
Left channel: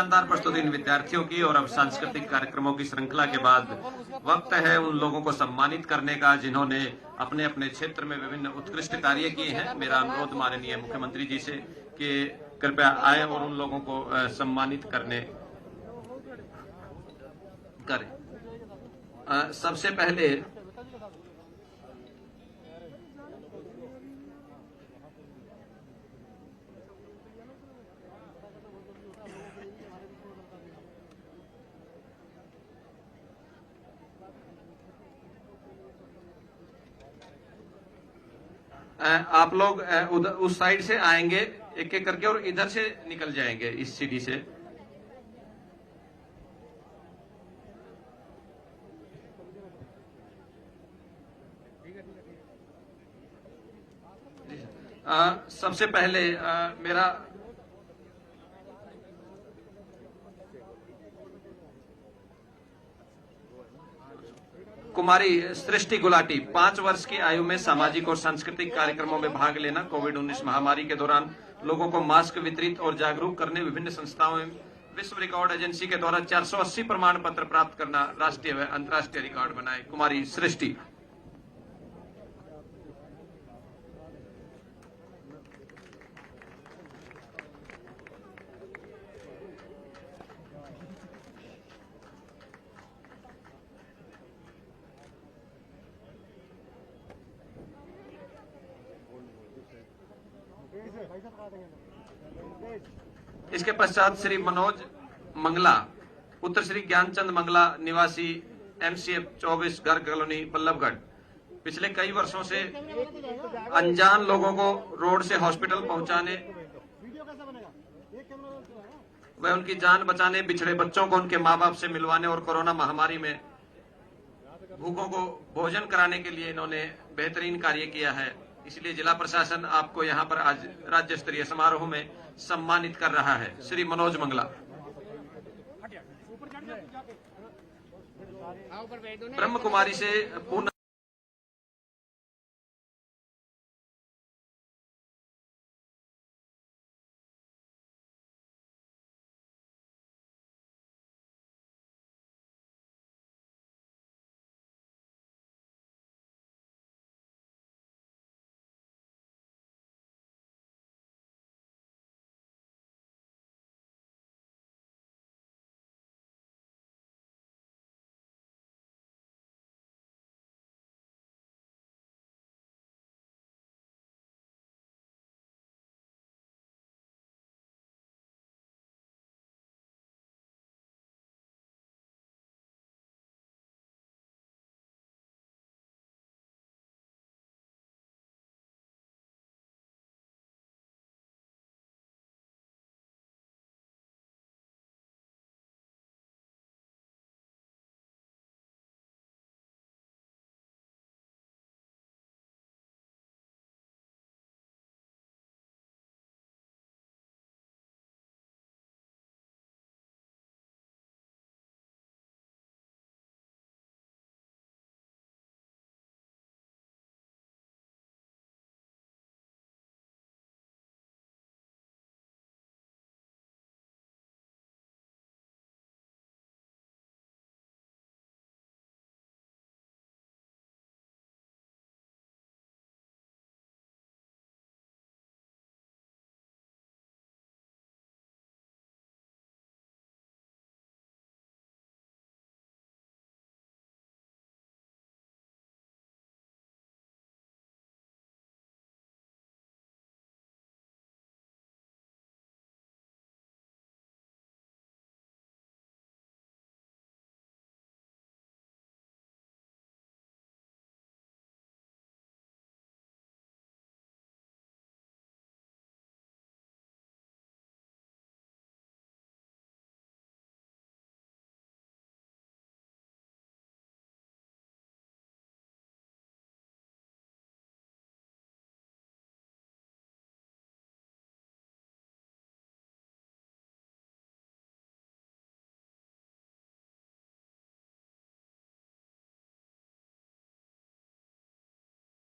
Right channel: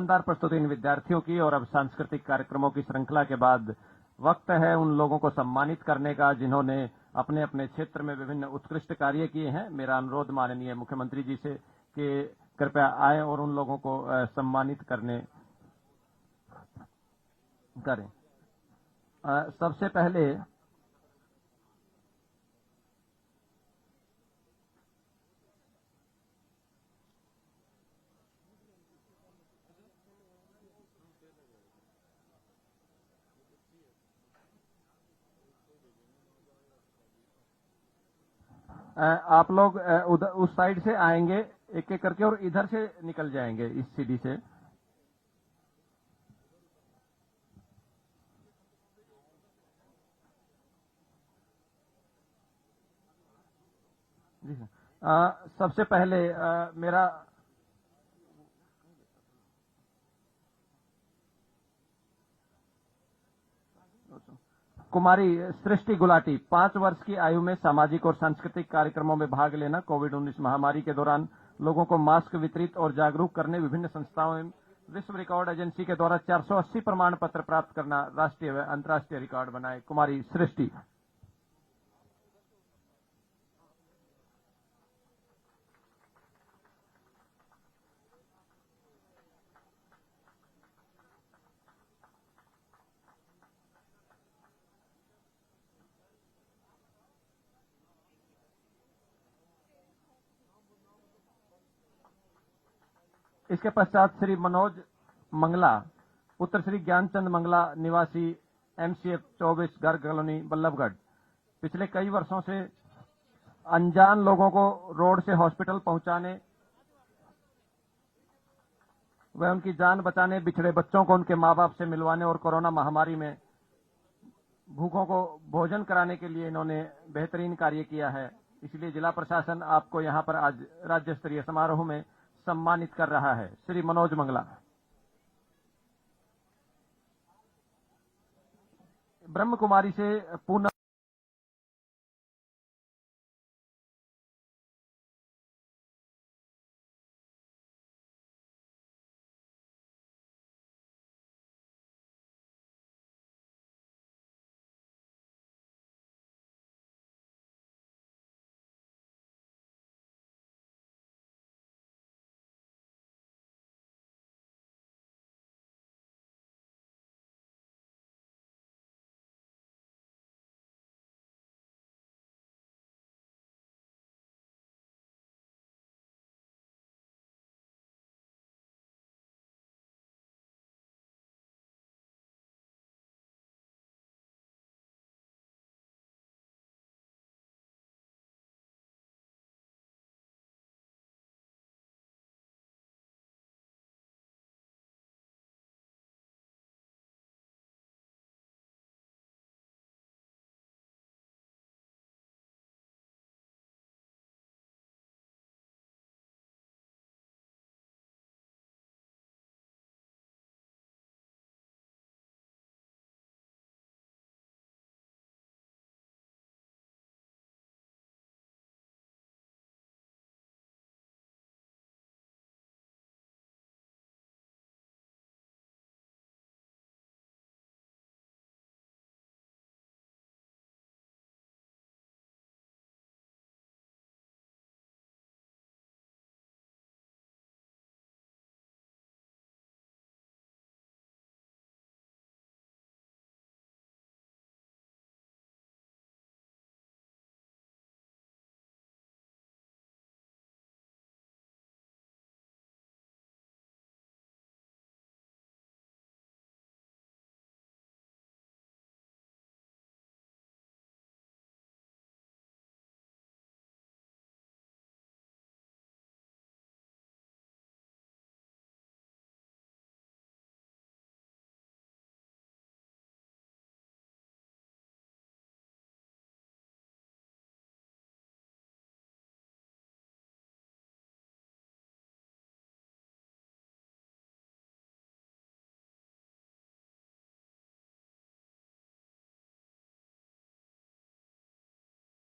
शानदार प्रस्तुति विद्यार्थियों की। और अब सांस्कृतिक कार्यक्रमों की श्रृंखला के बाद वक्त है उन लोगों को सम्मानित करने का जिन्होंने अपने अपने क्षेत्र में विभिन्न उत्कृष्ट कार्य किए हैं। मेरा अनुरोध माननीय मुख्यमंत्री जी से कि कृपया आए और उन लोगों को सम्मानित करें। सबसे पहले आप लोग उधर उस साइड से आएंगे एक एक करके और इधर से निकल जाएंगे इस सीढ़ी से। सबसे पहले मेरा कुमारी सृष्टि गुलाटी 5 वर्ष की आयु में सामाजिक और सांस्कृतिक कार्यक्रमों में भाग लेना, कोविड-19 महामारी के दौरान लोगों को मास्क वितरित और जागरूक करने, विभिन्न संस्थाओं में विश्व रिकॉर्ड एजेंसी के द्वारा 480 प्रमाण पत्र प्राप्त करना, राष्ट्रीय व अंतर्राष्ट्रीय रिकॉर्ड बनाए। कुमारी सृष्टि। इसके पश्चात श्री मनोज मंगला, पुत्र श्री ज्ञानचंद मंगला, निवासी MCF 24 घर कॉलोनी बल्लभगढ़। पिछले कई वर्षों से अनजान लोगों को रोड से हॉस्पिटल पहुंचाने व उनकी जान बचाने, बिछड़े बच्चों को उनके मां बाप से मिलवाने और कोरोना महामारी में भूखों को भोजन कराने के लिए इन्होंने बेहतरीन कार्य किया है। इसलिए जिला प्रशासन आपको यहाँ पर आज राज्य स्तरीय समारोह में सम्मानित कर रहा है। श्री मनोज मंगला। ब्रह्म कुमारी से पूर्ण